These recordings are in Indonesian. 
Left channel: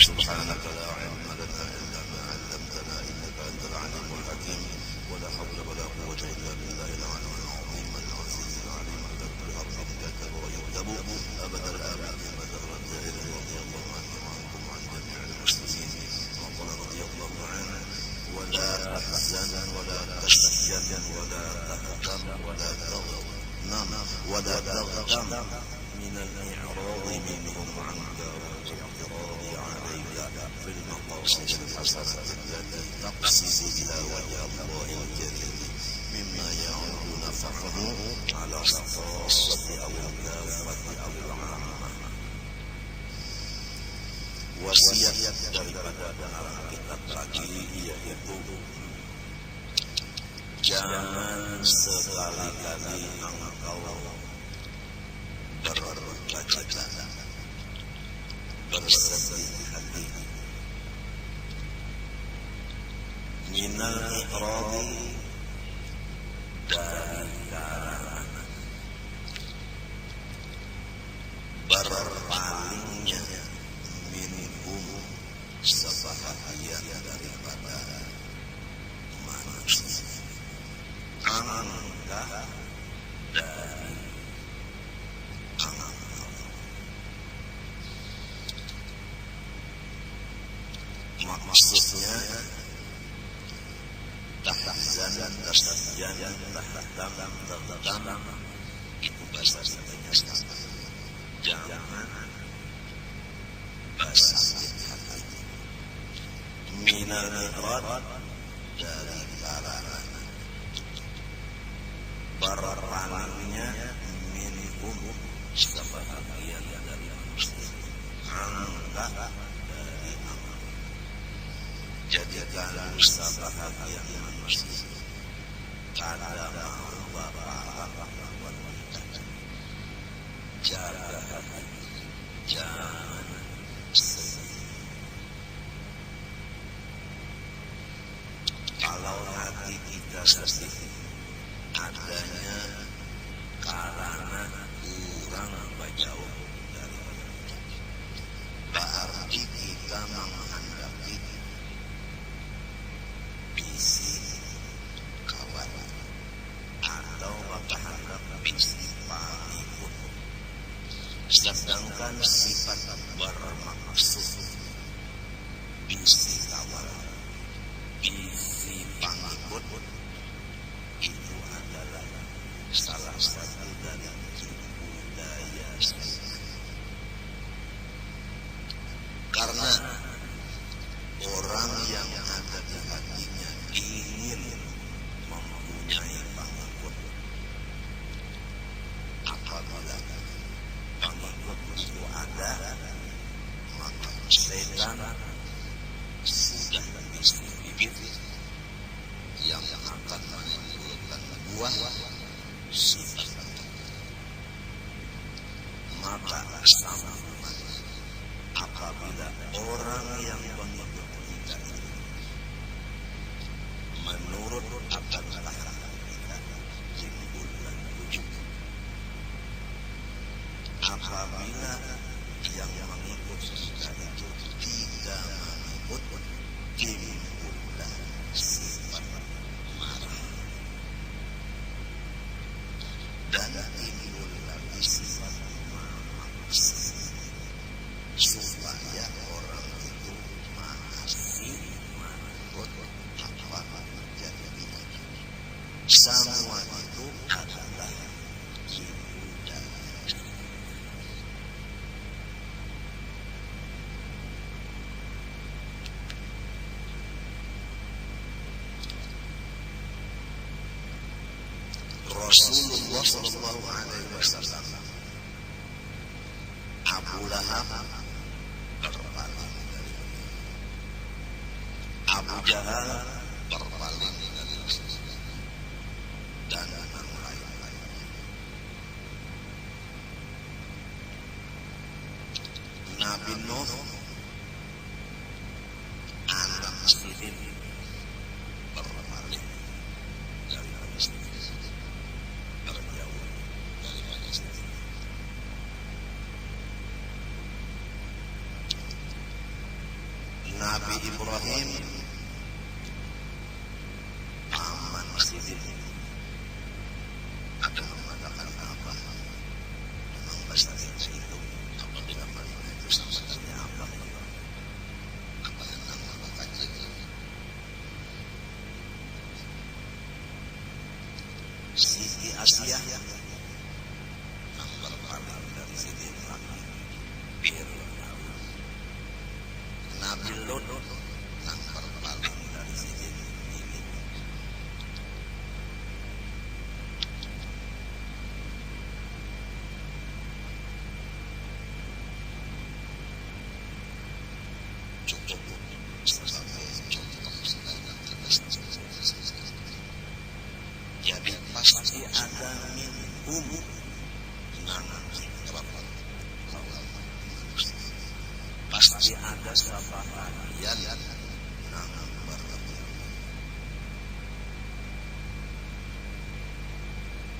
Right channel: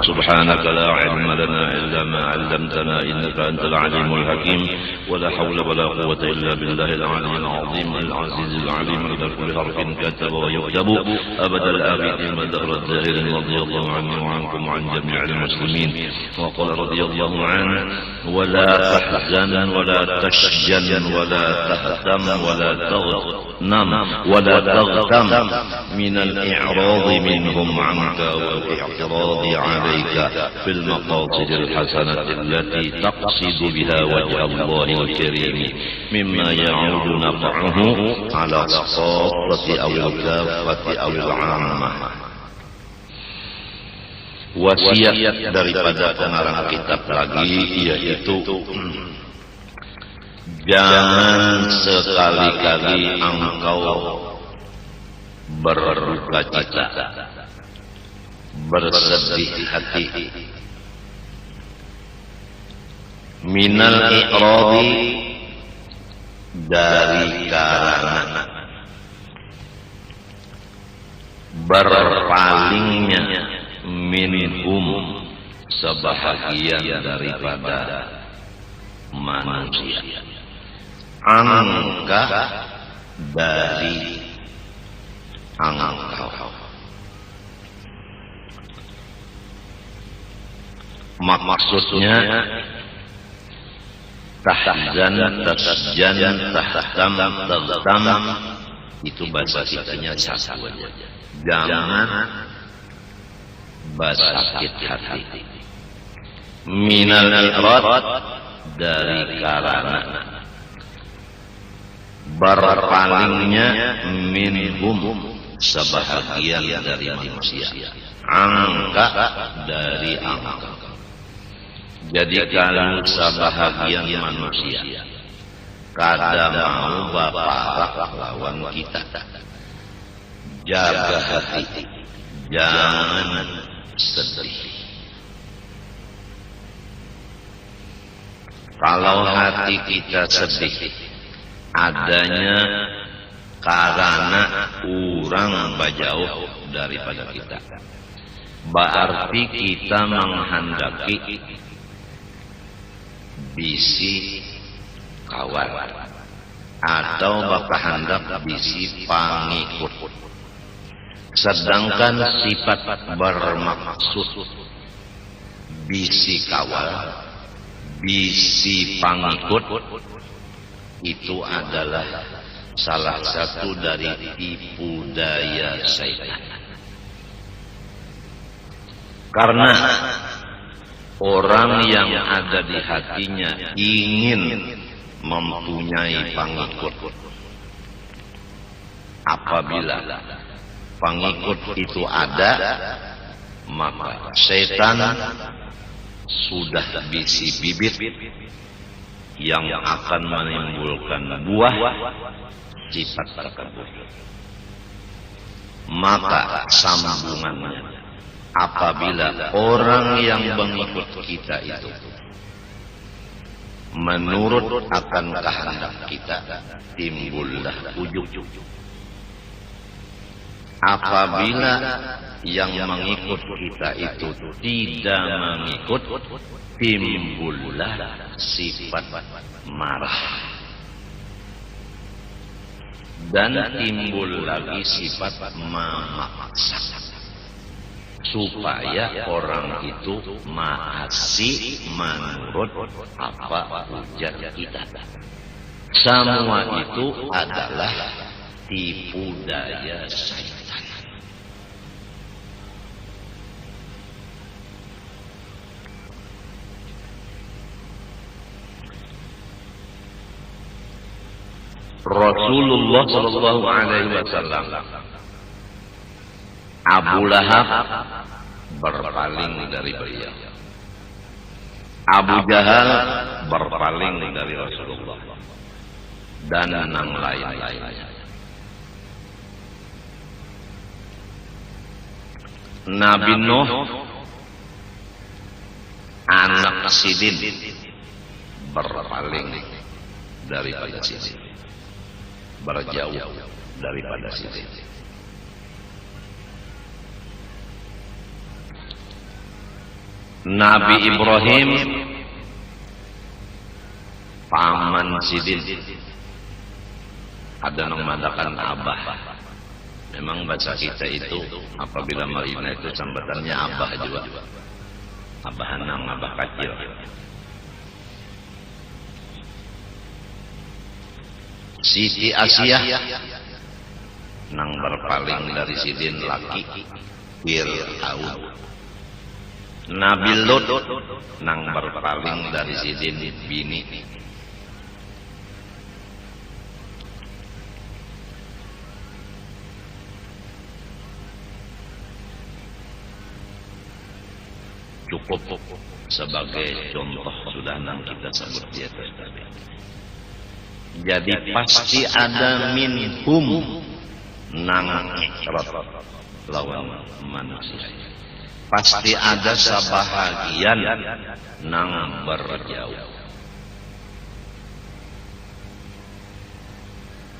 سبحانك لا علم لنا إلا ما علمتنا إنك أنت العليم الحكيم ولا حول ولا قوة إلا بالله العلي العظيم العزيز العليم عند كل حرف كتب ويكتب أبد الآبدين والدهر الداهر رضي الله عني وعنكم وعن جميع المسلمين. وقال رضي الله عنه ولا تحزن ولا تشجن ولا تهتم ولا تغنم ولا تغتم من الإعراض منهم عنك والاعتراض عليك في المقاصد الحسنة التي تقصد بها وجه الله الكريم مما يعود نفعه على الخاصة أو الكافة أو العامة. Wasiat daripada pengarang kitab lagi yaitu jangan sekali-kali engkau berduka cita, bersedih hati minal i'radi dari karena berpalingnya minhum sebahagian daripada manusia, angka dari engkau. Maksudnya tahzan, tasjan, tahtam, tagtam itu bahasa kitanya satu aja. Jangan sakit hati. Minal i'rad dari karena berpalingnya minhum sebahagian dari manusia, angka dari angka. Jadi kalau sebahagian manusia kada mau bapak lawan kita, jaga hati, jangan sedih. Kalau hati kita sedih adanya karena orang bajauh daripada kita, berarti kita menghendaki bisi kawan atau bakahandak bisi pangikut. Sedangkan sifat bermaksud bisi kawan, bisi pangikut itu adalah salah satu dari tipu daya syaitan. Karena orang yang ada di hatinya ingin mempunyai pengikut, apabila pengikut itu ada, maka setan sudah bisi bibit yang akan menimbulkan buah sifat takabur. Maka sambungannya, apabila orang yang mengikut kita itu menurut akan kehendak kita, timbullah ujub. Apabila yang mengikut kita itu tidak mengikut, timbullah sifat marah, dan timbul lagi sifat memaksa supaya orang itu maasi menurut apa ujar kita. Semua itu adalah tipu daya syaitan. Rasulullah sallallahu alaihi wasallam, Abu Lahab berpaling dari beliau, Abu Jahal berpaling dari Rasulullah, dan yang lain-lainnya. Nabi Nuh anak Sidin berpaling daripada Sidin, berjauh daripada Sidin. Nabi Ibrahim paman sidin ada nang madakan abah. Memang bahasa kita itu apabila marina itu sambatannya abah juga, abah nang abah kecil. Siti Asia nang berpaling dari sidin laki Fir'aun. Nabi Lut nang berpaling dari sidin bini. Cukup sebagai contoh sudah nang kita sebut di atas tadi. Jadi pasti ada minhum nang ikrat lawan manusia. Pasti ada sebahagian nang berjauh.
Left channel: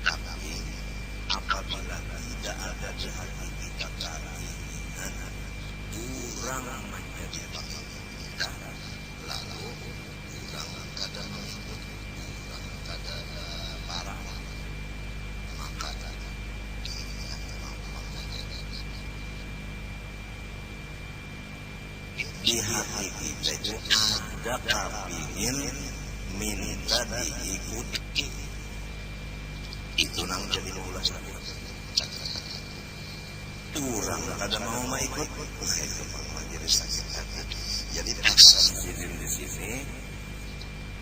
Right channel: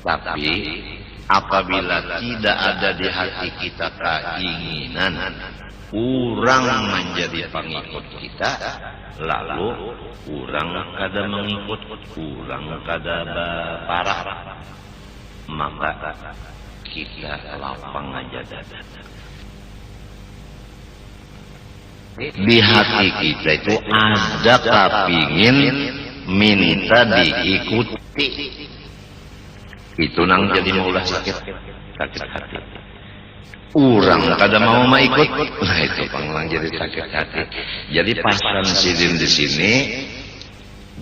Tapi apabila tidak ada di hati kita keinginan orang menjadi pengikut kita, lalu orang kada mengikut, orang kada parah, maka kita lapang aja dada. Di hati kita itu ada kepingin minta diikuti, itu nang jadi maulah sakit hati. Orang kada mau ikut, nah itu panglang jadi sakit hati. Jadi pasan sidin di sini,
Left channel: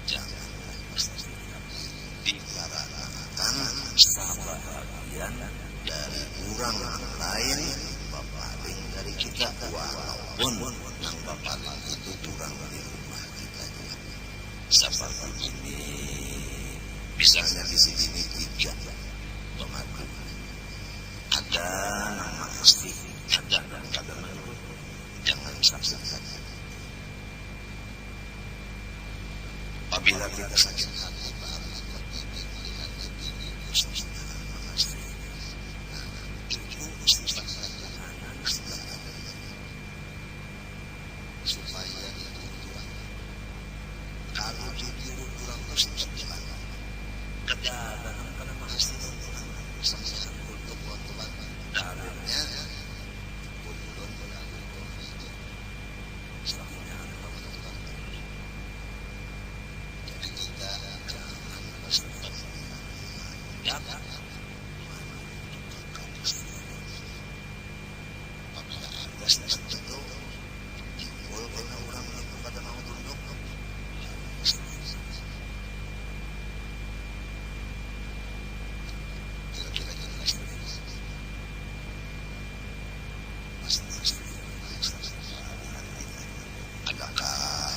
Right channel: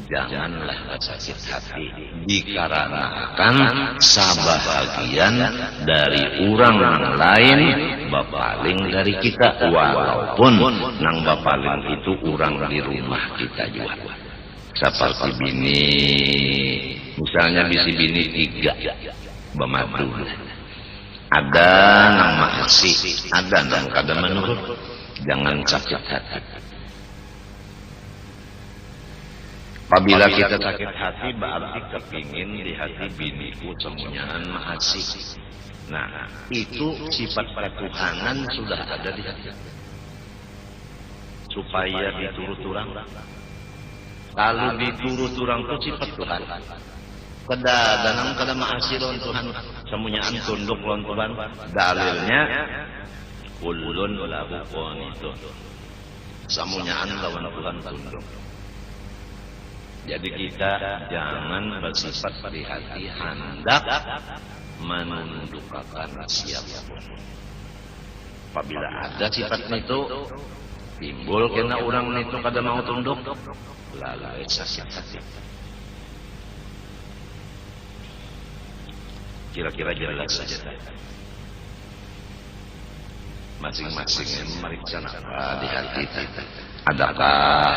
janganlah sakit hati, dikarenakan sebahagian dari orang yang lain bapaling dari kita, walaupun nang bapaling itu orang di rumah kita juga. Seperti bini, misalnya bisi bini 3 bamadu. Ada nang masih, ada nang kada menurut. Jangan sakit hati. Apabila kita sakit hati, berarti kepingin di hati biniku semuanyaan mahasih. Nah, itu sifat ketuhanan sudah ada di hati. Supaya diturut orang. Kalau diturut orang itu sifat Tuhan. Kada danang kada mahasih lawan Tuhan, semuanyaan tunduk lawan Tuhan. Dalilnya kullun lahu qanitun, semuanyaan lawan Tuhan tunduk. Jadi kita jangan bersifat di hati hendak menundukkan siapapun. Apabila ada sifat itu timbul kena orang itu kada mau tunduk, lalu sakit hati. Kira-kira jelas saja. Masing-masing yang meriksa apa di hati kita. Adakah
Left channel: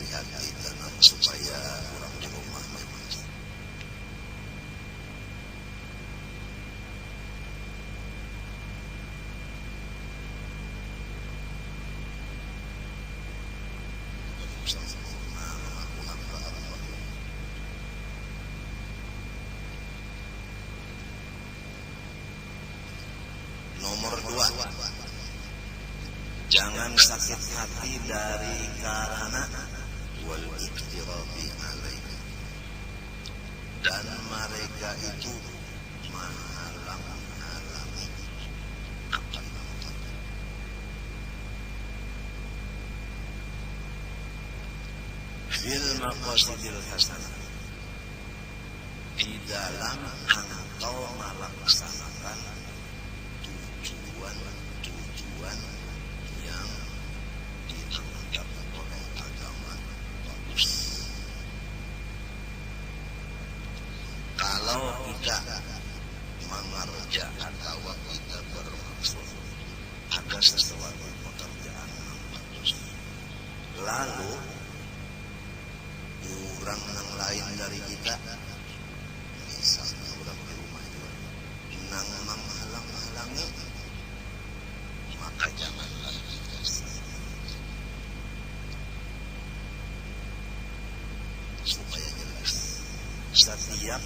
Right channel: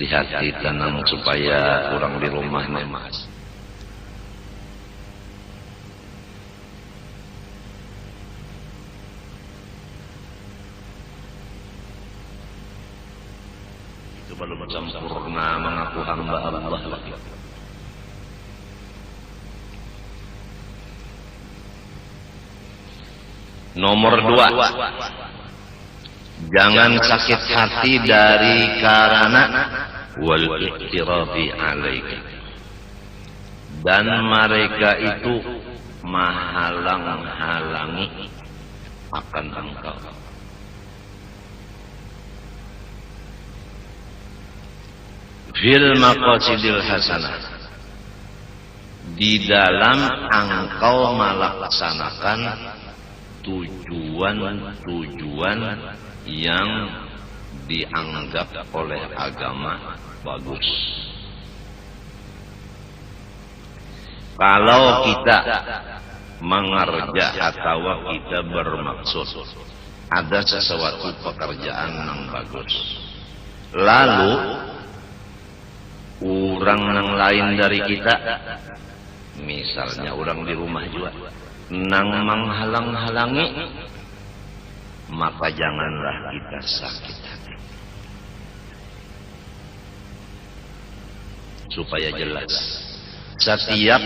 di hati tenang supaya orang di rumah nemas? Itu belum sempurna mengaku hamba Allah lagi. Nomor 2, jangan sakit hati dari karena wal iqtirafi alaika, dan mereka itu menghalang-halangi akan engkau. Fil maqasidil hasanah, di dalam engkau melaksanakan tujuan-tujuan yang dianggap oleh agama bagus. Kalau kita mengerja atau kita bermaksud ada sesuatu pekerjaan yang bagus, lalu orang yang lain dari kita, misalnya orang di rumah juga, nang menghalang-halangi, maka janganlah kita sakit hati. Supaya jelas, setiap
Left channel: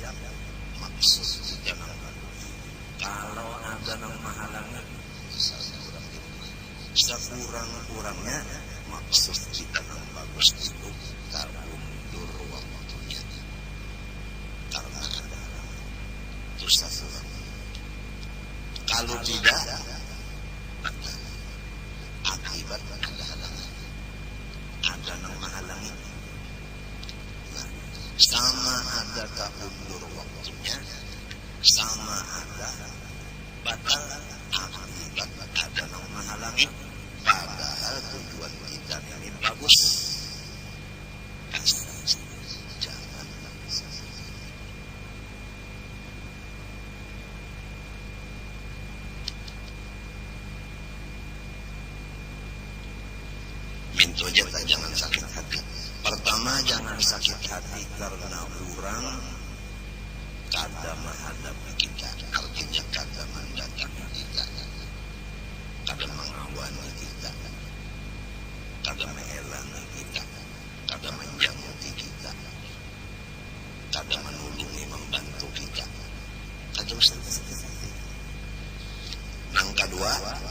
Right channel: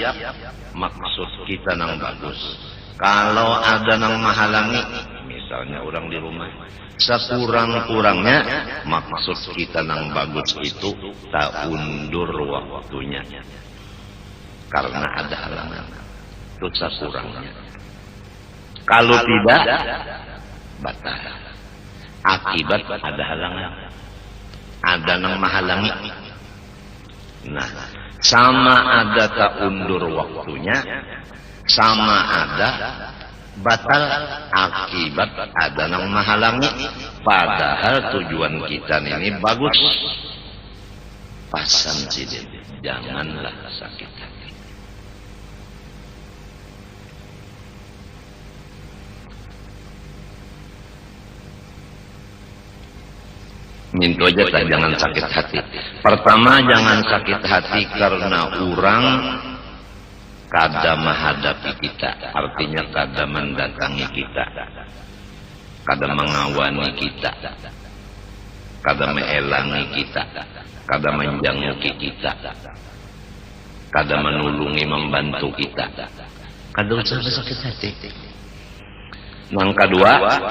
maksud kita nang bagus, kalau ada nang menghalangi, misalnya orang di rumah, Sekurang-kurangnya maksud kita nang bagus itu tak undur waktunya karena ada halangan. Itu sekurangnya. Kalau tidak batal. Akibat ada halangan. Ada nang menghalangi. Nah, sama ada tak undur waktunya, sama ada batal akibat ada nang menghalangi. Padahal tujuan kita ini bagus. Pasan sih, janganlah sakit hati. Minta aja tak jangan sakit hati. Pertama jangan sakit hati karena orang kada menghadapi kita, artinya kada mendatangi kita, kada mengawani kita, kada meelangi kita, kada menjangki kita, kada menulungi membantu kita, kada usah sakit hati. Nang kedua,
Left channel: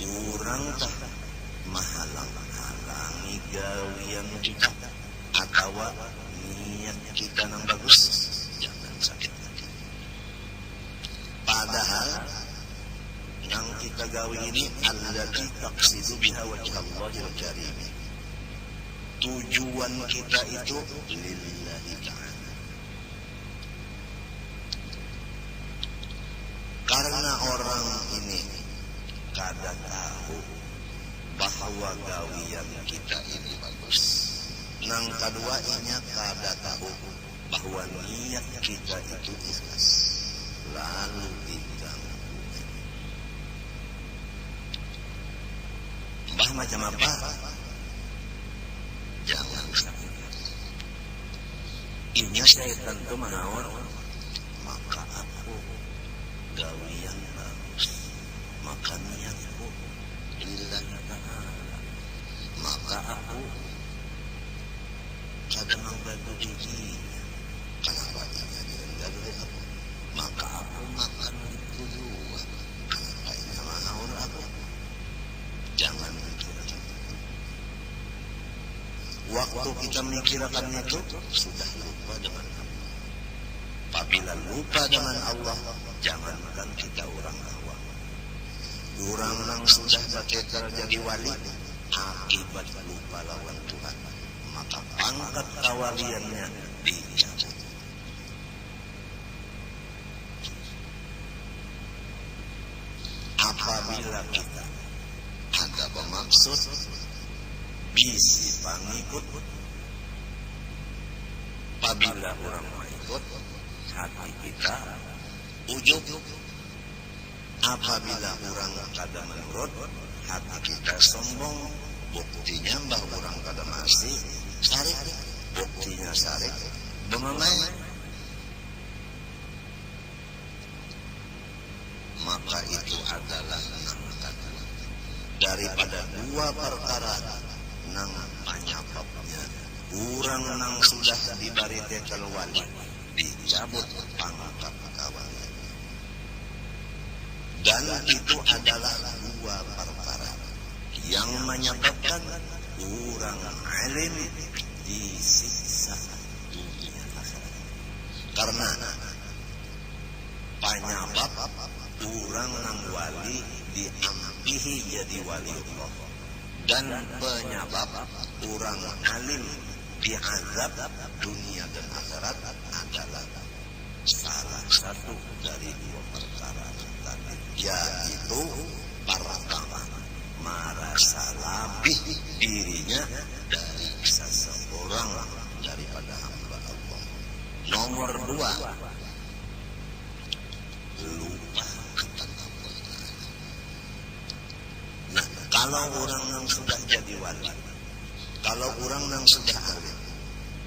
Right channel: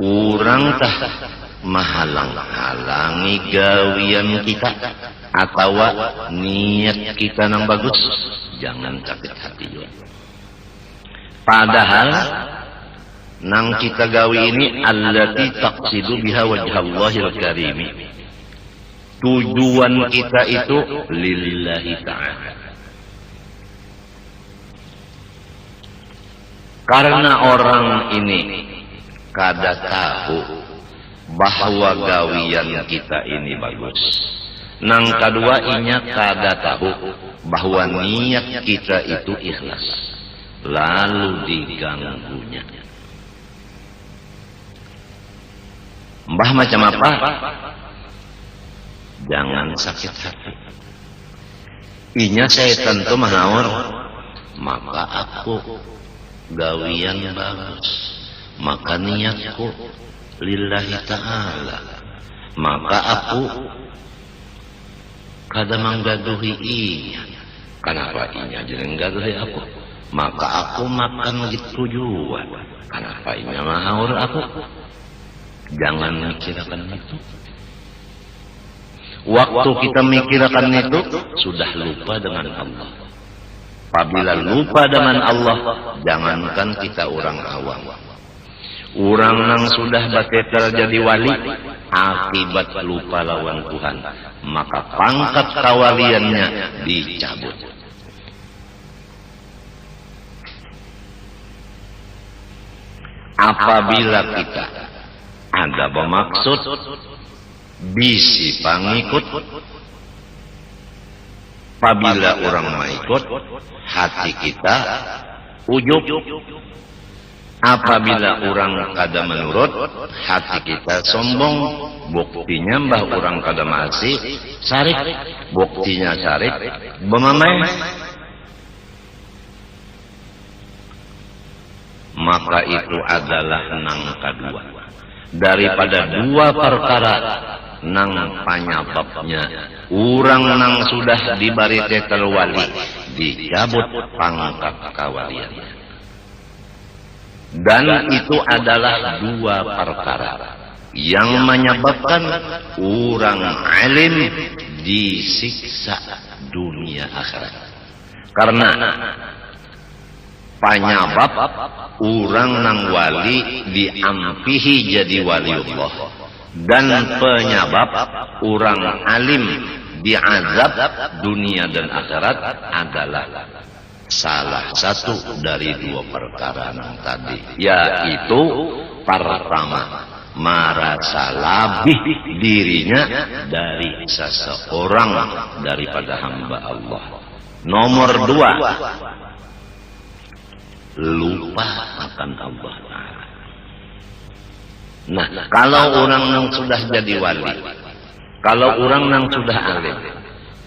orang tah menghalang-halangi gawian kita atau niat kita nang bagus, jangan sakit hati juga. Padahal nang kita gawi ini allati taqsidu biha wajhallahil karimi, tujuan kita itu lillahi ta'ala. Karena orang ini kada tahu bahwa gawian kita ini bagus. Nang kedua inya kada tahu bahwa niat kita itu ikhlas, lalu diganggunya. Mbah macam apa? Jangan sakit hati. Inya setan tu mahawar, maka aku gawian bagus, maka niatku lillahi ta'ala, maka aku kada menggaduhi inya. Kenapa inya jangan gaduhi aku? Maka aku makan gitu juga. Kenapa inya mahawar aku? Jangan mikirkan itu. Waktu kita mikirkan itu sudah lupa dengan Allah. Apabila lupa dengan Allah, jangankan kita orang awam, orang yang sudah batetel jadi wali, akibat lupa lawan Tuhan, maka pangkat kawaliannya dicabut. Apabila kita ada bermaksud bisi pangikut, apabila orang mengikut, hati kita ujub. Apabila orang kada menurut, hati kita sombong. Buktinya mbah orang kada masih sarik, buktinya sarik bemamai. Maka itu adalah nang kedua daripada dua perkara nang penyebabnya orang nang sudah diberi titel wali dicabut pangkat kawaliannya. Dan itu adalah dua perkara yang menyebabkan orang alim disiksa dunia akhirat. Karena penyebab orang nang wali diampihi jadi waliullah, dan penyebab orang alim diazab dunia dan akhirat adalah salah satu dari dua perkara yang tadi, yaitu pertama, merasa lebih dirinya dari seseorang daripada hamba Allah. Nomor dua, lupa akan Allah Ta'ala. Nah, kalau orang yang sudah jadi wali, kalau orang yang sudah alim,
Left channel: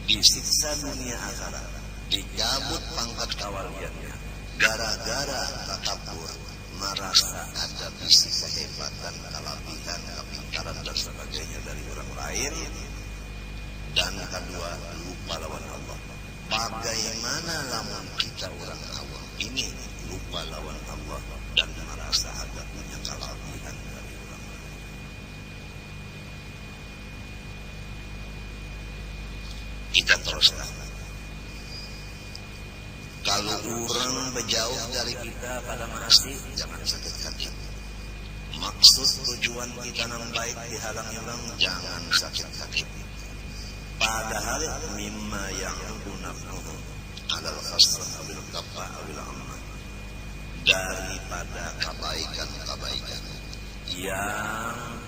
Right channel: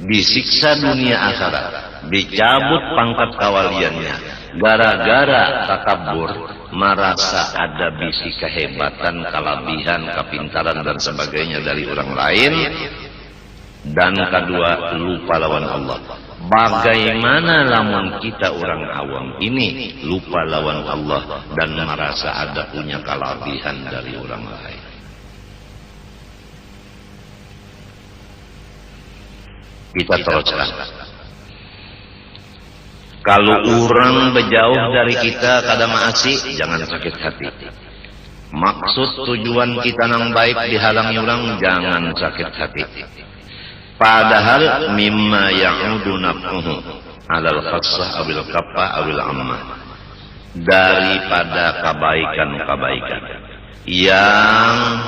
disiksa dunia akhirat, dicabut pangkat kawaliannya gara-gara takabur, merasa ada bisi kehebatan, kelebihan, kepintaran dan sebagainya dari orang lain. Dan kedua, lupa lawan Allah. Bagaimana lamun kita orang awam ini lupa lawan Allah dan merasa ada punya kelebihan dari orang lain? Kita teruskan. Kalau orang berjauh dari kita kada maasi, jangan sakit hati. Maksud tujuan kita nang baik dihalangi orang, jangan sakit hati. Padahal mimma ya'udu naf'uhu alal khassah awil kaffah awil ammah, daripada kebaikan-kebaikan yang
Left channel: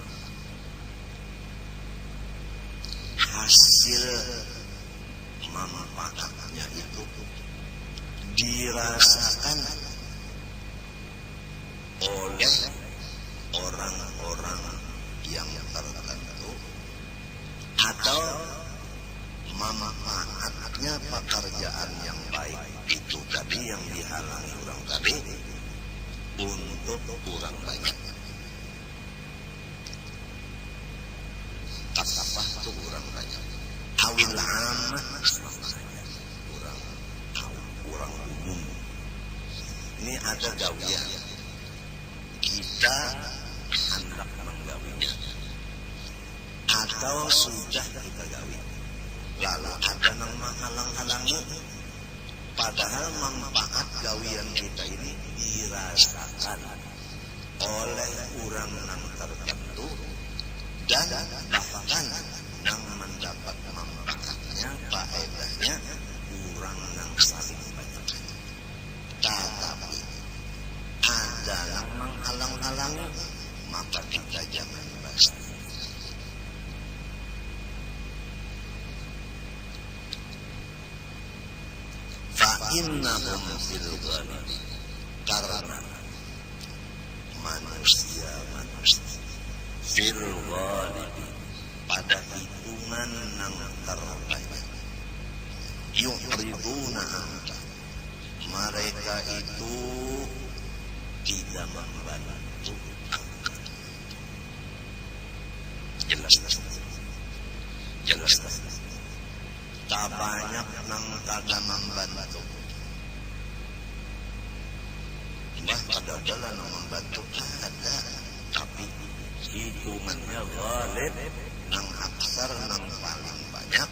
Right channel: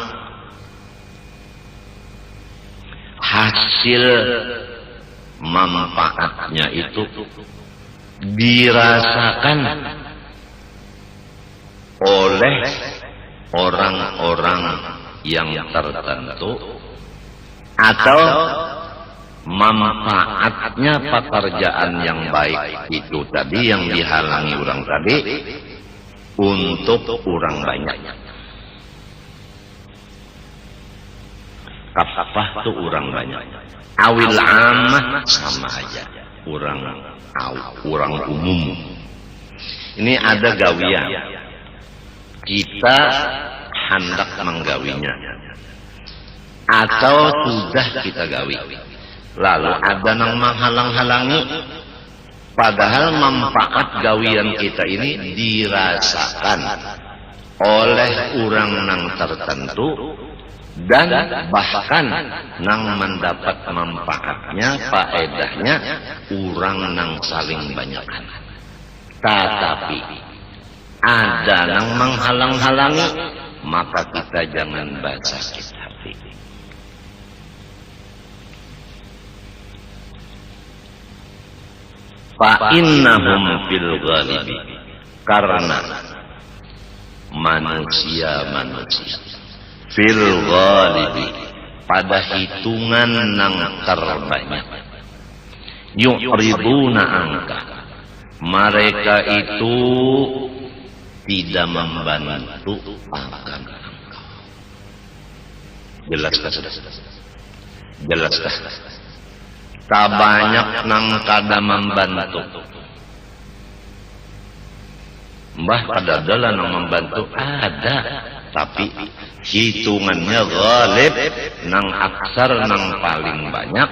hasil manfaatnya itu dirasakan oleh orang-orang yang tertentu, atau manfaatnya pekerjaan yang baik itu tadi yang dihalangi orang tadi untuk orang banyak. Kafah itu orang banyak, awil ammah sama aja, orang umum. Ini ada gawian, kita hendak menggawinya atau sudah kita gawi, lalu ada yang menghalang-halangi, padahal manfaat gawian kita ini dirasakan oleh orang yang tertentu, dan bahkan nang mendapat manfaatnya, faedahnya orang nang saling banyakkan. Tetapi ada nang menghalang-halangi, maka kita jangan sakit hati. Fa innahum fil ghalibi, karena manusia fil ghalibi, pada hitungan nang terbanyak, yu'riduna angka, mereka itu tidak membantu akan engkau. Jelaskah sudah? Jelaskah? Tak banyak nang kada membantu. Mbah kada adalah nang membantu, ada, tapi hitungannya ghalib, nang aksar, nang paling banyak,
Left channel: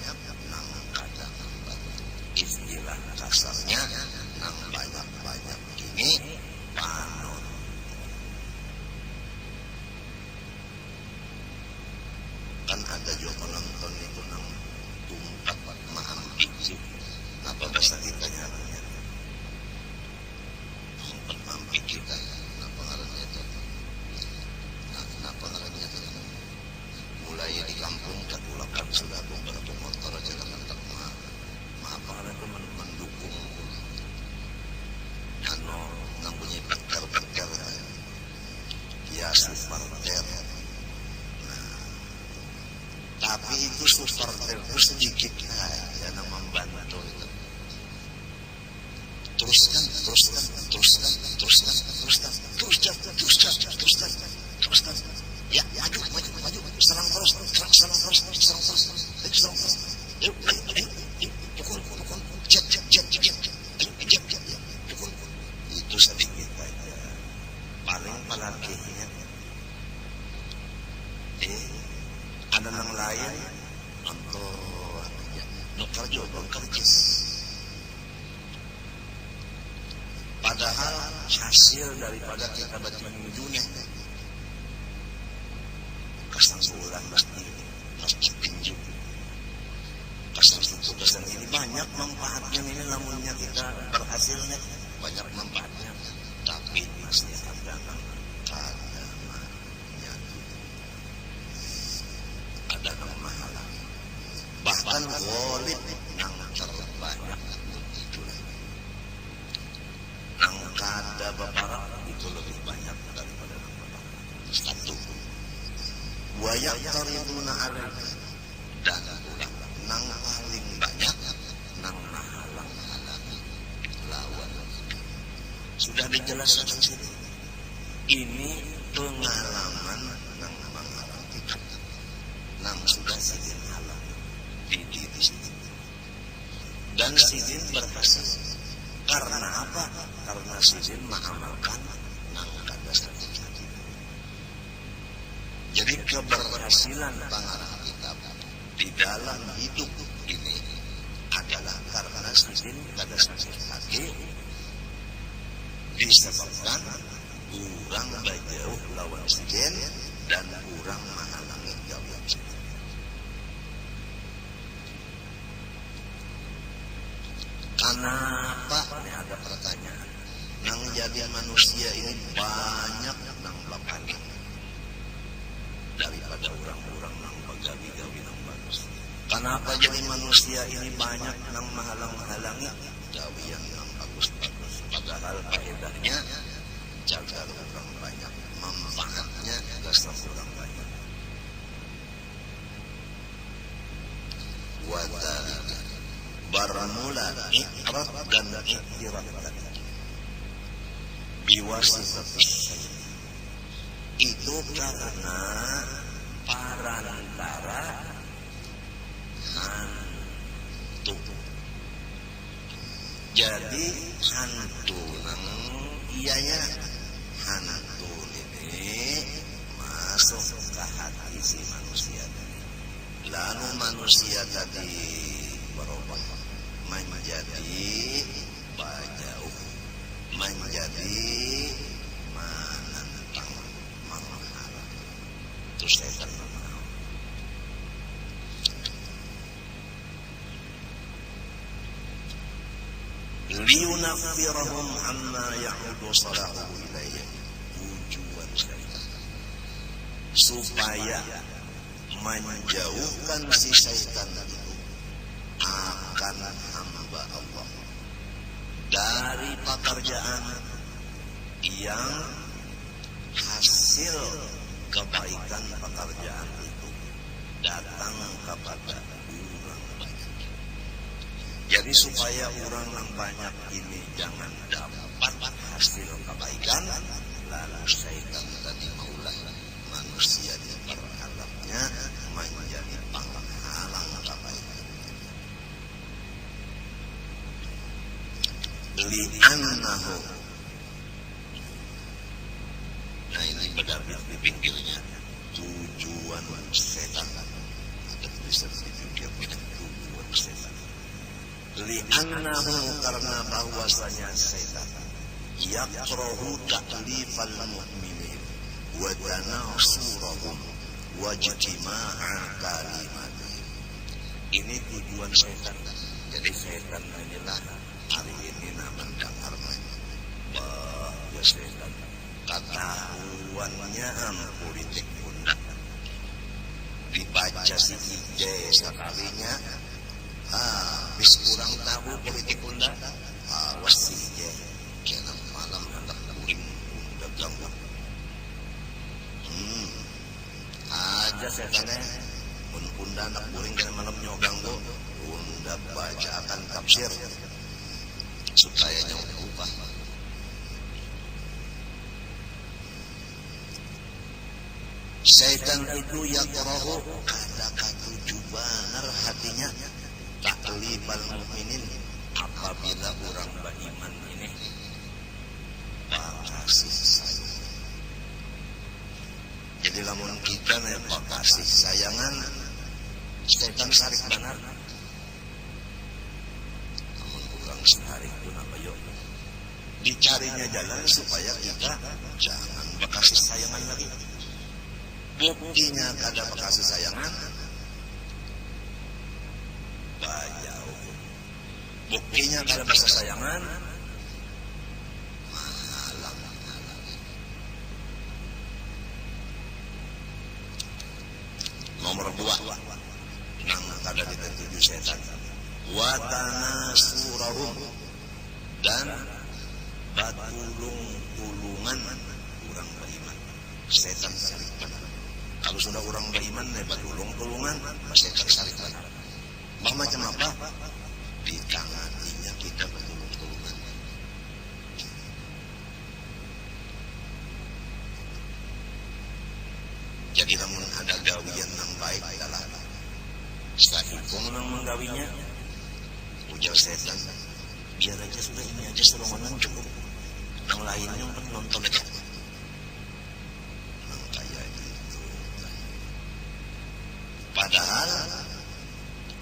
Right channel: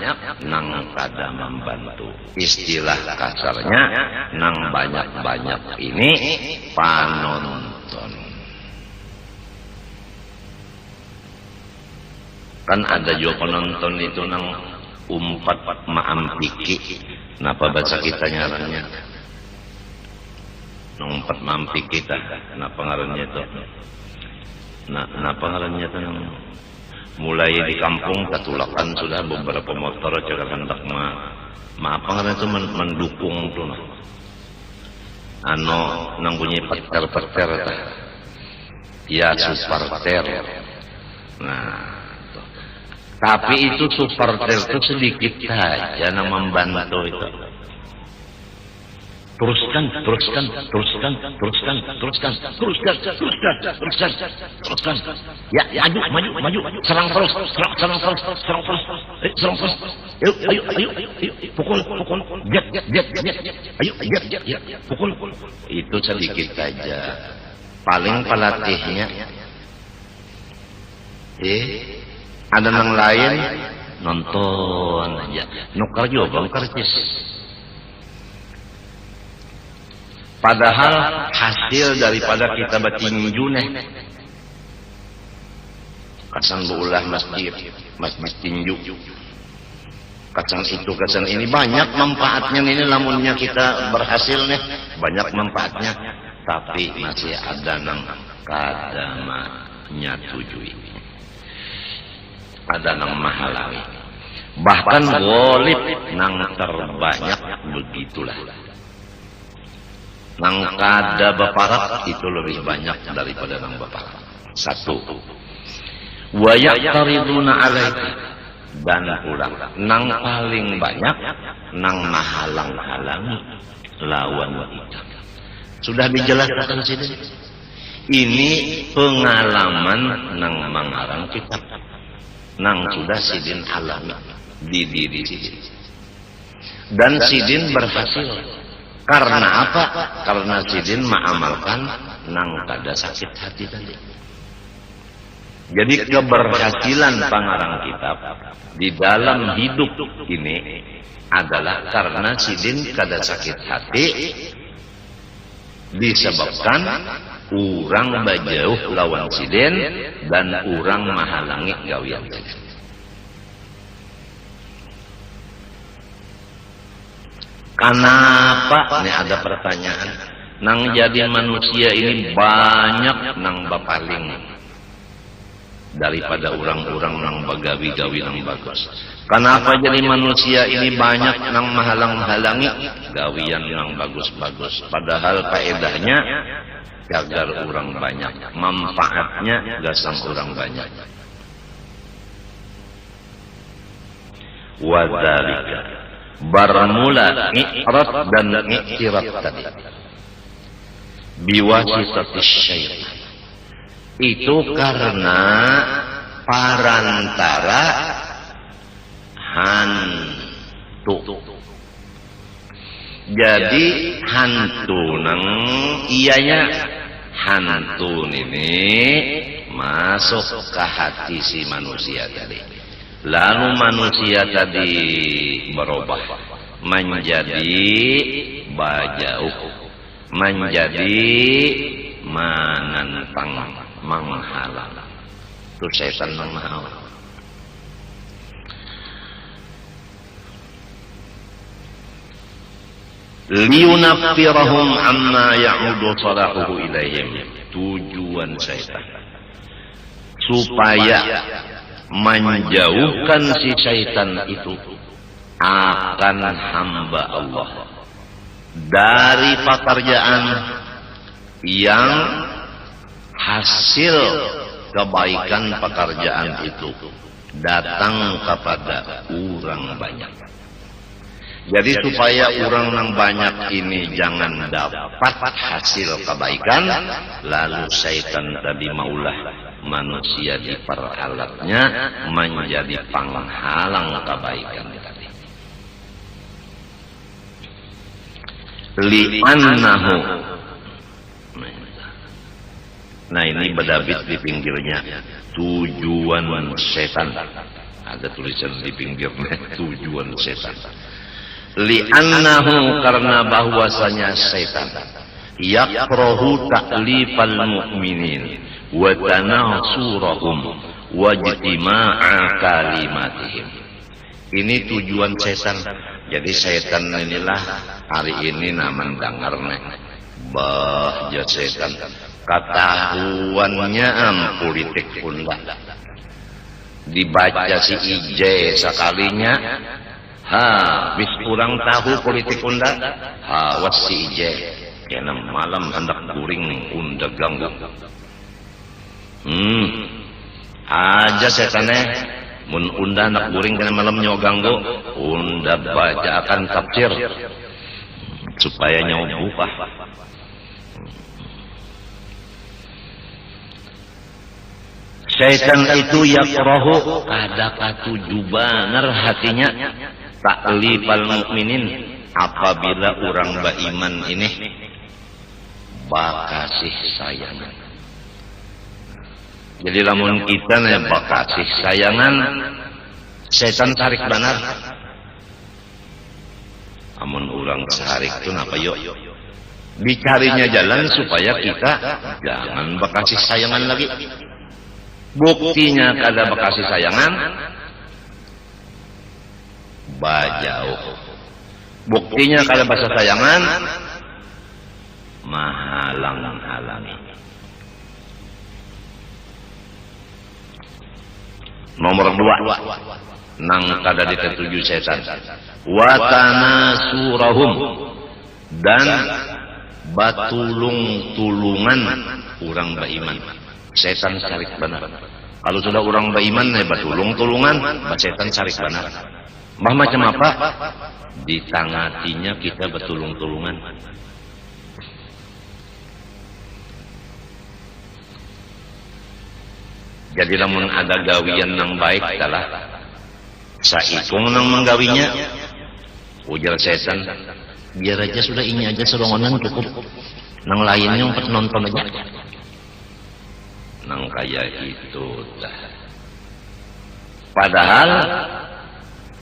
nang kada membantu. Istilah kasarnya, nang banyak-banyak ini panonton. Kan ada juga penonton itu nang umpat maampiki, napa bahasa kita nyarannya? Nang umpat maampiki kita, napa ngarannya itu? Nah pengarannya itu mulai di kampung tatulakan sudah beberapa motor cakap hendak apa ngarannya itu mendukung tuh nang bunyi peter ya, supporter. Nah tapi itu supporter itu sedikit saja nang membantu itu. Teruskan, ya, maju, serang terus, ayo, pukul, jet, ayo, jet, pukul, itu sedikit aja, paling pelatihnya, ada yang lain nonton aja, nukar juga bang karcis. Padahal hasil daripada kita bertinju nih, kasan beulah masjid tinju, kasan itu kasan ini, banyak manfaatnya ini. Lamunnya kita berhasil nih, banyak manfaatnya, tapi masih ada nang kada nyetujui, ada nang menghalangi, bahkan ghalib nang terbanyak begitulah. Nang kada baparak itu lebih banyak daripada nang baparak. Satu, wa yaqtariduna alaika, dan ulang nang paling banyak nang mahalang-halangi lawan ika. Sudah dijelaskan sini. Ini pengalaman nang mangarang kitab, nang sudah sidin alami di diri sidin, dan sidin berhasil. Karena apa? Karena sidin mengamalkan nang kada sakit hati tadi. Jadi keberhasilan pangarang kitab di dalam hidup ini adalah karena sidin kada sakit hati disebabkan urang bajauh lawan sidin dan urang mahalangi gawian sidin. Kenapa? Ini ada pertanyaan. Nang jadi manusia ini banyak nang bapaling daripada orang-orang nang bagawi-gawi nang bagus. Kenapa jadi manusia ini banyak nang menghalang-halangi gawian nang bagus-bagus? Padahal faedahnya jagar orang banyak, manfaatnya gasang orang banyak. Wadalika bermula i'rad dan i'tirad tadi biwasitatis syaitan, itu karena parantara hantu. Jadi hantu nang ianya hantu ini masuk ke hati si manusia tadi. Lalu manusia tadi berubah menjadi bajauh, menjadi menentang, menghalang. Itu setan menghalang. Liyunaffirahum amma ya'udu salahuhu ilaihim. Tujuan setan supaya menjauhkan si syaitan itu akan hamba Allah dari pekerjaan yang hasil kebaikan pekerjaan itu datang kepada orang banyak. Jadi supaya orang yang banyak ini jangan dapat hasil kebaikan, lalu syaitan tadi maulah manusia diperalatnya menjadi penghalang kebaikan tadi. Li'annahu, nah ini berdabit di pinggirnya, tujuan setan. Ada tulisan di pinggirnya, tujuan setan. Li'annahu, karena bahwasanya setan yakrahu ta'lifal mu'minin wa tanasurahum wa ijtima'a kalimatihim. Ini tujuan setan. Jadi setan inilah hari ini naman dengarnya bah ja setan ketahuannya politik unda dibaca si IJ sekalinya bis kurang tahu politik unda was si IJ kena malam hendak guring unda ganggu aja setannya mun unda nak guring kena malam nyawa ganggu unda baca akan tafsir supaya nyawa buka. Setan itu yakrahu kada katuju banar hatinya ta'lifal mukminin, apabila orang beriman ini bakasih sayangan. Jadi lamun kita nih bakasih sayangan, setan sarik banar. Amun orang sarik itu napa yuk? Dicarinya jalan supaya kita jangan bakasih sayangan lagi. Buktinya kada bakasih sayangan, bajauh. Buktinya kada bakasih sayangan, mahalang-halangi. Nomor 2, nang kada ditetuju setan, watanasurahum, dan batulung-tulungan orang beriman. Setan sarik banar. Kalau sudah orang beriman batulung-tulungan, setan sarik banar. Bah macam apa? Ditangatinya kita batulung-tulungan. Jadi lamun ada gawian yang baik adalah saikung nang menggawinya, ujar setan, biar aja sudah ini aja serongonan cukup, nang lainnya empat nonton aja, nang kayak itu dah. Padahal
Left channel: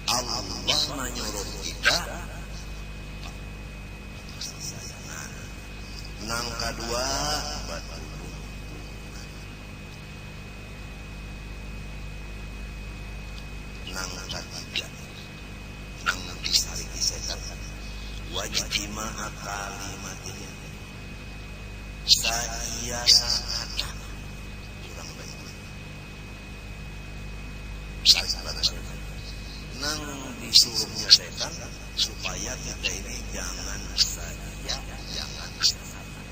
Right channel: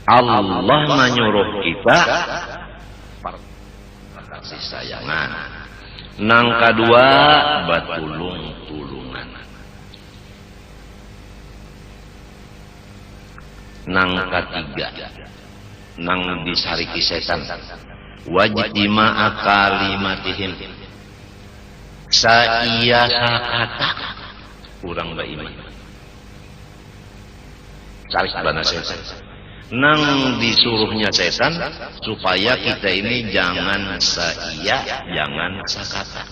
Allah menyuruh kita kasih sayangan. Nang kedua batulung-tulungan. Nang ketiga nang disariki setan. Wajtima'a kalimatihim. Saia sakata urang baiman. Sarik bana setan. Nang disuruhnya setan supaya kita ini jangan saia, jangan sakata.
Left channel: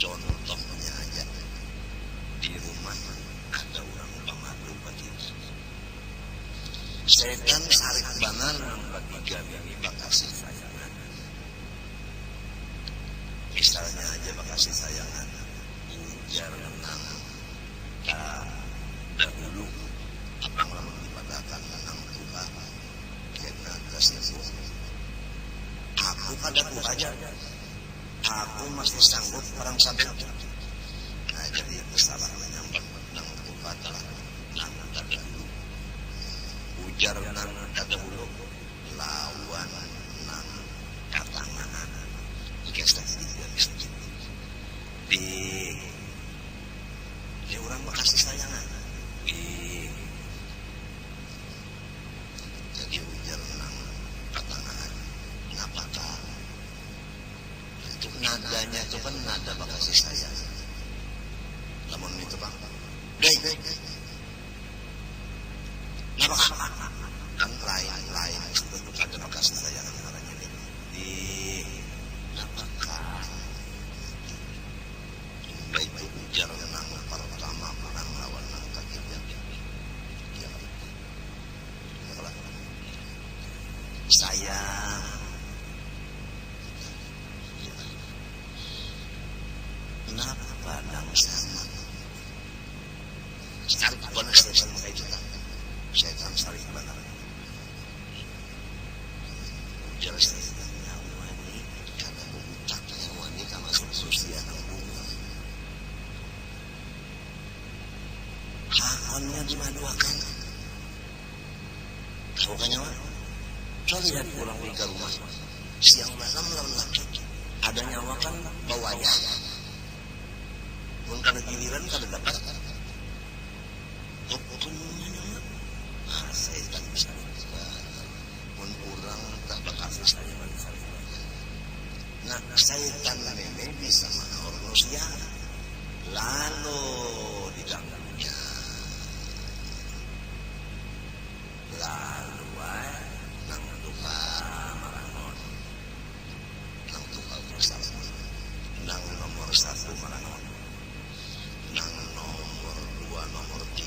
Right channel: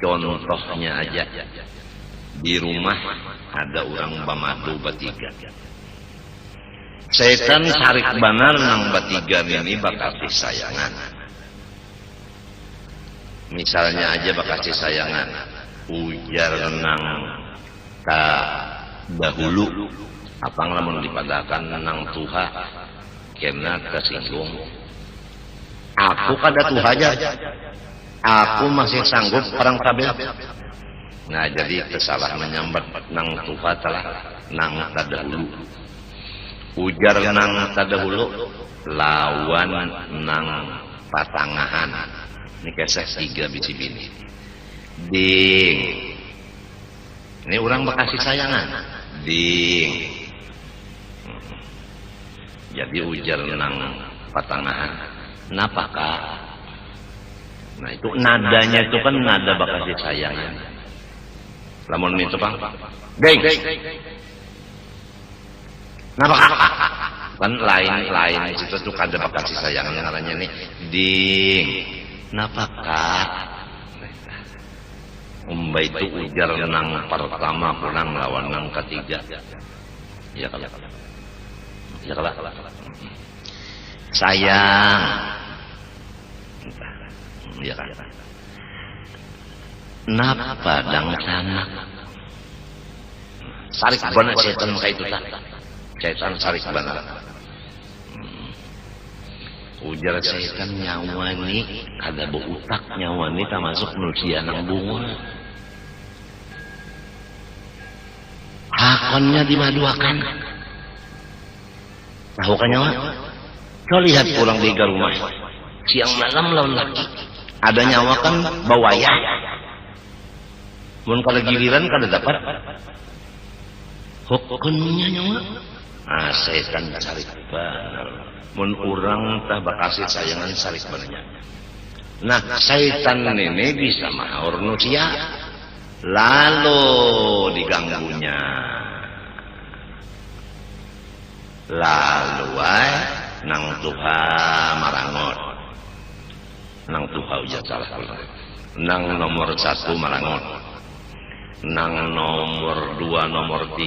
Contohnya aja, di rumah ada orang bamadu batiga. Setan sarik banar nang batiga ini bakasih sayangan. Misalnya aja bakasih sayangan, ujar nang ta dahulu. Apang lamun dipadakan nang tuha kena kesinggung. Aku kada tuha aja, aku masih sanggup perang sabil. Nah jadi kesalah menyambat nang tuha telah nang tadahulu. Ujar nang tadahulu lawan nang patangahan. Ini kesek 3 bisi bini. Ding, ini orang bekasih sayangan. Ding. Jadi ujar nang patangahan, napa kak? Nah itu nadanya itu kan nada bakasih sayang. Lamun itu bang, deng, napa kak? Kan lain situ tuh kada bakasih sayang yang arahnya nih, ding, napa kak? Umba itu ujar nang pertama kurang lawan nang ketiga, ya kalau. Ya kalah. Sayang. Ya kan. Napa dang sanak? Sarik benar setan maka itu tak. Setan sarik benar. Ujar setan nyawa ni kada beutak nyawa ni termasuk manusia nang bunga. Hakonnya dimaduakan. Tahu kan nyawa? Coba lihat pulang di rumah siang malam lawan laki ada nyawa kan bawaya. Mun kada giliran kada dapat hukumnya nyawa. Ah setan sarik benar. Mun urang tah bakasih sayangan sarik benernya. Nah setan ini bisa mahaur manusia lalu diganggunya. Lalu nang tuha marangot, nang tuha ujar salah nang nomor 1 marangot, nang nomor 2 nomor 3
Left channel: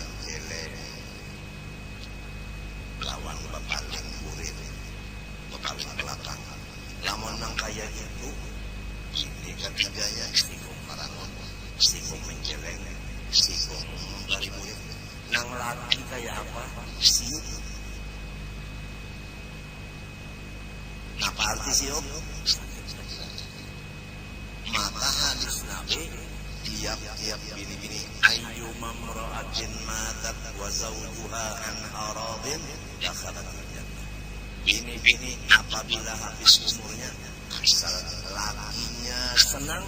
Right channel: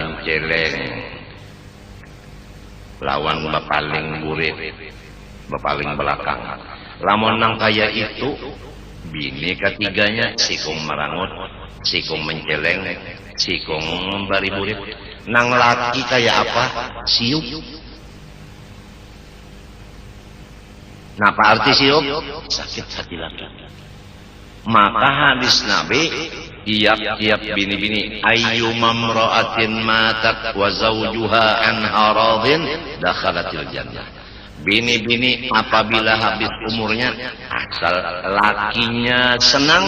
menceleng lawan bapaling burit, bapaling belakang. Lamun nang kaya itu bini ketiganya sikung marangot, sikung menceleng, sikung membari burit. Nang laki kayak apa? Siup. Napa arti siup? Sakit hati laki. Maka hadis Nabi tiap-tiap bini-bini ayyuma imra'atin matat wa zawjuha anha radin dakhalatil jannah. Bini-bini apabila habis umurnya asal lakinya senang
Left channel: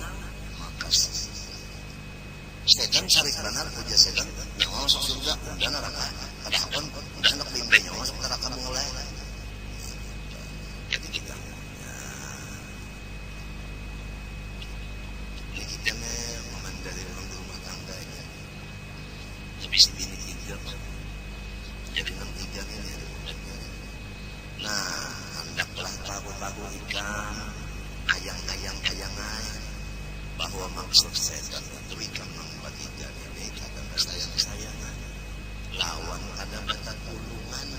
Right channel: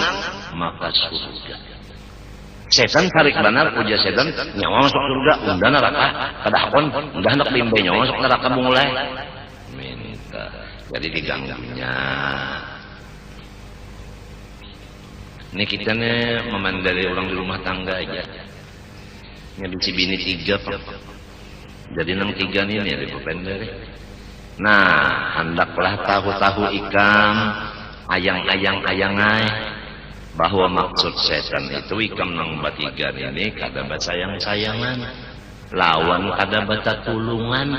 maka surga. Setan sarik benar puja setan nyawa masuk surga unda neraka kadahpun unda hendak bimbing nyawa masuk neraka mulai minta jadi diganggunya. Ini kita nih memandali orang di rumah tangga aja nyabisi bini 3 pak jadi nang 3 nih ada berbeda. Nah hendaklah tahu-tahu ikam ayang-ayang bahwa maksud setan itu ikam nang batiga ini kada basayang-sayangan lawan kada bata tulungan.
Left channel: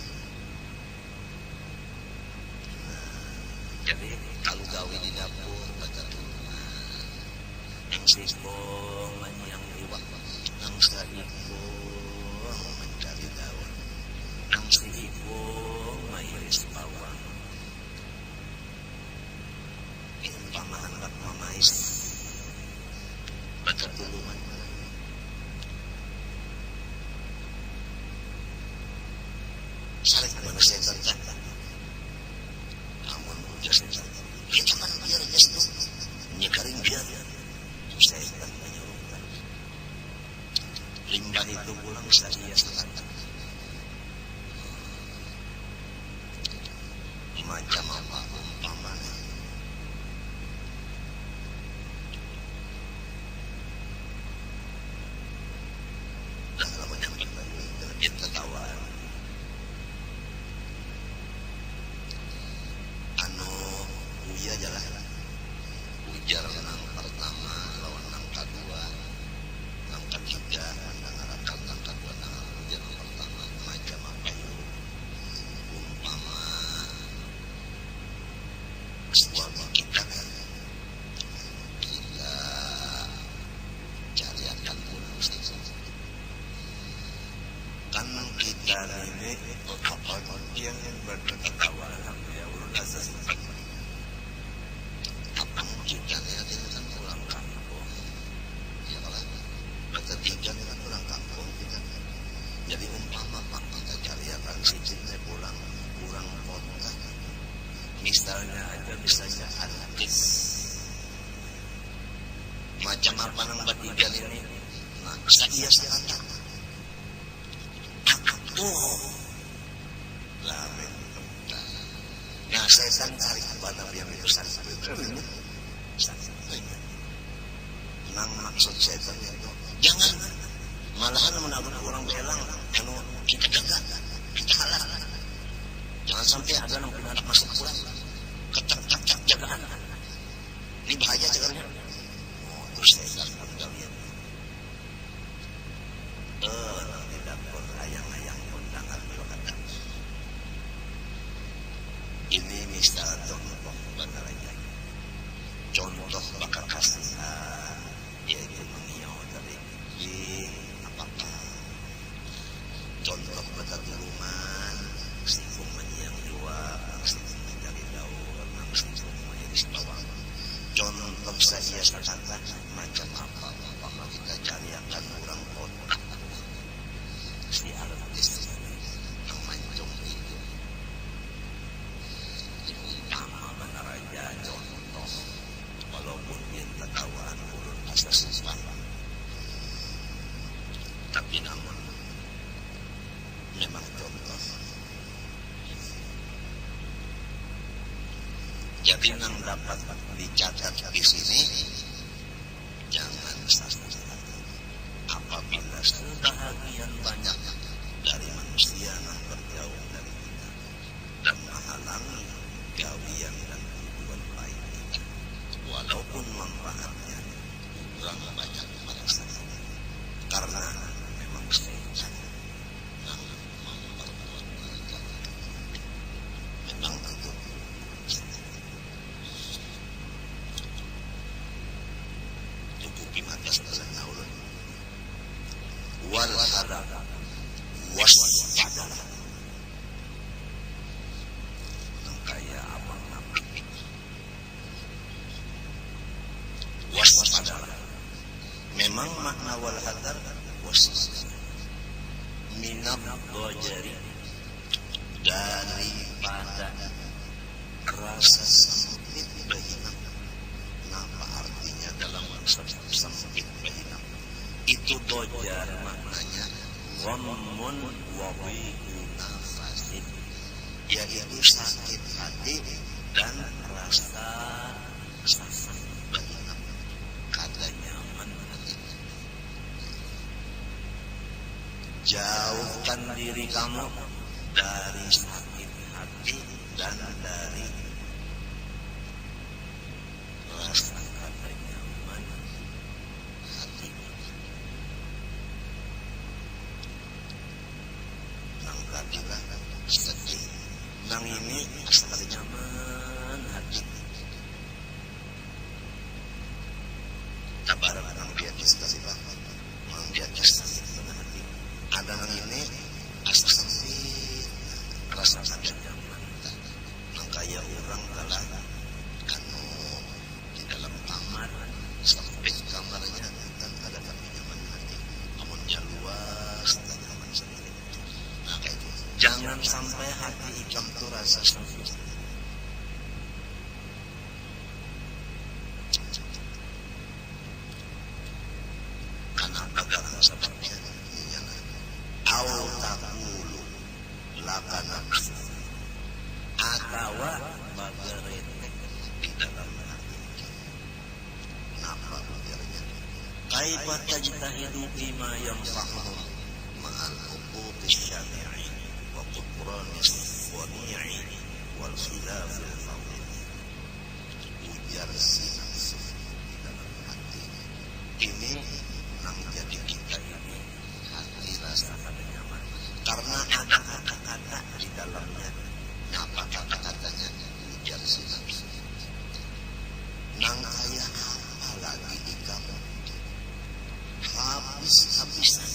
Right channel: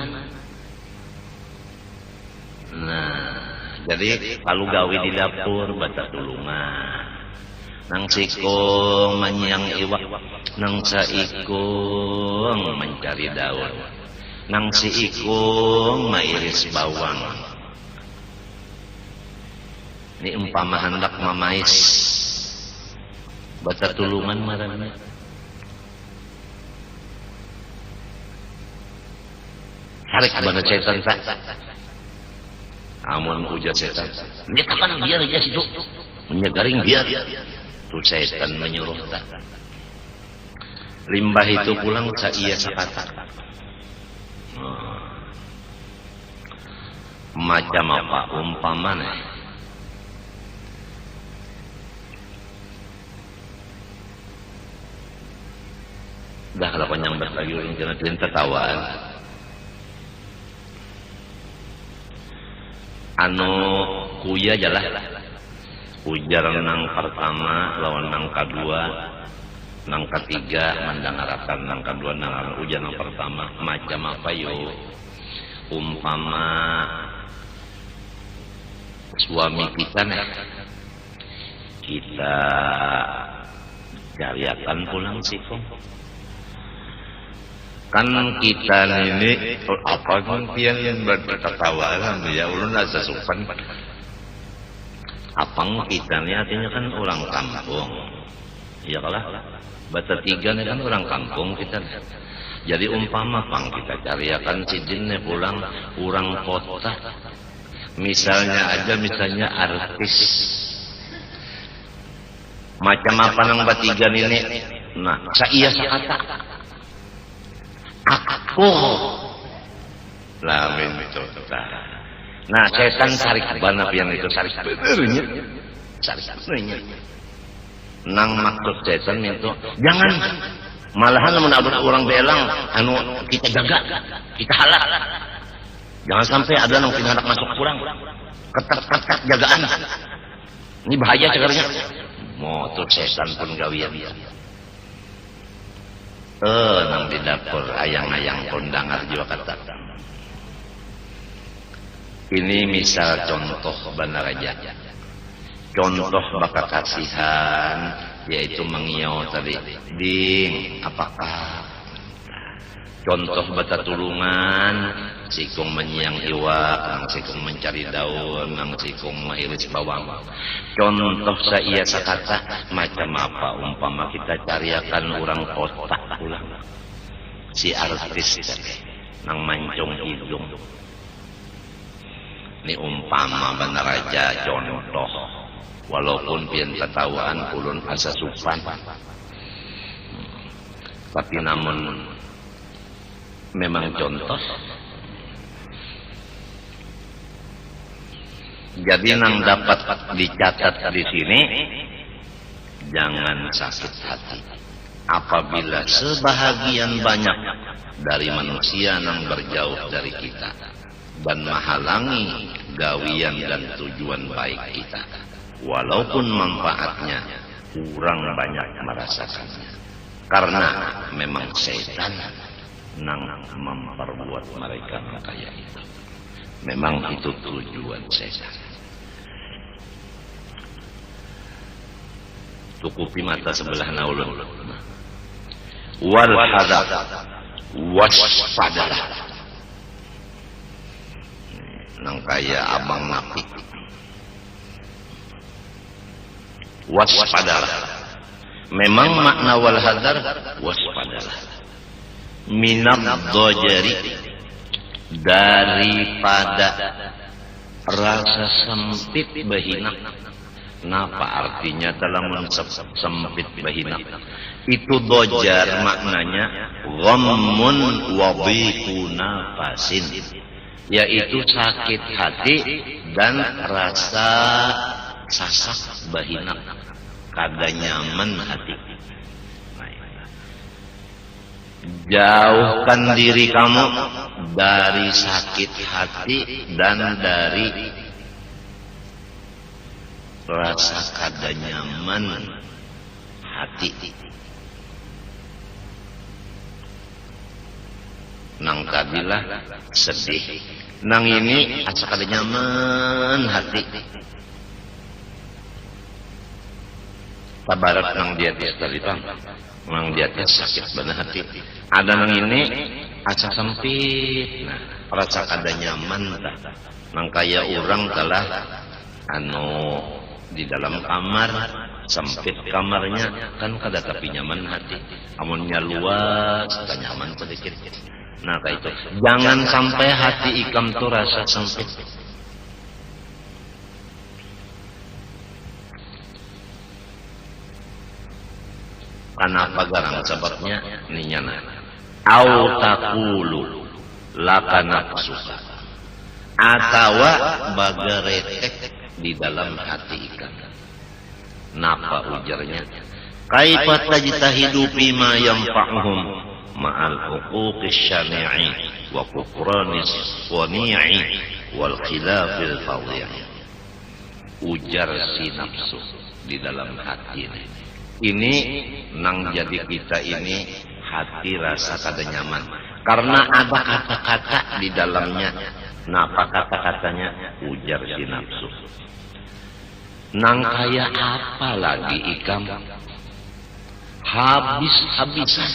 Nah jadi kalau gawe di dapur bata tulungan nang sikong manyang iwak nang saikong mencari daun nang siikong mairis bawang. Ini umpama hendak mamais bata tulungan marana. Sarek bana setan tak. Amun uja setan. Lihat apa biar aja situ. Menyegaring biar. Tu setan menyuruh tak. Limbah itu pulang saia sakata. Macam apa umpamanya? Dah kalau penyambat lagi orang kena pian tertawaan. Anu kuya jalah. Ujar nang pertama lawan nang kedua, nang ketiga mandang arakan, nang kedua nang ujar nang pertama macam apa yo? Umpama suami kita nih, kita cariakan pulang sih kok. Kan kita ini apa pun pian bertertawa ya ulun asa sopan. Apang kita nih artinya kan orang kampung. Ya kalah. Bata tiga nih kan orang kampung kita. Jadi umpama pang kita cariakan si jinnya pulang orang kota. Misalnya artis. Macam apa nang batigan ini? Nah, saia sakata. Aku lamin itu. Nah, setan sarik bana pian itu sarik benernya. Sarik benernya. Nang maksud setan itu jangan malahan mun ada orang belang anu kita jaga, kita halak. Jangan sampai ada nang pinadak masuk kurang. Ketat-ketat jagaan. Ini bahaya cegarnya. Mau tuh setan pun gawian. Nang di dapur ayang-ayang kondangar juga kata. Ini misal contoh benar aja. Contoh baka kasihan yaitu mengiau tadi. Ding, apakah? Contoh bata tulungan, sikung menyiang iwak, ang sikung mencari daun, ang sikung mairis bawang. Contoh saia sakata macam apa umpama kita cariakan orang kota pulang. Si artis tadi nang mancung hidung. Ini umpama benar aja contoh. Walaupun pian ketawaan ulun asa supan. Tapi namun memang contoh. Jadi nang dapat dicatat di sini, jangan sakit hati. Apabila sebahagian banyak dari manusia nang berjauh dari kita dan menghalangi gawian dan tujuan baik kita, walaupun manfaatnya kurang banyak merasakannya, karena memang setan nang memperbuat mereka kaya itu. Memang itu tujuan setan. Tukupi mata sebelah naulun. Wal hadar, waspadalah. Nang kaya abang napi. Waspadalah. Memang makna wal hadar waspadalah. Minad dhajari, daripada rasa sempit bahina. Napa artinya dalam sempit bahina? Itu dojar maknanya ghammun wa dhiqu nafasin, yaitu sakit hati dan rasa sasak bahina, kada nyaman hati. Jauhkan diri kamu dari sakit hati dan dari rasa kada nyaman hati. Nang tadilah sedih, nang ini asa kada nyaman hati. Tabarat nang di atas tadi bang, nang di atas sakit benar hati. Ada nang ini asa sempit, nah, rasa kada nyaman tak. Nang kaya orang telah anu di dalam kamar sempit kamarnya kan kada tapi nyaman hati. Amunnya luas tak nyaman sedikit. Nah kayak itu. Jangan sampai hati ikam tuh rasa sempit. Kenapa garang sebabnya ninyana? Au taqulu laka nafsuka. Atawa bagaretek di dalam hati ikam. Napa ujarnya? Kaifa tajtahidu bima yanfa'uhum ma'al huquqis syani'i wa kufranis sani'i wal khilafil fadhi'i. Ujar si nafsu di dalam hati ini nang jadi kita ini hati rasa kada nyaman karena ada kata-kata di dalamnya. Napa kata-katanya? Ujar si nafsu, nang kaya apa lagi ikam habis-habisan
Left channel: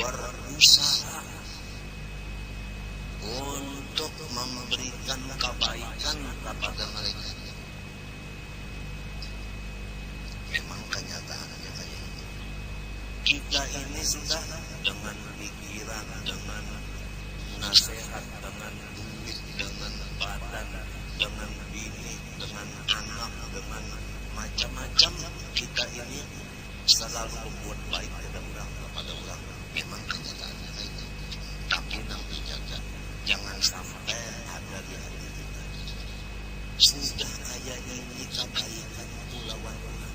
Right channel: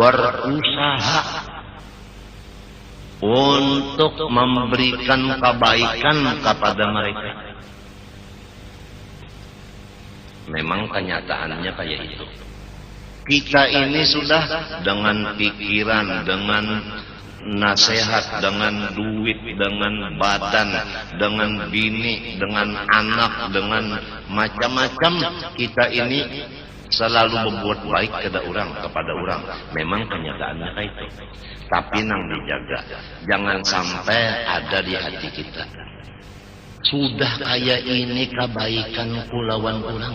berusaha untuk memberikan kebaikan kepada mereka. Memang kenyataannya kayak itu. Kita ini sudah dengan pikiran, dengan nasihat, dengan duit, dengan badan, dengan bini, dengan anak, dengan macam-macam, kita ini selalu berbuat baik kepada orang. Memang kenyataannya kayak itu. Tapi nang dijaga, jangan sampai ada di hati kita. Sudah kayak ini kebaikanku lawan orang.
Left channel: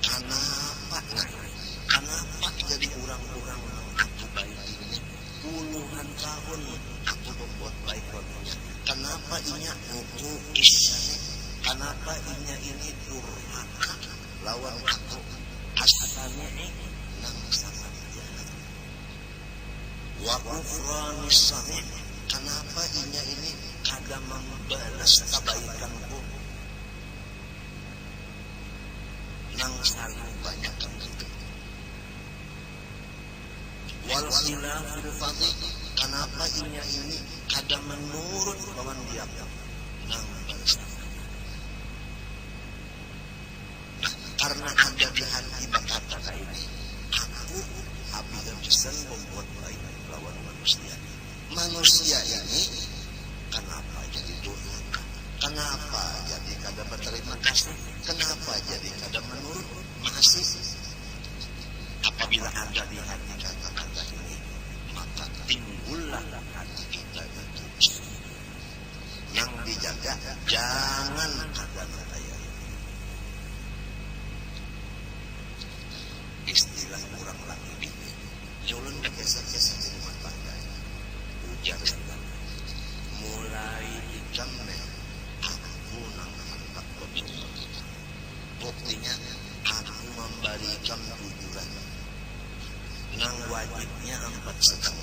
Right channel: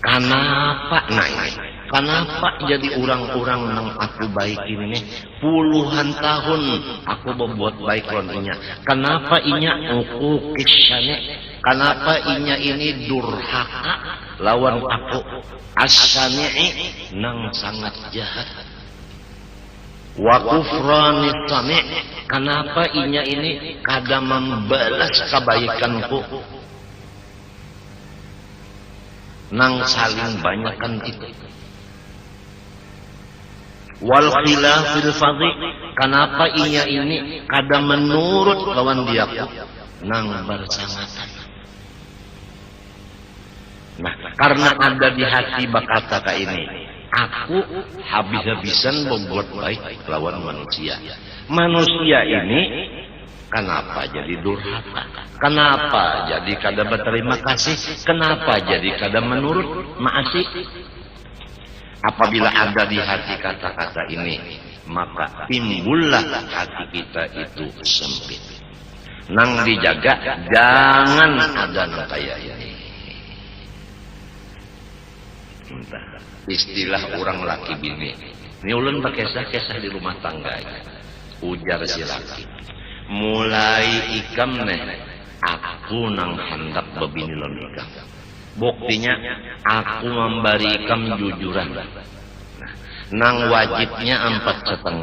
Kenapa? Nah ini, kenapa jadi orang-orang nang aku baik ini? Puluhan tahun aku berbuat baik lawan inya. Kenapa inya uku kisyane? Kenapa inya ini durhaka lawan aku? Asyani'i nang sangat jahat. Wa kufranis sani', kenapa inya ini kada membalas kebaikanku? Nang saling banyakkan itu. Wal khilafil fadhi, kenapa inya ini kada menurut lawan diaku? Nang bersangatan. Nah, karena ada di hati bakata ka ini, aku habis-habisan membuat baik lawan manusia. Manusia ini kenapa jadi durhaka? Kenapa jadi kada berterima kasih? Kenapa jadi kada menurut maasih? Apabila ada di hati kata-kata ini, maka timbullah hati kita itu sempit. Nang dijaga, jangan ada nang kaya ini. Entah, istilah orang laki bini. Ini ulun berkesah-kesah di rumah tangga. Ujar si laki, mulai ikam nih, aku nang hendak bebini lawan ikam. Buktinya aku memberikan jujuran. Nang wajibnya 4,5,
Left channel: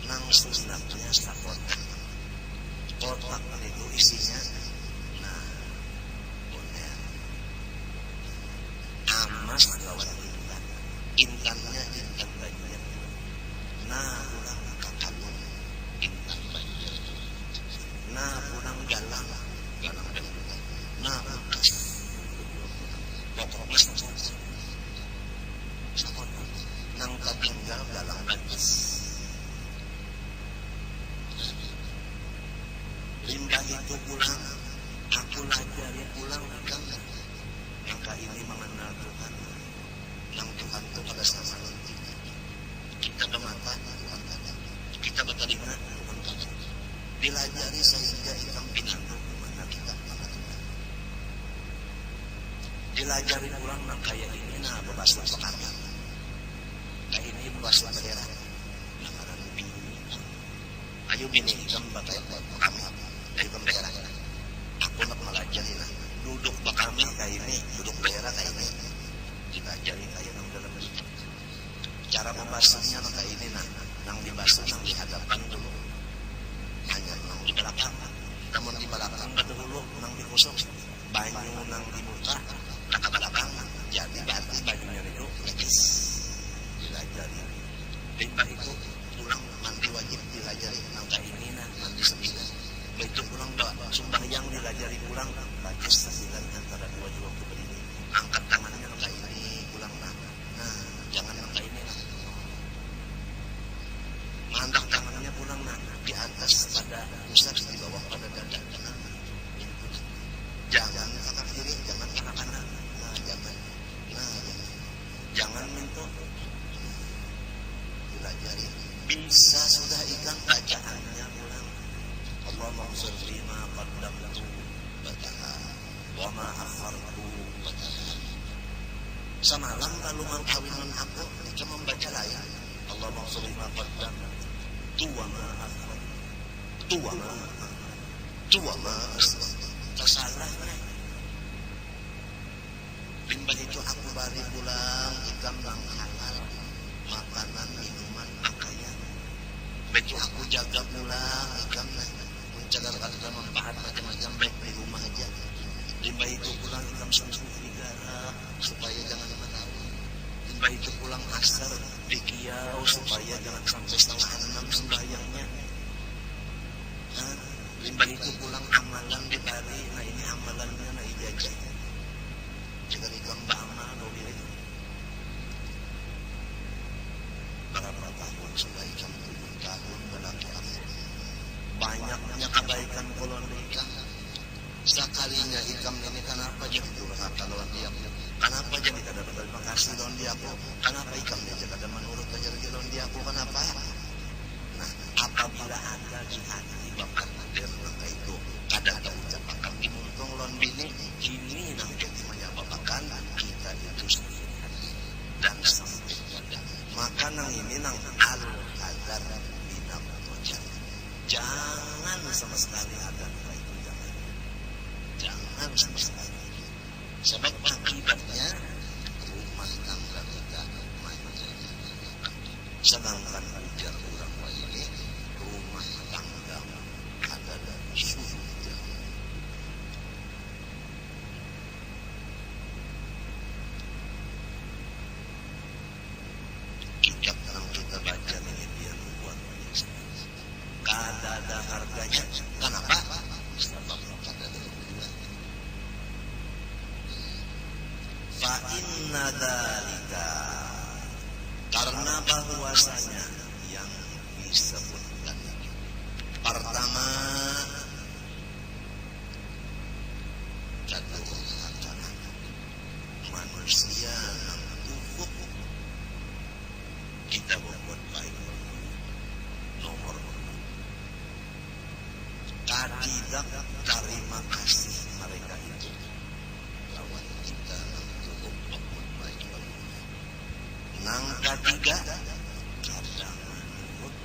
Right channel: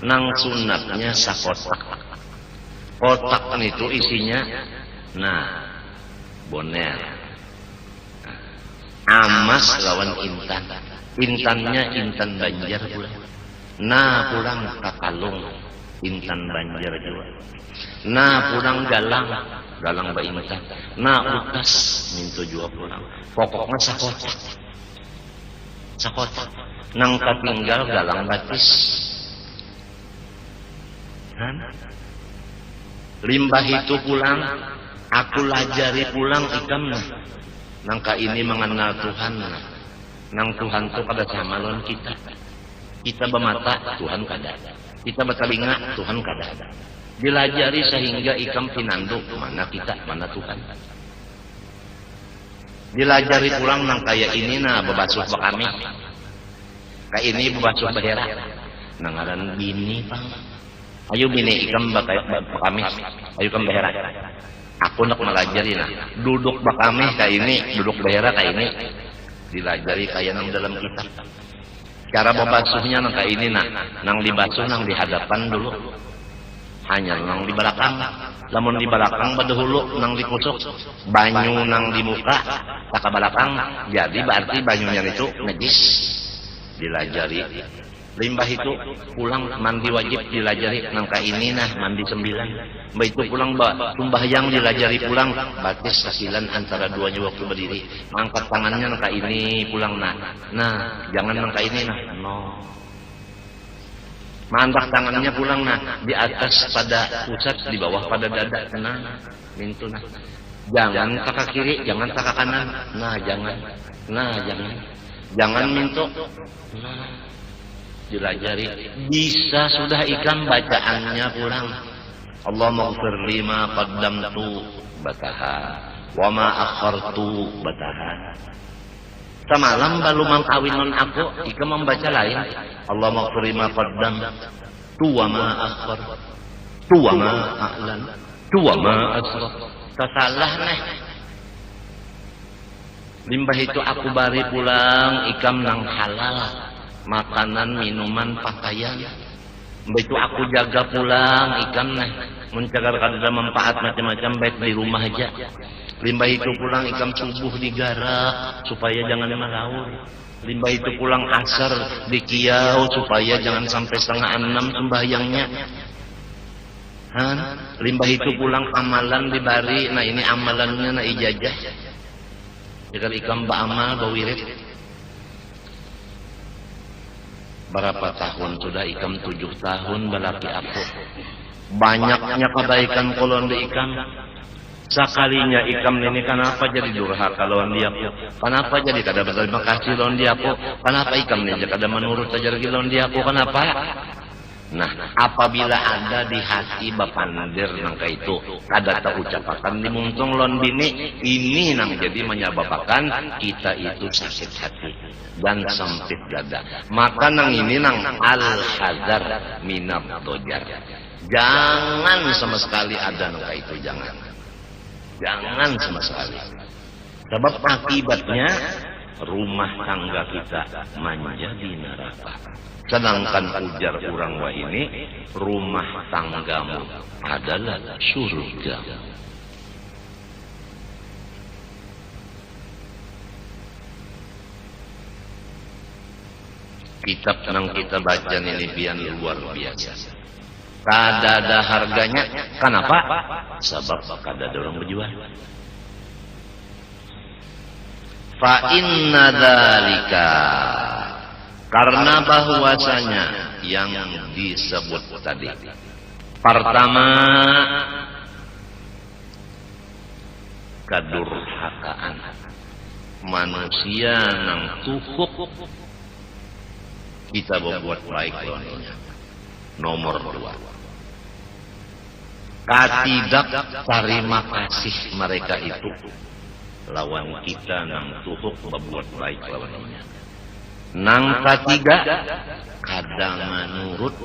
nang sunatnya sakotak. Kotak itu isinya, nah, boner, amas lawan intan. Intannya intan Banjar pula. Nah pulang kakalung, intan Banjar juga. Nah pulang galang ba intan. Nah utas minto juga pulang. Pokoknya sakotak. Nang katinggal galang batis. Limbah itu pulang, aku lajari pulang ikam nah. Nangka ini mengenal Tuhan nah. Nang Tuhan tu kada sama lawan kita. Kita bermata, Tuhan kada. Kita bertelinga, Tuhan kada. Dilajari sehingga ikam pinanduk, mana kita, mana Tuhan. Dilajari pulang nang kaya ini nah bebasuh bakami. Kayak ini bebasuh bahera. Nangaran bini bang. Ayo bini ikam bakami. Ayo ikam bahera. Aku nak melajari nah. Duduk bakami kayak ini, duduk bahera kayak ini. Dilajari kayak nang dalam kitab. Cara membasuhnya nang kayak ini nah. Nang dibasuh nang di hadapan dulu. Hanya nang di belakang. Lamun di belakang badahulu nang dikusuk. Banyu nang di muka tak ke belakang. Jadi berarti banyunya itu najis. Dilajari. Limbah itu pulang mandi wajib dilajari nangka ini nah mandi 9. Mbak itu pulang sumbahyang dilajari pulang batis 9 antara duanya waktu berdiri. Angkat tangannya nangka ini pulang nah. Nah jangan nangka ini nah. No. Mandak tangannya pulang nah di atas pada pusat, di bawah pada dada. Nah, mintu nah. Jangan kakak kiri, jangan kakak kanan. Nah, jangan. Nah, jangan. Jangan mintu. Nah, dilajari. Bisa sudah ikam bacaannya pulang. Allahumma ighfir lima qaddamtu bataha wa ma akhartu bataha. Semalam baru mangkawinon aku, ikam membaca lain. Allahumma ighfir lima qaddamtu wa ma akhartu wa ma a'lantu wa ma asraftu. Tasalah neh. Limbah itu aku bari pulang ikam nang halal, makanan, minuman, pakaian. Limbah itu aku jaga pulang ikam neh, mencagar kada manfaat macam-macam baik di rumah aja. Limbah itu pulang ikam subuh digarap supaya jangan malaur. Limbah itu pulang asar di kiau supaya jangan sampai 5:30 sembahyangnya. Limbah itu pulang amalan dibari. Nah ini amalannya na ijazah. Jika ikam ba'amal bawirid. Berapa tahun sudah ikam? 7 tahun balaki aku. Banyaknya kebaikan kolon di ikam. Sekalinya ikam ini kenapa jadi durhaka lawan dia aku? Kenapa jadi kada berterima kasih lawan dia aku? Kenapa ikam ini kada menurut ajar lawan dia aku? Kenapa? Nah, apabila ada di hati bapandir nangka itu kada terucapakan dimuntung lon bini, ini nang jadi menyebabkan kita itu sakit hati dan sempit dada. Maka nang ini nang al-hadar minat tojar. Jangan sama sekali ada nangka itu, jangan sama sekali. Sebab akibatnya rumah tangga kita menjadi neraka. Sedangkan ujar orang wah ini, rumah tanggamu adalah surga. Kitab yang kita baca ini biar luar biasa. Kada ada harganya. Kenapa? Sebab kada ada orang berjual. Fa inna dzalika, karena bahwasanya yang disebut tadi, pertama kedurhakaan manusia nang tuhuk kita berbuat baik lawannya. Nomor 2, katidak terima kasih mereka itu lawan kita nang tuhuk berbuat baik lawannya. Nang ketiga, kadang menurut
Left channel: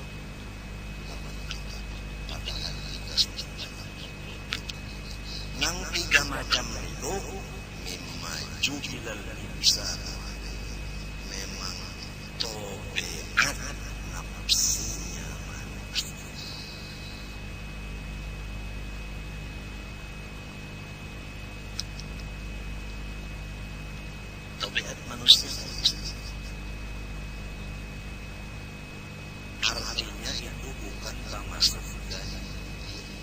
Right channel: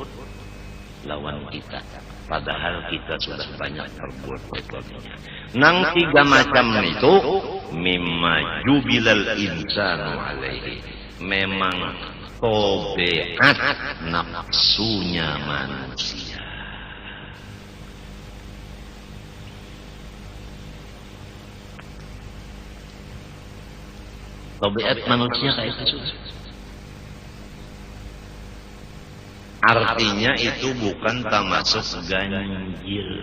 lawan kita, padahal kita sudah banyak berbuat baiknya. Nang 3 macam itu mimma jubilal insanu alaihi, memang tobeat nafsunya manusia. Tobeat manusia kayak itu sudah. Artinya itu bukan termasuk ganjil.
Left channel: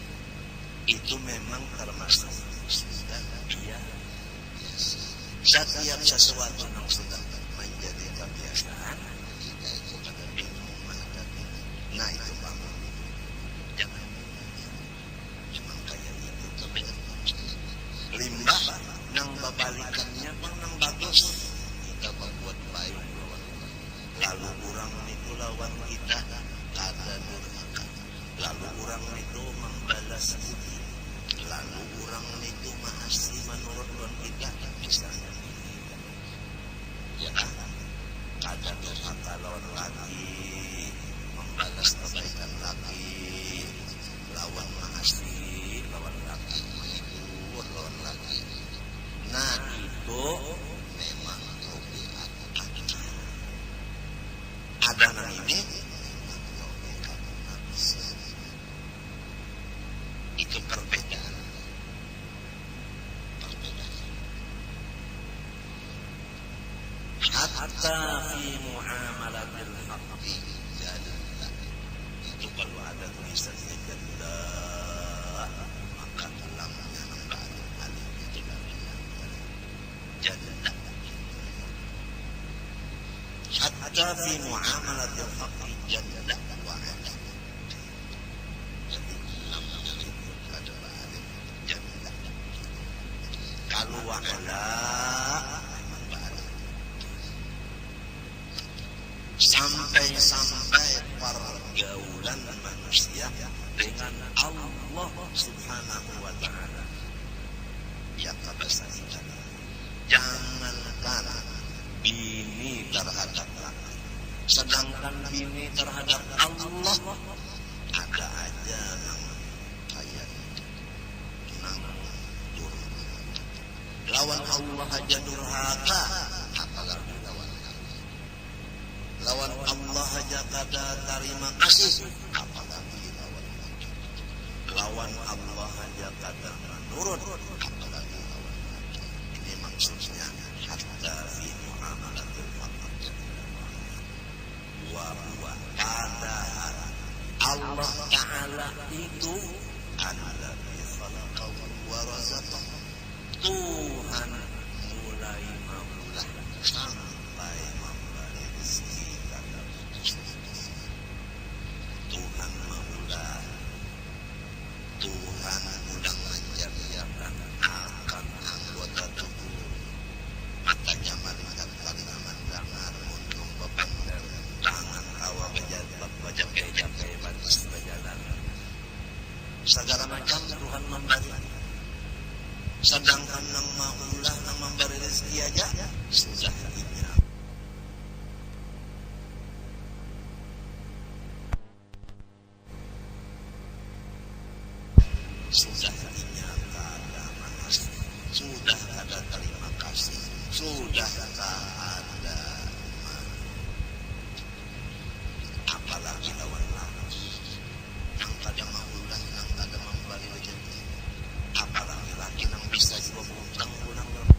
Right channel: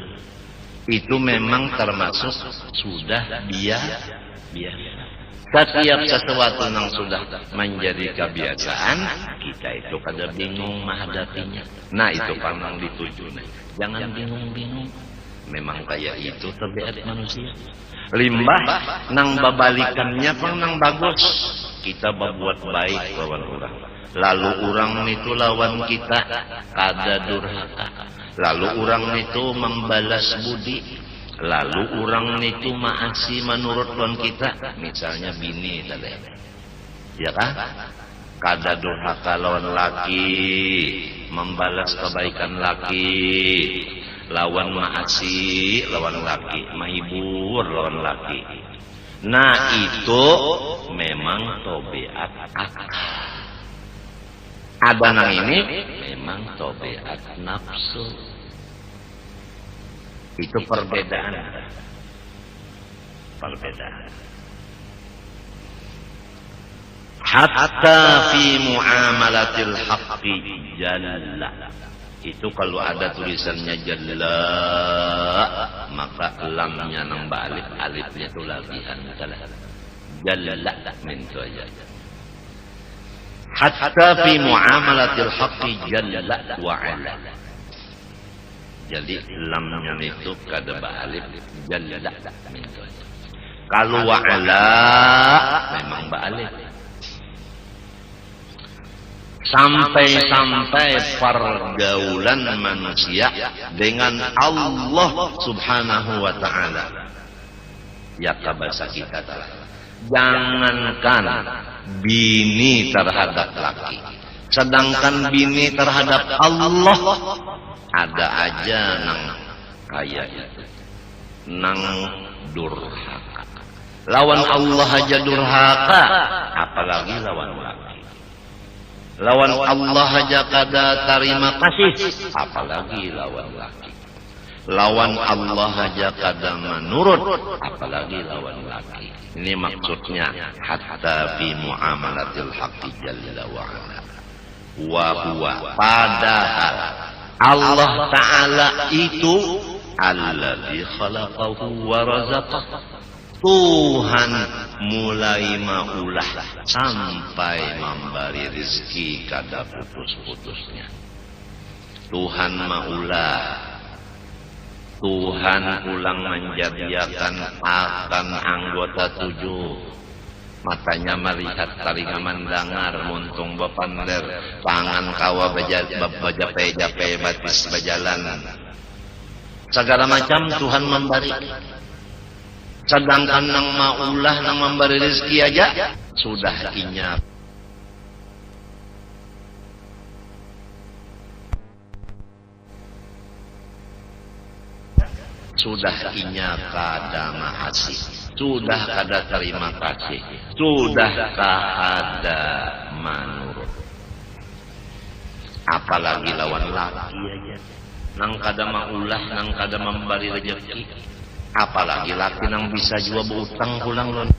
Itu memang termasuk sudah biasa. Setiap sesuatu yang sudah menjadi kebiasaan, kita itu kada bingung menghadapinya. Nah itu pandang dituju. Jangan bingung-bingung. Memang kayak itu tabiat manusia. Limbah nang babalikannya pang nang bagus. Kita berbuat baik lawan orang. Lalu orang itu lawan kita kada durhaka. Lalu orang itu membalas budi. Lalu orang itu maasi menurut lawan kita. Misalnya bini tadi, ya kan? Kada durhaka lawan laki, membalas kebaikan laki. Lawan maasi lawan laki, mahibur lawan laki. Nah itu memang tobeat akal. Ada nang ini memang tobeat nafsu. Itu perbedaan. Hatta fi muamalatil haqqi jalla. Itu kalau ada tulisannya jalla, maka lamnya nang balik, alifnya itu labihan. Jalla min itu aja. hatta fi muamalatil haqqi jalla wa ala. Jadi lamnya itu kada ba'alif jalla. Kalau wa ala memang ba'alif. Sampai-sampai pergaulan manusia dengan Allah subhanahu wa ta'ala. Ya kabasa kita telah. Jangankan bini terhadap laki, sedangkan bini terhadap Allah ada aja nang kaya itu, nang durhaka. Lawan Allah aja durhaka, apalagi lawan laki. Lawan Allah aja kada terima kasih, apalagi lawan laki. Lawan Allah aja kada menurut, apalagi lawan laki. Ini maksudnya hatta fi muamalatil haqqi jalla wa ala. Wa huwa, padahal Allah Ta'ala itu alladzi khalaqahu wa razaqah. Tuhan mulai maulah sampai memberi rezeki kada putus-putusnya. Tuhan maulah, Tuhan ulang menjadikan akan anggota 7. Matanya melihat, telinga mendengar, muntung bepander, tangan kawa bajape-jape, batis berjalan. Segala macam Tuhan memberi. Sedangkan nang maulah nang memberi rezeki aja sudah inyap. Sudah inya kada mahasih, sudah kada terima kasih, sudah kada manurut. Apalagi lawan laki aja, nang kada maulah, nang kada memberi rezeki. Apalagi laki nang bisa jua berutang pulang lon.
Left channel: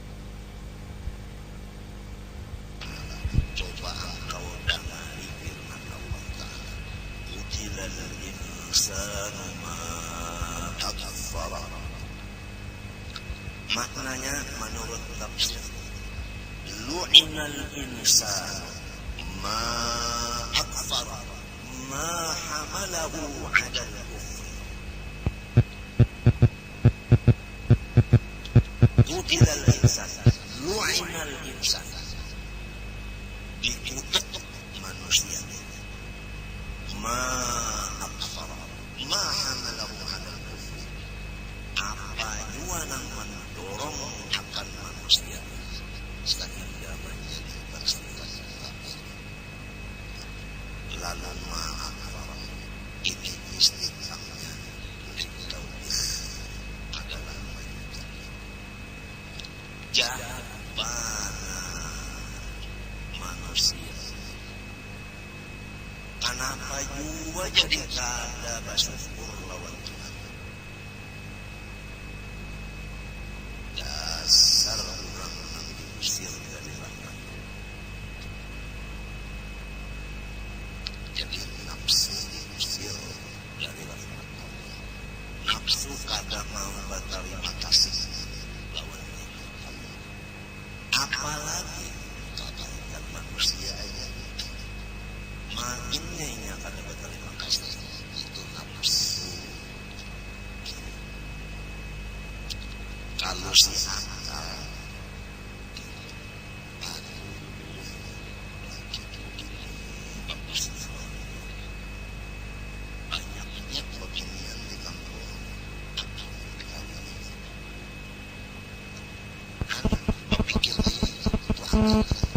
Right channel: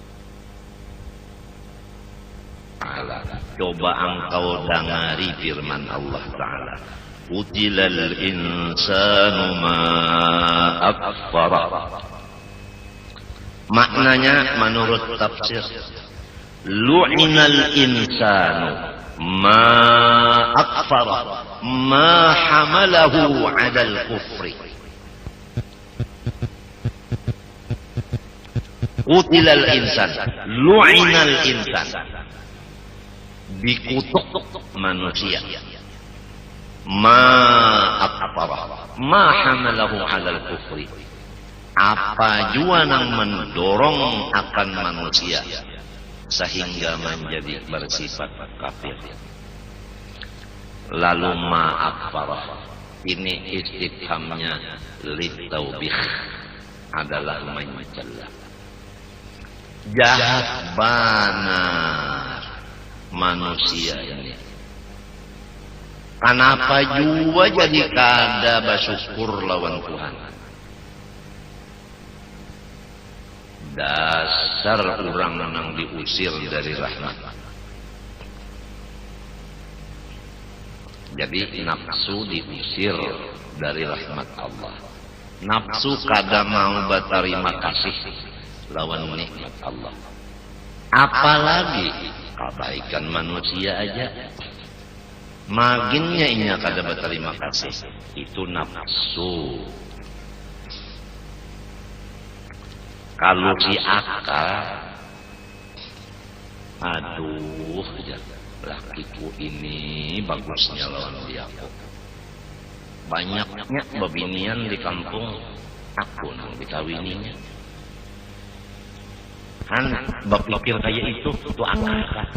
Coba engkau dengari firman Allah Ta'ala. Qutilal insanu ma akfara. Maknanya menurut tafsir, lu'inal insanu ma akfara ma hamalahu 'alal kufri. Qutilal insan, lu'inal insan, dikutuk manusia. Ma akfara ma hamalahu 'alal kufri. Apa jua nang mendorong akan manusia sehingga menjadi bersifat kafir. Lalu ma akfara, ini istifhamnya litaubih, adalah mencela. Jahat benar manusia ini. Kenapa juga jadi kada bersyukur lawan Tuhan? Dasar orang nang diusir dari rahmat. Jadi nafsu diusir dari rahmat Allah. Nafsu kada mau berterima kasih lawan nikmat Allah. Apalagi kebaikan manusia aja. Maginnya inya kada berterima kasih, itu nafsu. Kalau si akal, aduh ya, lakiku ini bagusnya lawan dia. Banyaknya babinian di kampung, aku nang dikawininya. Berpikir kayak itu akal kan.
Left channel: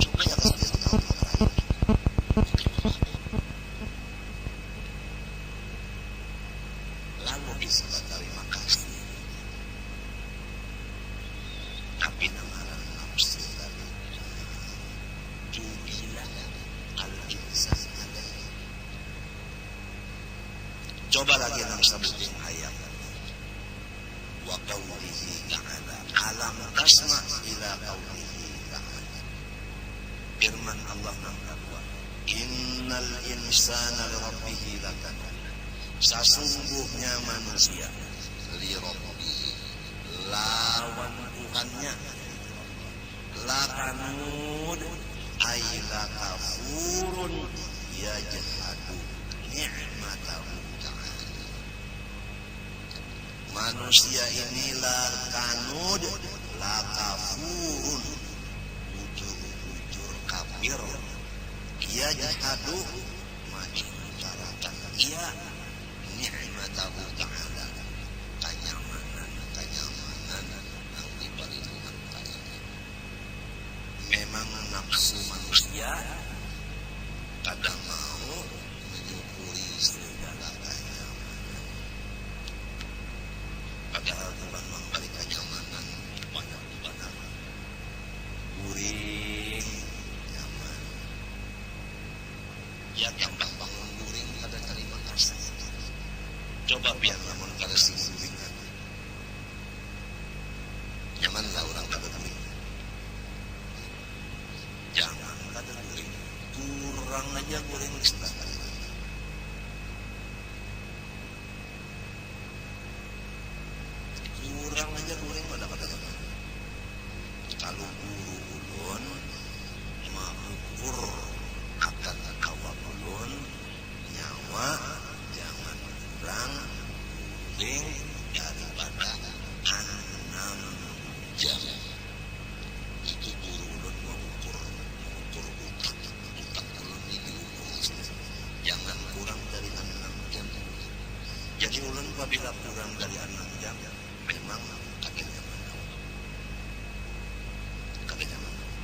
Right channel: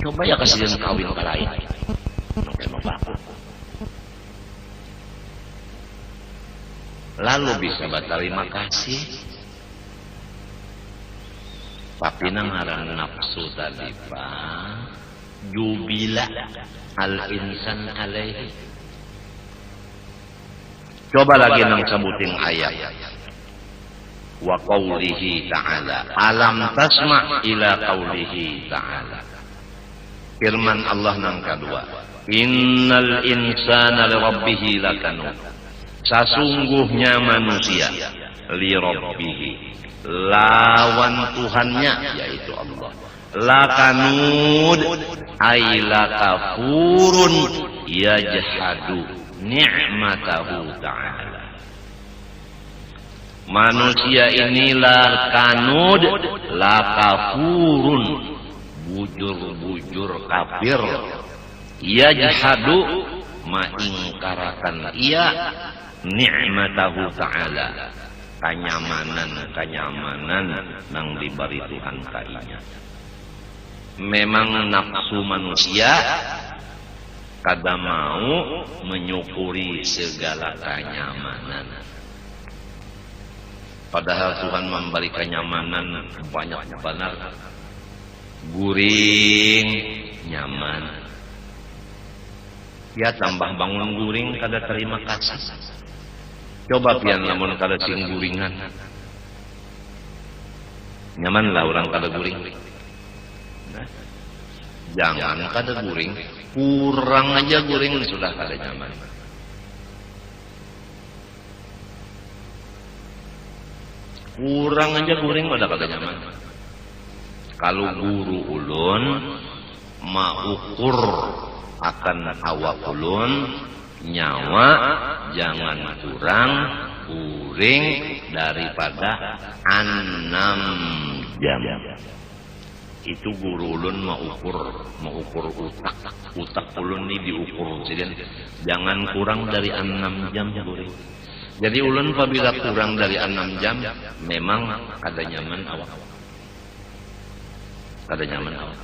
Coba ya kasih dia kawin ke lain. Lalu bisa berterima kasih. Tapi nangaran nafsu tadi Pak, jubila al-insan alaihi. Coba lagi nang sebutin ayat. Wa qawlihi ta'ala, alam tasma' ila qawlihi ta'ala. Firman Allah nang kedua, innal insana li rabbih lakanud. Sesungguhnya manusia li rabbih, lawan Tuhannya yaitu Allah, lakanud, aila kafurun yajhadu ni'matahu ta'ala. Manusia inilah kanud la kafurun, bujur-bujur kafir, yajhadu maingkarakan ia ni'matahu ta'ala, kenyamanan nang diberi Tuhan kainya. Memang nafsu manusia kada mau menyukuri segala kenyamanan, padahal Tuhan memberi kenyamanan banyak benar. Guring nyaman, ya tambah bangun guring kada terima kasih. Coba pian lamun kada sing guringan, nyaman lah orang kada guring. Nah, jangan kada guring, kurang aja guring sudah kada nyaman. Kurang aja guring udah kada nyaman. Kalau guru ulun maukur akan awak ulun, nyawa jangan kurang uring daripada 6 jam. Itu guru ulun maukur utak ulun ni diukur siden, jangan kurang dari 6 jam guring. Jadi ulun apabila kurang dari 6 jam memang kada nyaman awak. Kada nyaman awak.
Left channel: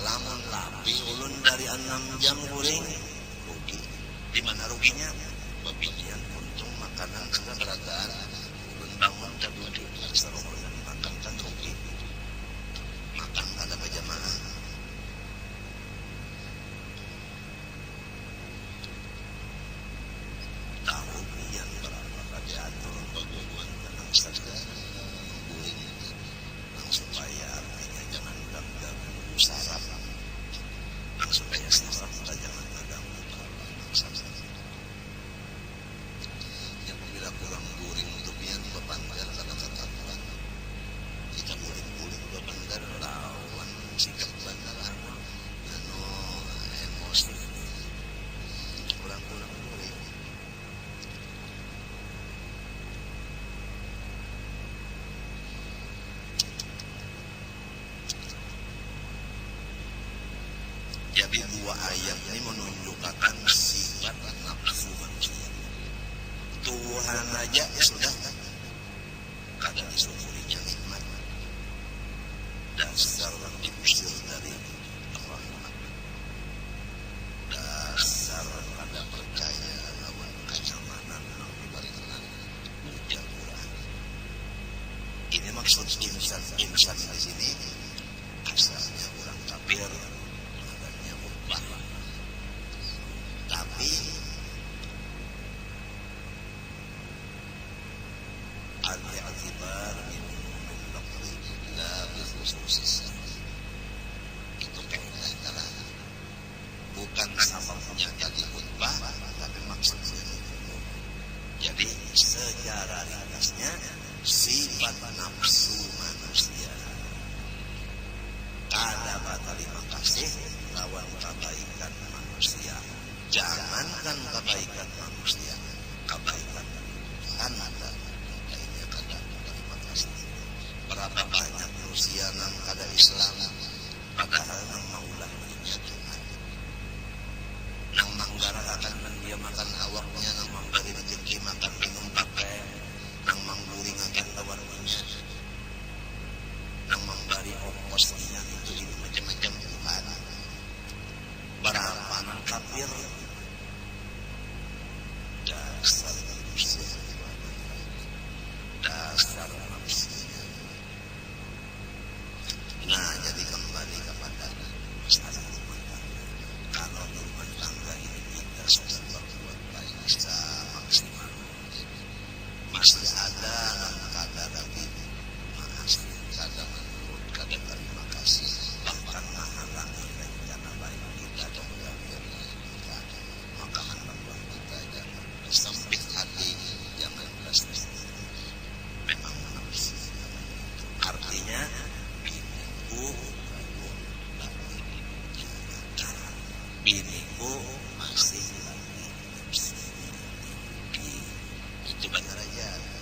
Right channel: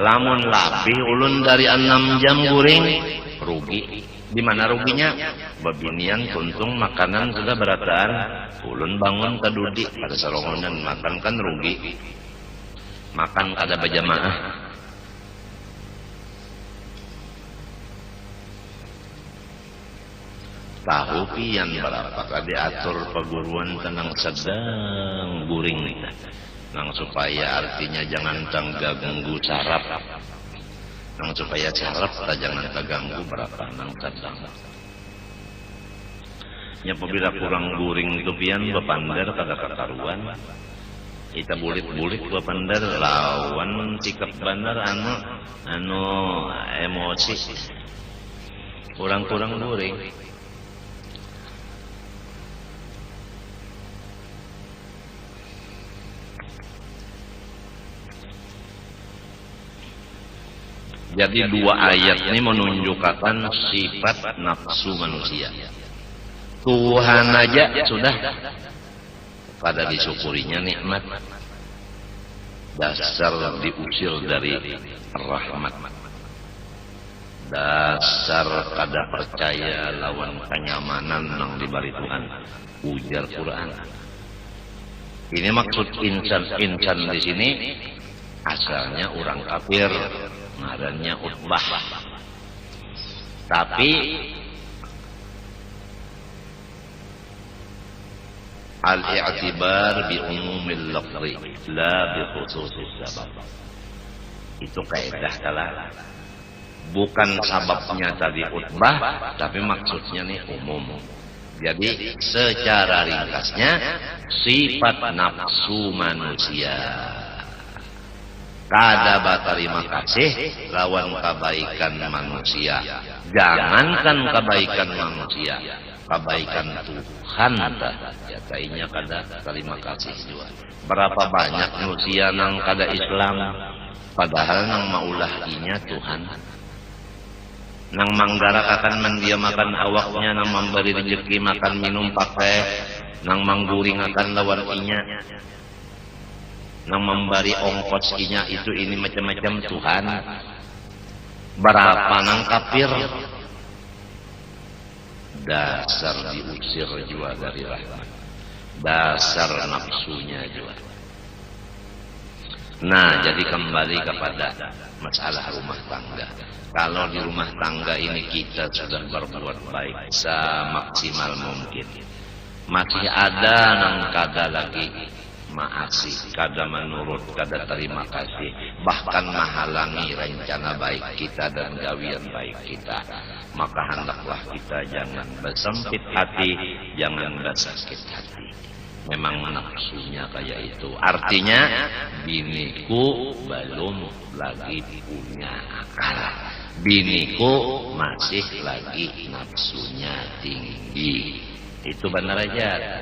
Lamun labih ulun dari 6 jam guring, rugi. Di mana ruginya? Babinian puntung makanan sudah berataan, ulun bangun tadudi pada sarongonan makan kan rugi. Makan kada berjamaah. Tahu pian berapa kali atur paguruan tenang sedang guring kita. Nang supaya artinya jangan terganggu saraf, nang supaya saraf tak jangan terganggu berapa nang sadang. Nya apabila kurang guring tu pian bapandar kada kakaruan, kita bulit-bulit bapandar lawan sikap bandar anu emosi, kurang-kurang guring. Jadi dua ayat ini menunjukkan sifat nafsu manusia. Tuhan aja sudah kada disyukurinya nikmat, dasar diusir dari rahmat, dasar kada percaya lawan kenyamanan yang diberi Tuhan, ujar Quran. Ini maksud insan di sini asalnya orang kafir, ngarannya Utbah. Tapi al-i'tibar bi umumil lafzi la bi khususis sabab. Itu kaidah kalah. Bukan sababnya tadi Utbah, tapi maksudnya nih umum. Jadi secara ringkasnya sifat nafsu manusia kada berterima kasih lawan kebaikan manusia. Jangankan kebaikan manusia, kebaikan Tuhan katanya kada terima kasih juga. Berapa banyak manusia nang kada Islam, padahal nang maulah inya Tuhan, nang manggarak akan mendiamakan awaknya, nang memberi rezeki makan minum pakai, nang mangguring akan lawan inya, nang memberi ongkos inya itu ini macam-macam Tuhan. Berapa nang kafir, dasar diusir juga dari rahmat, dasar nafsunya juga. Nah, jadi kembali kepada masalah rumah tangga. Kalau di rumah tangga ini kita sudah berbuat baik semaksimal mungkin, masih ada nang kada lagi maasi, kada menurut, kada terima kasih, bahkan menghalangi rencana baik kita dan gawian baik kita, maka hendaklah kita jangan bersempit hati, jangan bersakit hati. Memang nafsunya kayak itu. Artinya biniku belum lagi punya akal. Biniku masih lagi nafsunya tinggi. Itu benar aja.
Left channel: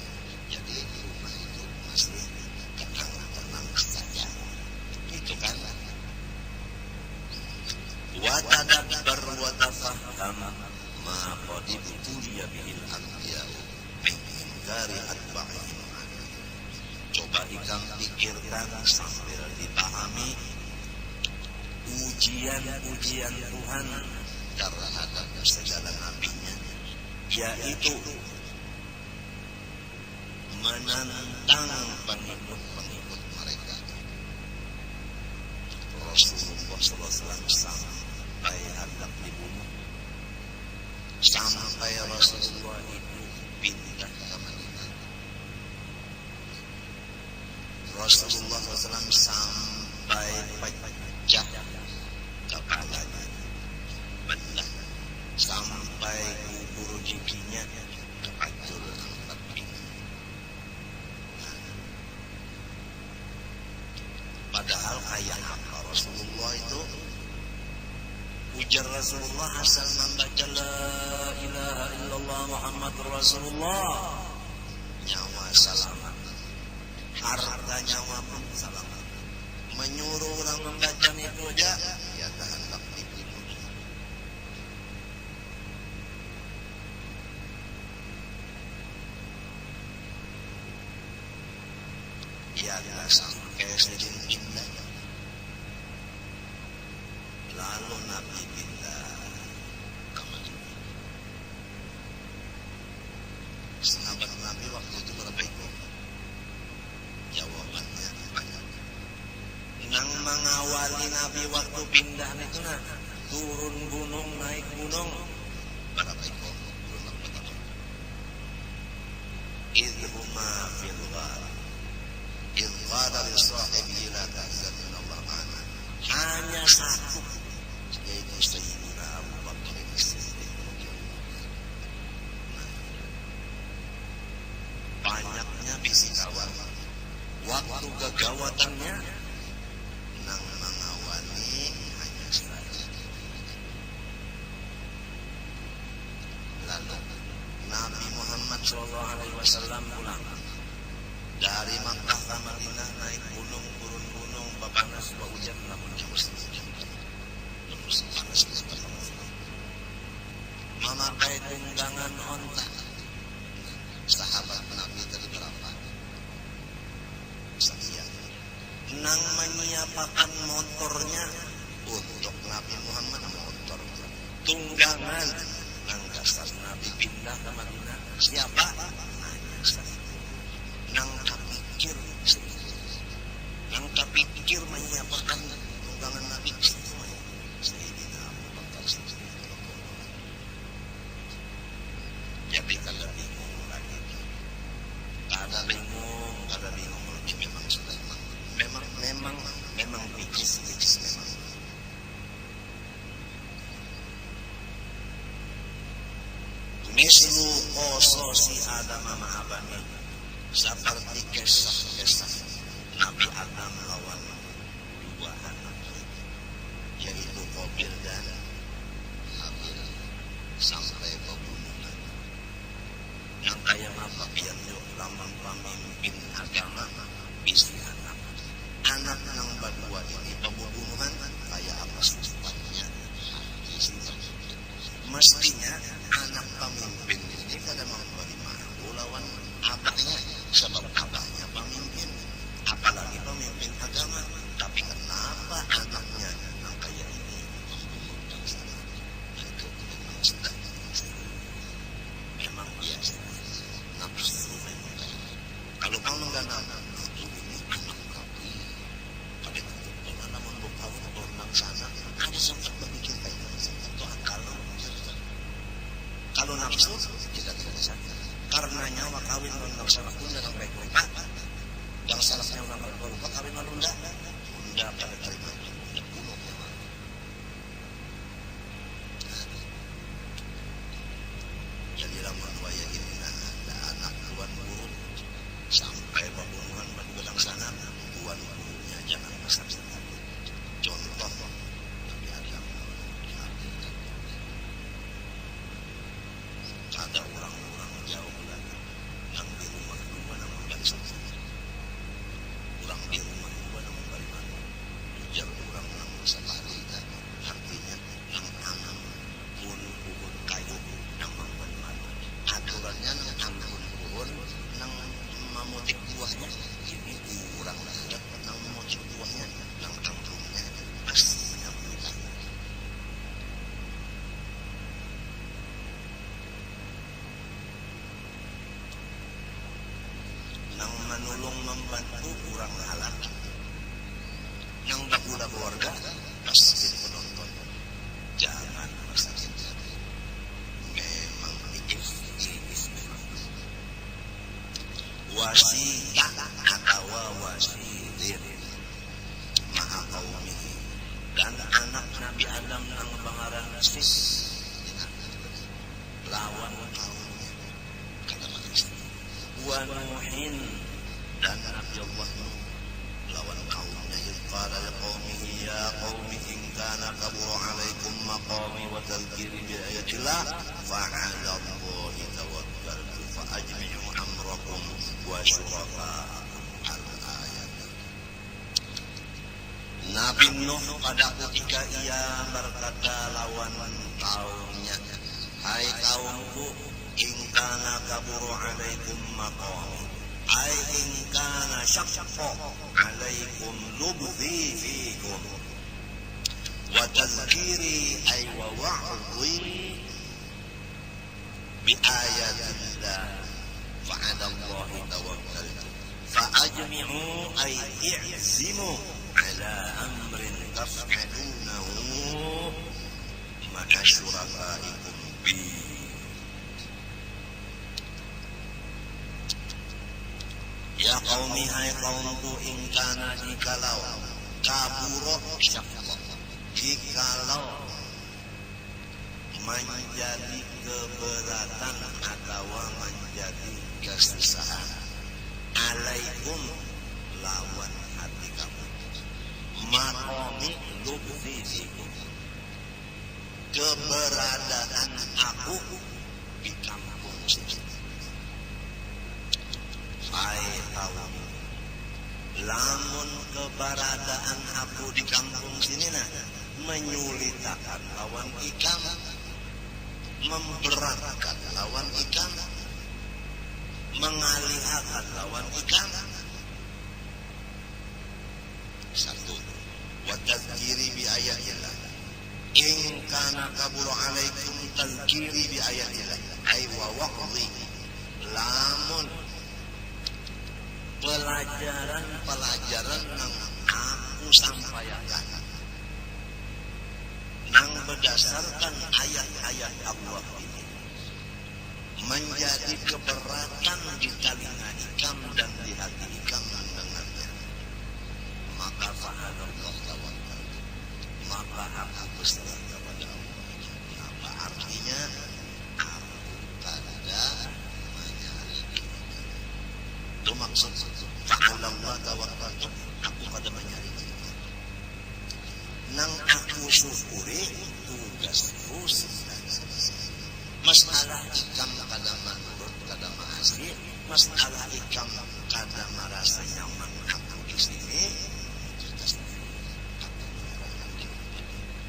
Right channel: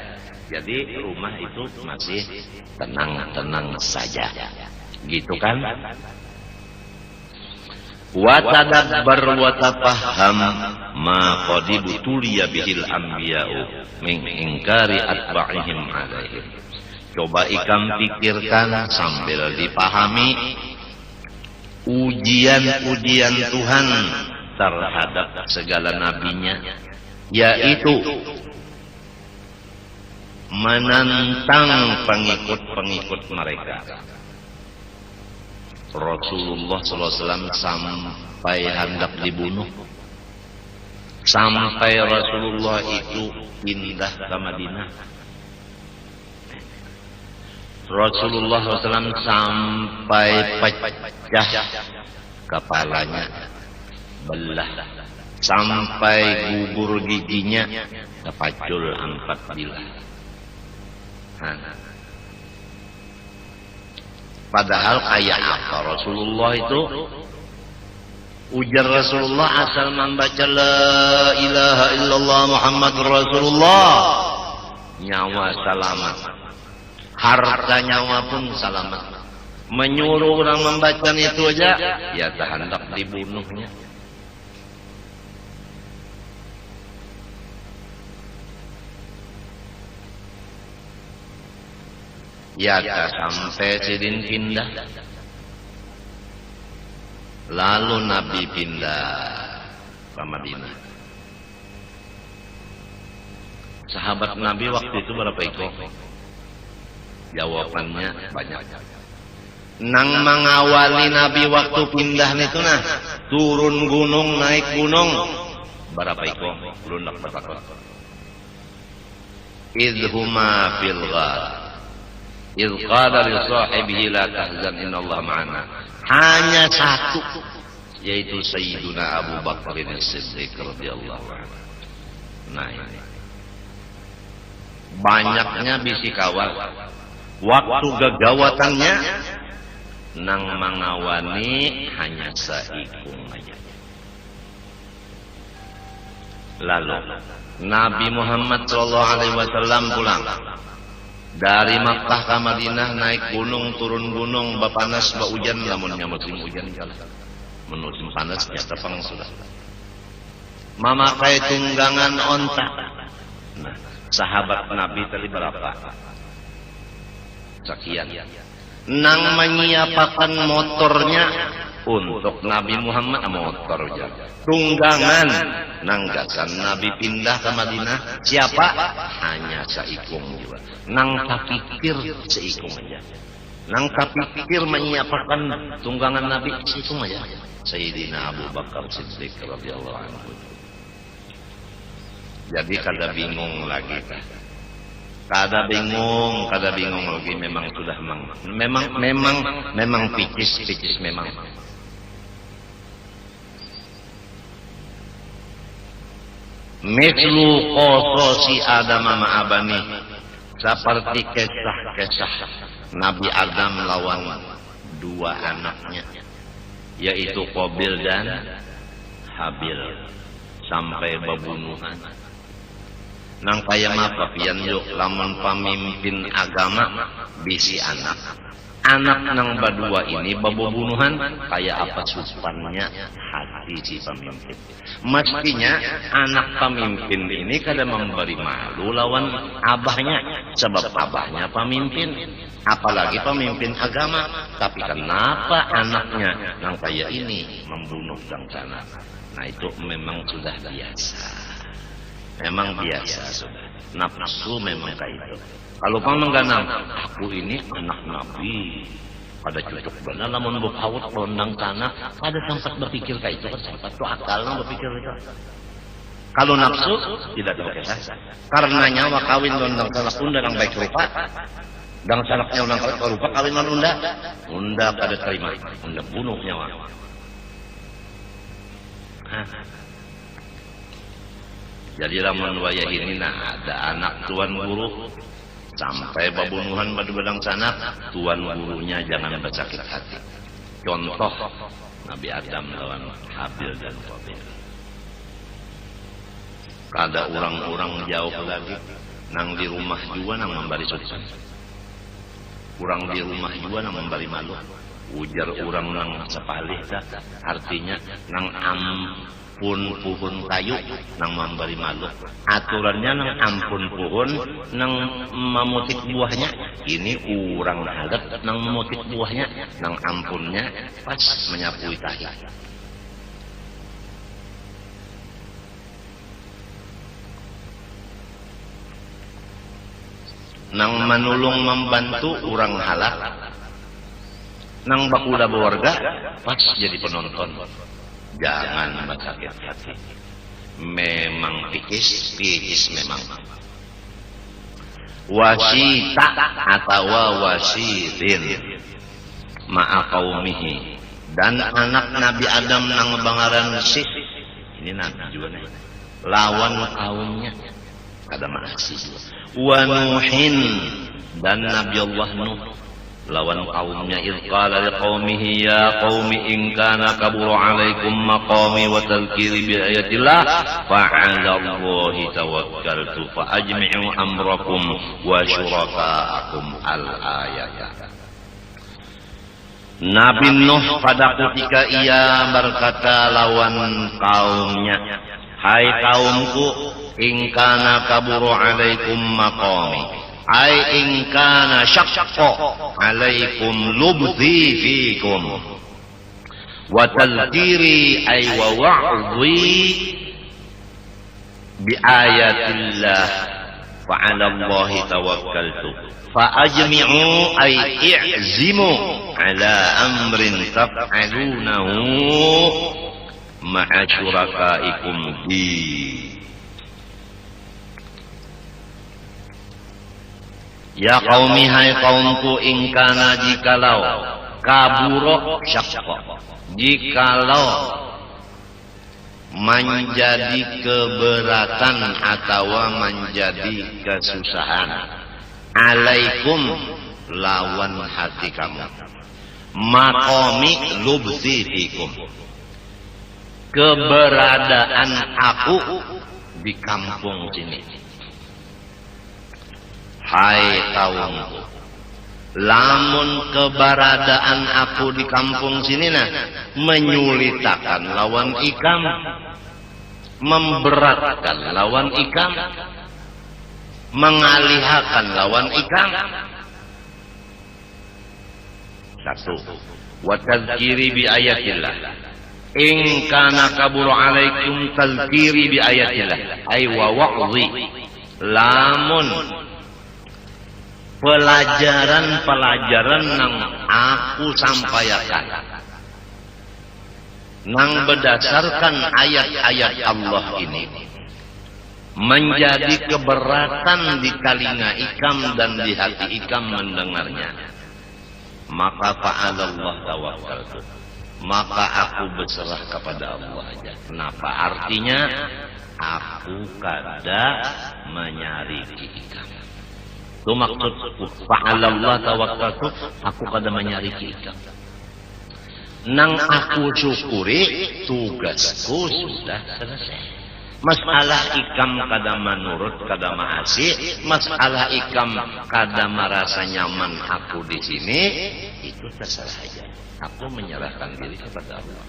Jadi rumah itu masih tenang-tenang saja. Gitu kan? Wa tadabbar wa tafahham ma qad butuliya bihil anbiya'u min ingkari atba'ihim alaihim. Coba ikam pikirkan sambil dipahami ujian-ujian Tuhan terhadap segala nabinya, yaitu menantang pengikut-pengikut mereka. Rasulullah SAW sampai hendak dibunuh, sampai Rasulullah itu pindah ke Madinah. Rasulullah SAW sampai pecah kepalanya, belah, sampai gugur giginya, terpacul 4 bilah. Padahal kayak apa Rasulullah itu? Ujar Rasulullah asal membaca la ilaha illallah Muhammadur Rasulullah, nyawa selamat, harta nyawa pun selamat. Menyuruh orang membaca itu aja, ya tak hendak dibunuhnya. Ya tak sampai sidin pindah. Lalu Nabi pindah ke Madinah. Sahabat Nabi waktu itu berapa ikut? Jawabannya banyak. Nang mengawali Nabi waktu pindah itu nah, turun gunung, naik gunung, berapa ikut? Lundak betakon. Idhuma fil ghar. Idh qala li sahibihi la tahzan innallaha ma'ana. Hanya satu, yaitu Sayyiduna Abu Bakar As-Siddiq radhiyallahu anhu. Nah ini. Banyaknya bisi kawal. Waktu gegawatannya nang mengawani hanya seikung aja. Lalu Nabi Muhammad SAW pulang dari Makkah ke Madinah, naik gunung, turun gunung, bapanas, hujan, lamunnya musim hujan kalah. Musim panas nyata pang sudah. Memakai tunggangan onta. Nah, sahabat Nabi tadi berapa? Sekian. Nang menyiapkan motornya untuk Nabi Muhammad, motor aja. Tunggangan nang gasan Nabi pindah ke Madinah, siapa? Hanya seikung. Nang tapikir seikung aja. Nang tapikir menyiapkan tunggangan Nabi seikung aja. Sayyidina Abu Bakar Siddiq radhiyallahu anhu. Jadi kada bingung lagi. Kada bingung lagi, memang sudah memang picis memang. Mislu qasosi Adam ma'abani. Seperti kisah-kisah Nabi Adam lawan 2 anaknya, yaitu Qabil dan Habil, sampai bebunuhan. Nang kaya apa pian yuk lamun pemimpin agama bisi anak nang badua ini bebunuhan, kaya apa supannya hati si pemimpin. Mestinya anak pemimpin ini kada memberi malu lawan abahnya, sebab abahnya pemimpin, apalagi pemimpin agama. Tapi kenapa anaknya nang kaya ini membunuh dang sana? Nah itu memang sudah biasa, memang biasa sudah. Nafsu memang kayak itu. Kalau pang mengganang, aku ini anak Nabi, kada cocok benar lamun bukawut rondang sana, kada sempat berpikir kayak itu, kan sempat tuh akal nang berpikir itu. Kalau nafsu tidak terkesa, karena nyawa kawin rondang sana pun dan baik rupa, dan salaknya orang rupa kawin non unda kada terima, unda bunuh nyawa. Jadi lamun wayah ini nah ada anak tuan guru sampai pembunuhan pada bedang sana, tuan gurunya jangan bersakit hati. Contoh Nabi Adam lawan Habil dan Qabil. Kada orang-orang jauh lagi nang di rumah juga nang membari suci. Urang di rumah juga nang membari malu. Ujar orang nang sepalih tak, artinya nang ampun pohon kayu nang membari malu. Aturannya nang ampun pohon nang memutik buahnya. Ini urang adat nang memutik buahnya, nang ampunnya pas menyapui tahi. Nang manulung membantu orang halak, nang bakuda berwarga pas jadi penonton. Jangan bersakit hati. Memang picis memang. Wasita atau wasidin ma'a qaumihi, dan anak Nabi Adam nang bangaran Sis, ini Nabi juga nih, lawan kaumnya kada maasih. Wa Nuhin, dan Nabi Allah Nuh lawan kaumnya. Idh qala liqaumihi ya qaumi in kana kabura alaikum maqami wa tadhkiri bi ayatillah fa 'ala Allahi tawakkaltu fa ajmi'u amrakum wa syurakaakum al-ayat. Nabi Nuh pada ketika ia berkata lawan kaumnya, hai kaumku, in kana kaburu alaikum maqami, ai in kana syaqqa alaikum lubthi fikum wa tadhkiri ay wa wa'dhi bi ayatillah fa 'ala Allahi tawakkaltu fa ajmi'u ay i'zimu 'ala amrin taf'alunahu ma'a syurakaikum bi. Ya qaumi, hai kaumku, ingkana jikalau kaburo syaqqa, jikalau menjadi keberatan atau menjadi kesusahan, alaikum lawan hati kamu, maqami lubthi fikum, keberadaan aku di kampung sini. Hai kaumku, lamun keberadaan aku di kampung sini nah menyulitakan lawan ikam, memberatkan lawan ikam, mengalihkan lawan ikam. Satu, wa tadhkiri bi ayatillah, in kana kaburu alaikum tadhkiri bi ayatillah ay wa wa'dhi, lamun pelajaran-pelajaran nang aku sampaikan nang berdasarkan ayat-ayat Allah ini menjadi keberatan di telinga ikam dan di hati ikam mendengarnya, maka fa'alallah tawakkaltu, maka aku berserah kepada Allah aja. Kenapa? Artinya aku kada menyariki. Itu maksud fa'alallah tawakkaltu, aku kada menyariki ikam. Nang aku syukuri, tugasku sudah selesai. Masalah ikam kada menurut, kada maasih, masalah ikam kada merasa nyaman aku di sini, itu terserah saja. Aku menyerahkan diri kepada Allah.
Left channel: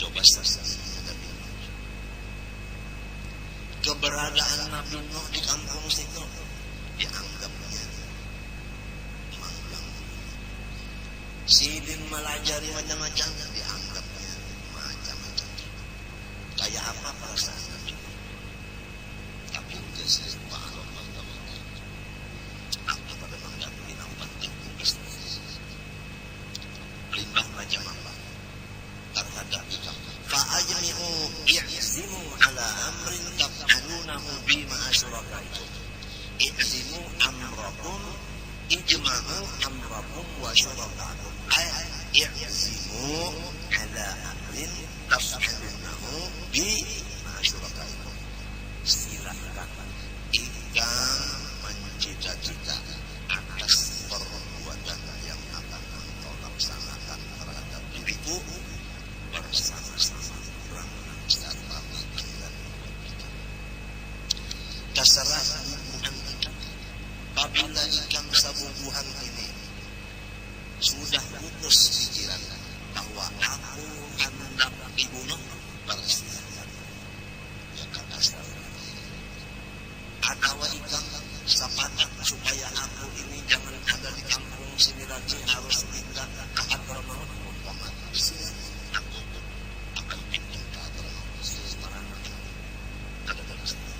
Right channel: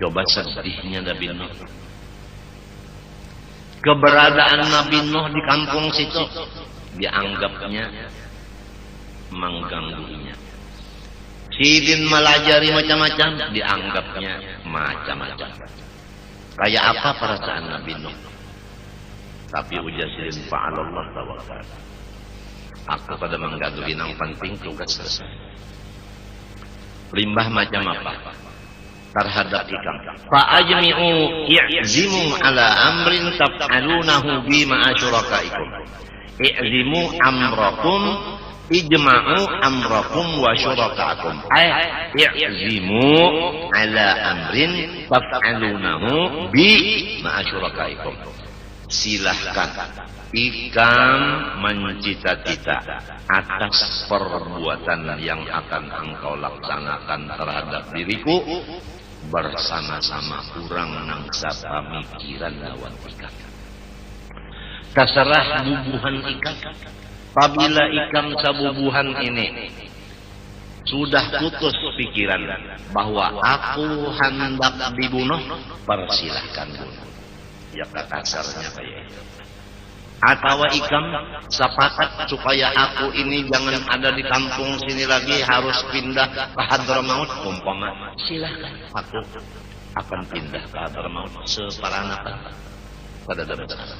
Coba sedihnya Nabi Nuh. Keberadaan Nabi Nuh di kampung situ dianggapnya mengganggunya. Sidin melajari macam-macam, dianggapnya macam-macam. Kayak apa perasaan Nabi Nuh? Tapi ujar sidin fa'alallah tawakkal, aku pada mengganggu yang penting tugas selesai. Limbah macam apa? Terhadap ikam. Fa'ajmi'u i'zimu ala amrin taf'alunahu bi ma'asyurakaikum. I'zimu amrakum, ijma'u amrakum wa syurakaikum. I'zimu ala amrin taf'alunahu bi ma'asyurakaikum. Silahkan ikam mencita-cita atas perbuatan yang akan engkau laksanakan terhadap diriku bersama-sama kurang nang sapa mikiran lawan ikam. Terserah bubuhan ikam. Apabila ikam sabubuhan ini sudah putus pikiran bahwa aku hendak dibunuh, persilahkan bunuh. Ya kasarnya kayak itu. Atau ikam sepakat supaya aku ini jangan ada di kampung sini lagi, harus pindah ke Hadramaut, umpama, silahkan, aku akan pindah ke Hadramaut separanakan, kada ada masalah.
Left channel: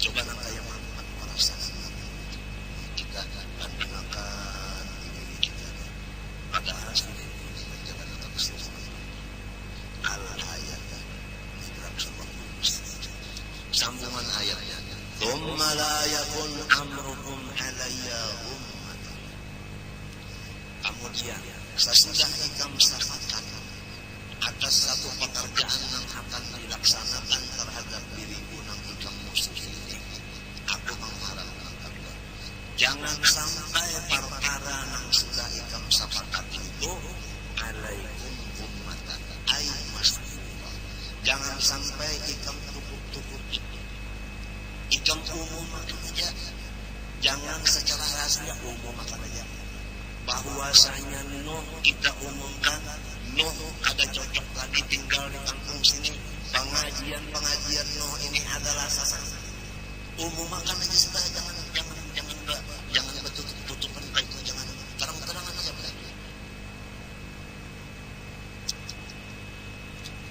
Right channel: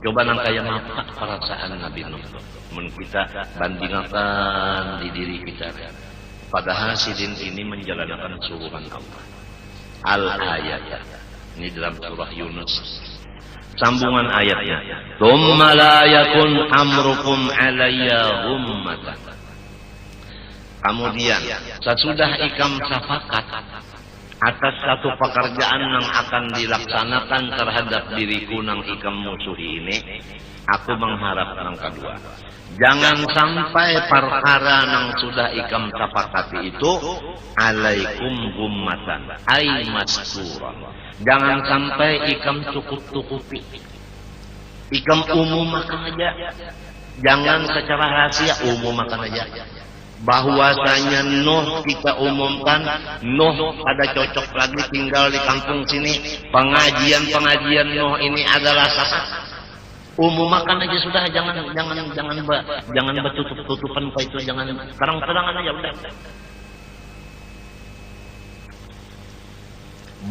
Coba nang kaya apa perasaan Nabi Nuh, mun kita bandingkan di diri kita, padahal sidin ini menjalankan suruhan Allah. Al-ayat ini dalam surah Yunus, sambungan ayatnya, tsumma la yakun amrukum alayya ghummatan. Kemudian sesudah ikam safakat atas satu pekerjaan yang akan dilaksanakan terhadap diriku nang ikam musuhi ini, aku mengharap nang kedua, jangan sampai perkara nang sudah ikam sapakati itu alaikum gummatan ay mastura. Jangan sampai ikam tukup-tukupi, ikam umumkan aja, jangan secara rahasia, umumkan aja bahwasanya Nuh kita umumkan, Nuh kada cocok lagi tinggal di kampung sini, pengajian Nuh ini adalah sesat. Umumkan aja sudah, jangan bertutup-tutupan kayak itu, jangan terang-terangan aja udah.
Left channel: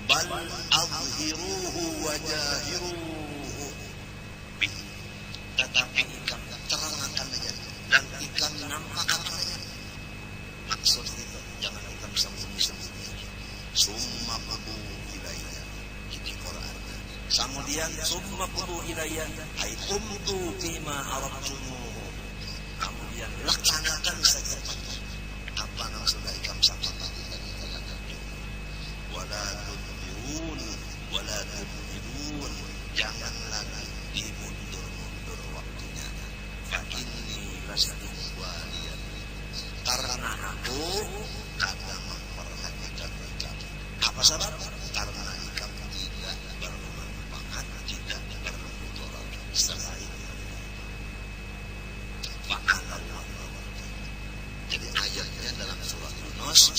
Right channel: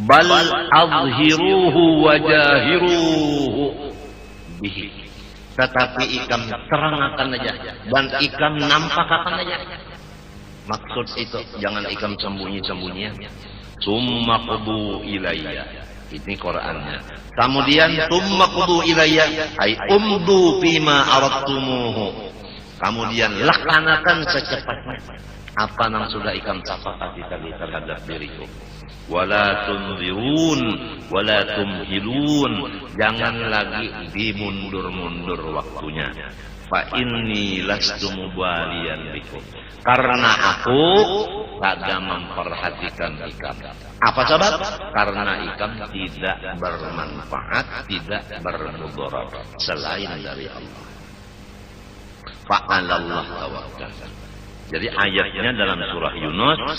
Bal adhiruhu wajahiruhu bihi, tetapi ikam terangkan aja dan ikam nampakkan aja. Maksud itu jangan ikam sembunyi-sembunyi. Summa qudu ilayya, ini Qur'annya. Kemudian summa qudu ilayya ay umdu fima aradtumuhu, kemudian laksanakan secepatnya apa yang sudah ikam sepakati tadi terhadap diriku. Wala tunzirun wala tumhilun, jangan lagi dimundur-mundur waktunya. Fa inni lastu mubaliyan bikum, karena aku kada memperhatikan ikam. Apa sebab? Karena ikam tidak bermanfaat, tidak bermudarat selain dari Allah. Fa'alallah tawakkal. Jadi ayatnya dalam surah Yunus,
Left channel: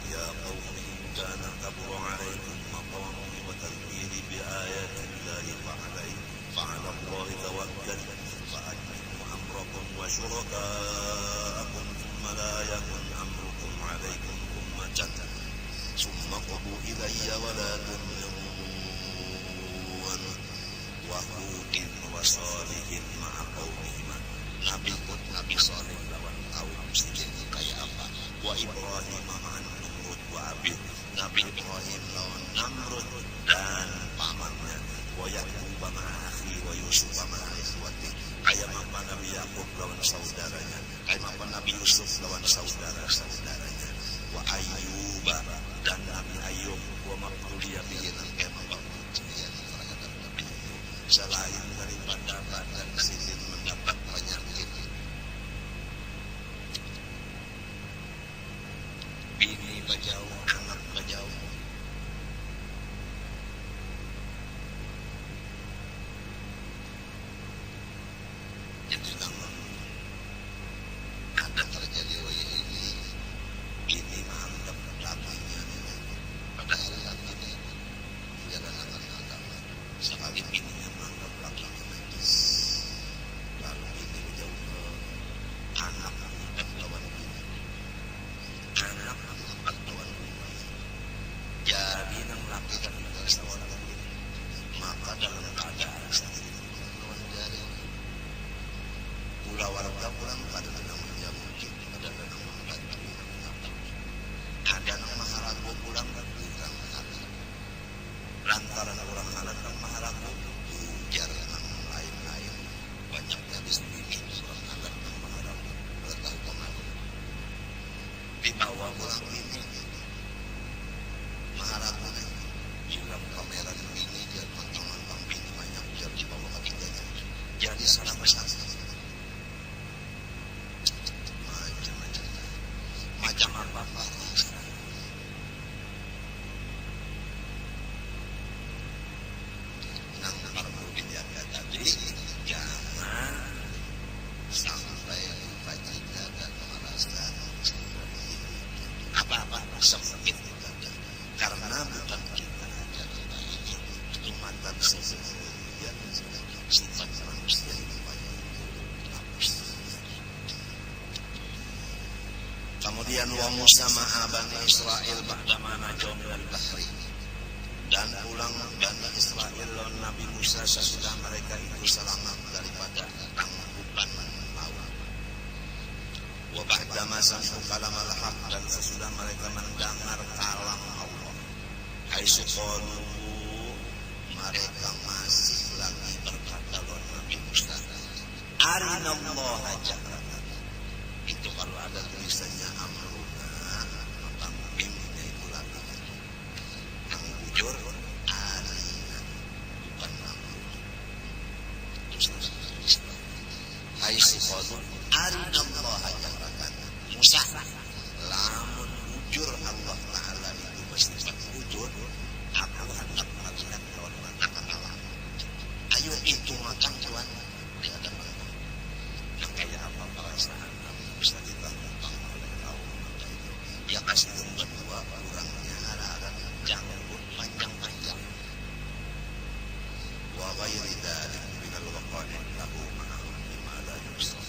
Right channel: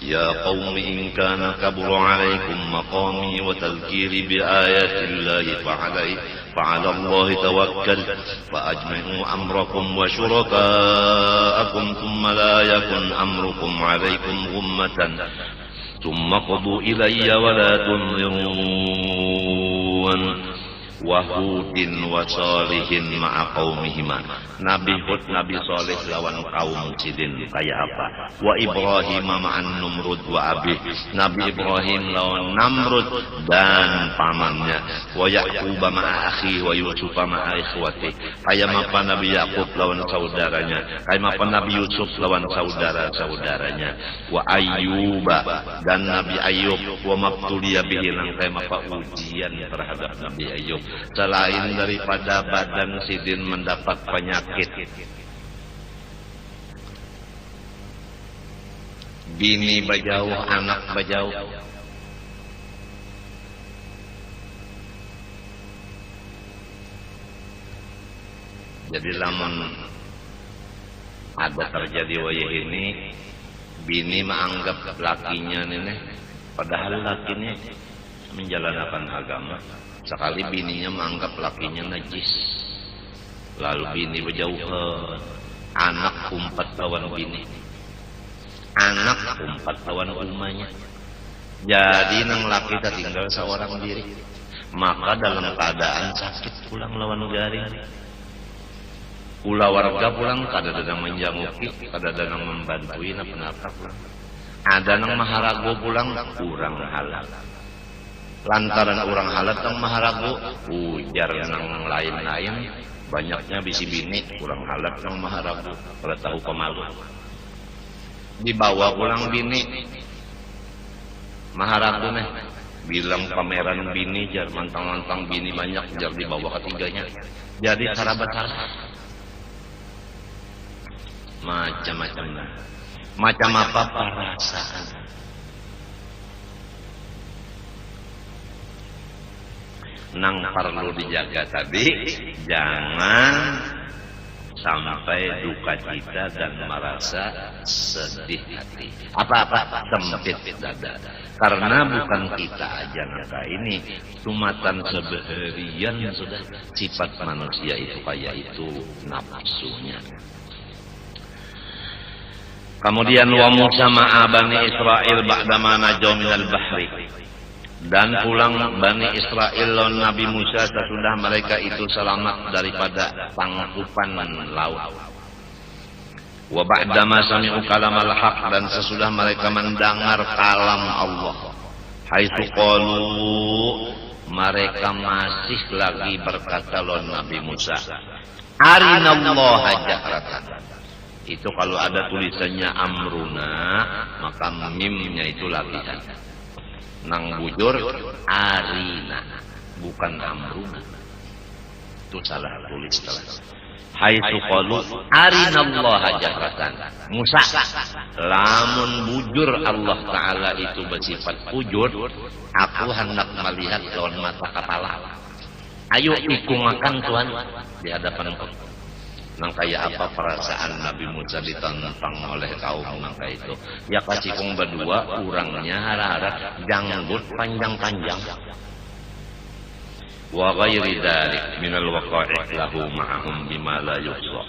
ya qaumi in kana kabura alaikum maqami wa tadhkiri bi ayatillahi fa'ala Allahi tawakkal fa'ajmi'u amrakum wa syuraka'akum thumma la yakun amrukum alaikum ghummatan thumma qudu ilayya wa la tunzirun. Wa Hudin wa Salihin ma'a qaumihima, Nabi Hud, Nabi Saleh lawan kaum sidin kayak apa? Wa Ibrahim ma'an Numrud wa Abih, Nabi Ibrahim lawan Namrud dan pamannya. Wa Yaqub ma'a akhi wa Yusuf ma'a ikhwati, kayak apa Nabi Yaqub lawan saudaranya, kayak apa Nabi Yusuf lawan saudara-saudaranya. Wa Ayyub dan Nabi Ayyub, wa mabtuliya bihi, kayak apa ujian terhadap Nabi Ayyub, selain daripada badan sidin mendapat penyakit, bini bajauh, anak bajauh. Jadi lamun ada terjadi wayah ini, bini menganggap lakinya nenek, padahal lakinya menjalankan agama. Sekali bininya menganggap lakinya najis, lalu bini berjauhan, anak umpat lawan bini, anak umpat lawan umanya. Jadi nang laki tinggal seorang diri, maka dalam keadaan sakit pulang lawan garing. Kula warga pulang kada dadang menjanguki, kada dadang membantui napa-napa pulang. Ada nang maharago pulang kurang halal. Lantaran orang halat nang maharago, ujar nang lain-lain, banyaknya bisi bini kurang halat nang maharago, pada tahu pemalu. Dibawa pulang bini, maharago nih, bilang pameran bini, jar mantang-mantang bini banyak, jar dibawa ketiganya. jadi saraba-saraba macam-macam. Macam apa perasaan? Nang perlu dijaga tadi, jangan sampai duka cita dan merasa sedih hati. Apa-apa sempit dada. Karena bukan kita aja nangka ini, tumatan sebeharian sudah sifat manusia itu kayak itu nafsunya. Kemudian wa Musa ma'a Bani Israel ba'dama najaw minal bahri. Dan pulang Bani Israel lawan Nabi Musa sesudah mereka itu selamat daripada tangkupan laut. Wa ba'dama sami'u kalamal haq, dan sesudah mereka mendengar kalam Allah. Haitsu qalu, mereka masih lagi berkata lawan Nabi Musa, arinallaha jahratan. Itu kalau ada tulisannya amruna, maka mimnya itu latihan. Nang bujur arina, bukan amruna. Itu salah tulis. Haitsu qalu arinallaha jahratan. Musa, lamun bujur Allah Ta'ala itu bersifat bujur, aku hendak melihat lawan mata kepala. Ayo ikut makan Tuhan di hadapanku. Nang kayak apa perasaan Nabi Musa ditantang oleh kaum nangka itu? Ya kasih kong berdua, urangnya harap janggut panjang-panjang. Wa ghairi dzalik minal waqa'i' lahu ma'ahum bima la yuhsa.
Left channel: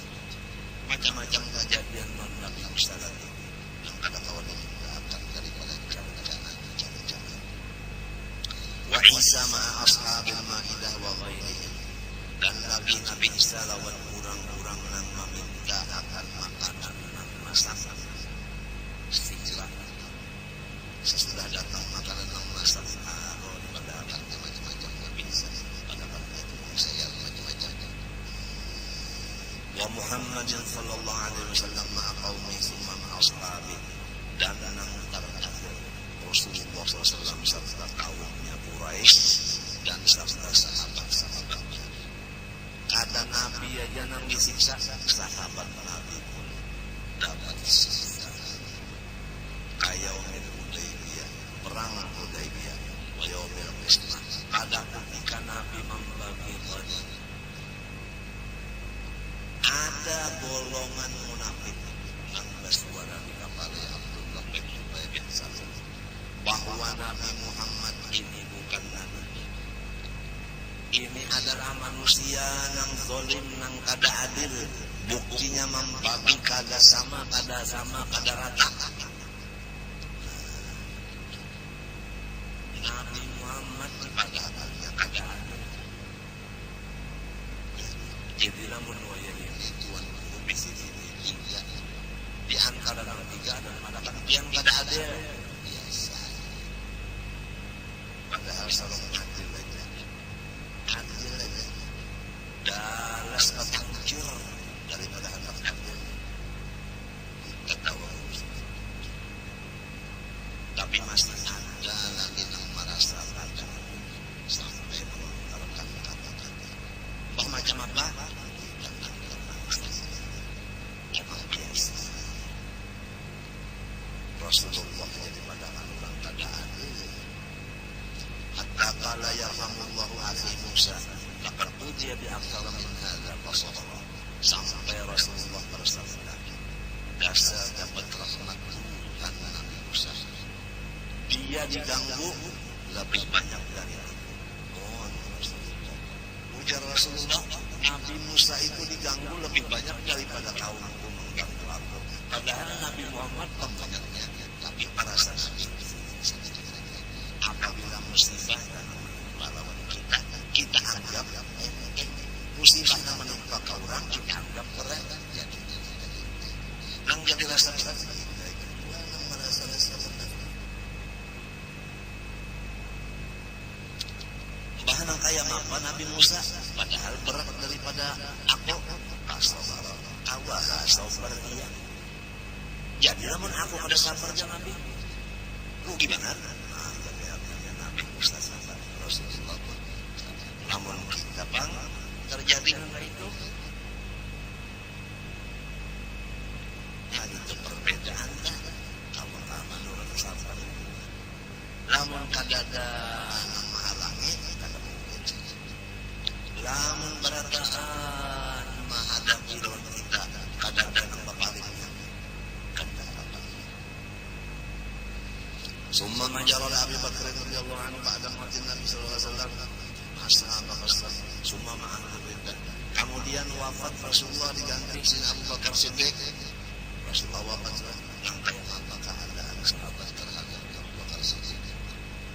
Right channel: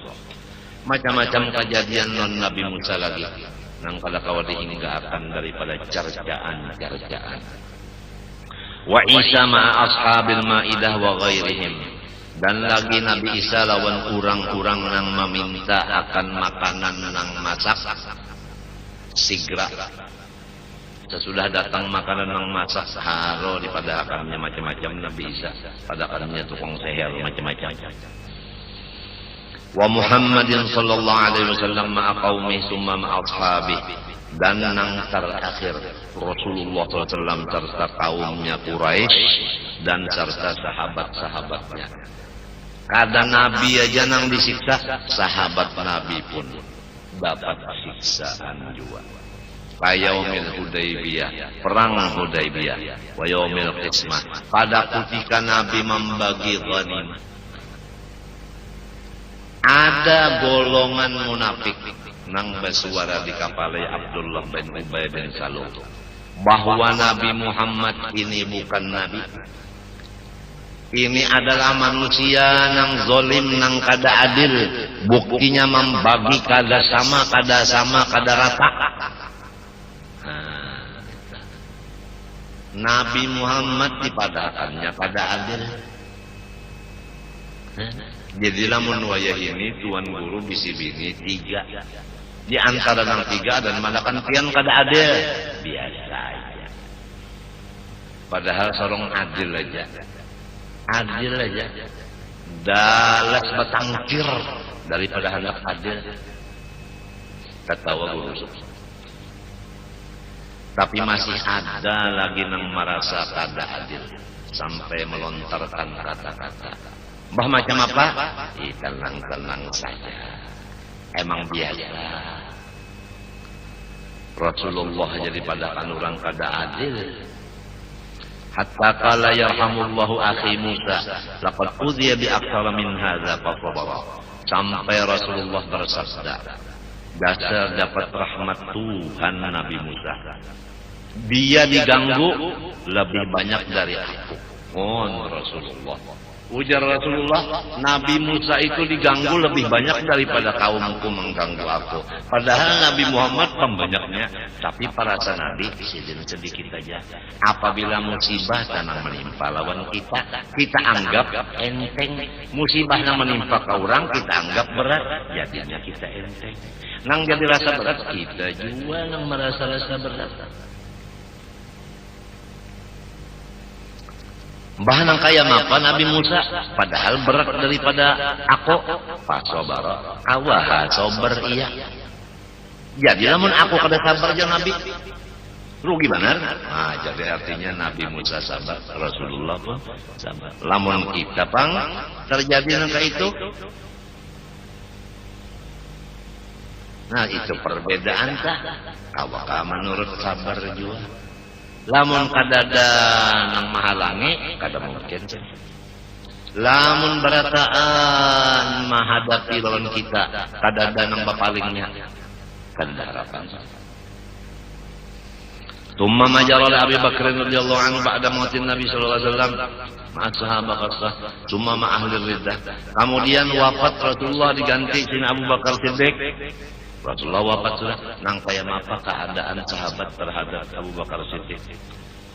Macam-macam kejadian non Nabi Musa lagi. Nang kada kawadi hingga akan daripada carcaan. Wa Isa ma'a ashabil ma'idah wa ghairihim. Dan lagi Nabi Isa lawan urang-urang nang meminta akan makanan nang masak sigra. Sesudah datang makanan nang masak haro daripada akannya macam-macam Nabi Isa, pada akannya tukang seher macam-macam. Wa Muhammadin sallallahu alaihi wasallam ma'a qaumi summa ma'a ashabi. Dan nang terakhir Rasulullah SAW serta kaumnya Quraisy dan serta sahabat-sahabatnya. Kada Nabi aja nang disiksa, sahabat Nabi pun dapat siksaan juga. Kayaumil Hudaybiyah, perang Hudaybiyah, wa yaumil qismah, pada ketika Nabi membagi ghanimah. Ada golongan munafik nang bersuara di kapal Abdullah bin Ubay bin Salul bahwa Nabi Muhammad ini bukan Nabi. Ini adalah manusia nang zolim, nang kada adil. Buktinya membagi kada sama, kada rata. Nabi Muhammad dipadakannya kada adil. Jadilah menwayah ini tuan guru bisi bini tiga. Di antara nang tiga dan manakan pian kada adil. Biasa aja. Padahal sorong adil aja. Adil aja, dalas batangkir daripada hendak adil. Tertawa guru. Tapi masih ada lagi nang merasa kada adil sampai melontarkan kata-kata. Mbah macam apa? Tenang-tenang saja. Emang biasa. Rasulullah jadi padakan orang kada adil. Hatta qala yarhamullahu akhi Musa laqad udhiya bi aktsara min hadza fasabara. Sampai Rasulullah bersabda, dasar dapat rahmat Tuhan Nabi Musa, dia diganggu lebih banyak dari aku. Rasulullah, ujar Rasulullah, Nabi Musa itu diganggu lebih banyak daripada kaumku mengganggu aku. Padahal Nabi Muhammad pembanyaknya, tapi perasa Nabi sedikit saja. Apabila musibah tanang menimpa lawan kita, kita anggap enteng. Musibah yang menimpa ke orang, kita anggap berat, jadinya kita enteng. Nang jadi rasa berat, kita juga nang merasa rasa berat. Mbah nang kaya apa Nabi Musa, padahal berat daripada aku. Pasobara, kawaha sober iya. Jadi lamun aku kada sabar aja Nabi. rugi benar. Nah, jadi artinya Nabi Musa sabar, Rasulullah pun sabar. Lamun kita pang terjadi nangka itu. Nah, itu perbedaan tak? Kawaka menurut sabar juga. Lamun kadada nang mahalangi, kada mungkin sih. Lamun berataan menghadapi lawan kita, kadada nang bapalingnya, kada harapan. Summa majara li Abi Bakr radhiyallahu anhu ba'da mautin Nabi sallallahu alaihi wasallam ma'ashaaba khassah summa ma ahli riddah. Kemudian wafat Rasulullah diganti sina Abu Bakar Siddiq. Rasulullah wafat sudah, nang kaya apa keadaan sahabat terhadap Abu Bakar Siddiq.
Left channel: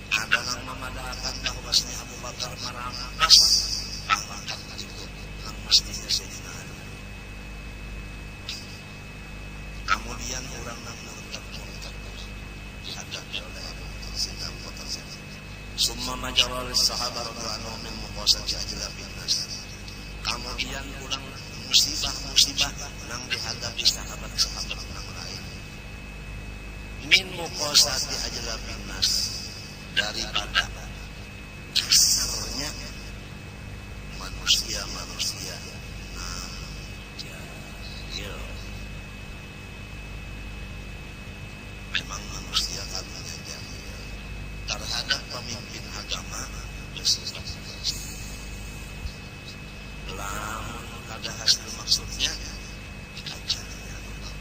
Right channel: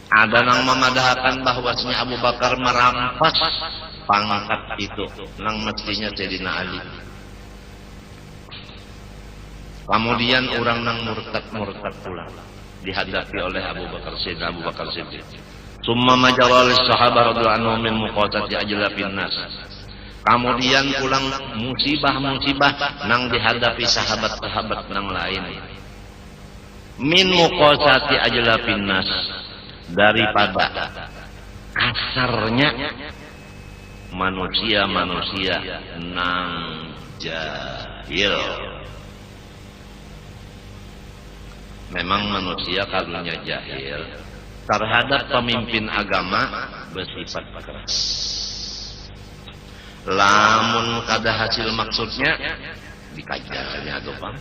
Ada nang memadahkan bahwasanya Abu Bakar merampas pangkat itu nang mestinya Sayyidina Ali. Kemudian orang nang murtad pula dihadapi oleh Abu Bakar Siddiq. Summa majara lis sahabat radhiyallahu anhum min muqasati ajlabin nas. Kemudian pulang musibah-musibah nang dihadapi sahabat-sahabat nang lain. Min muqasati ajlabin nas, daripada kasarnya manusia-manusia nang jahil. Memang manusia karunya jahil terhadap pemimpin agama bersifat keras. Lamun kada hasil maksudnya dikajarnya tuh Bang.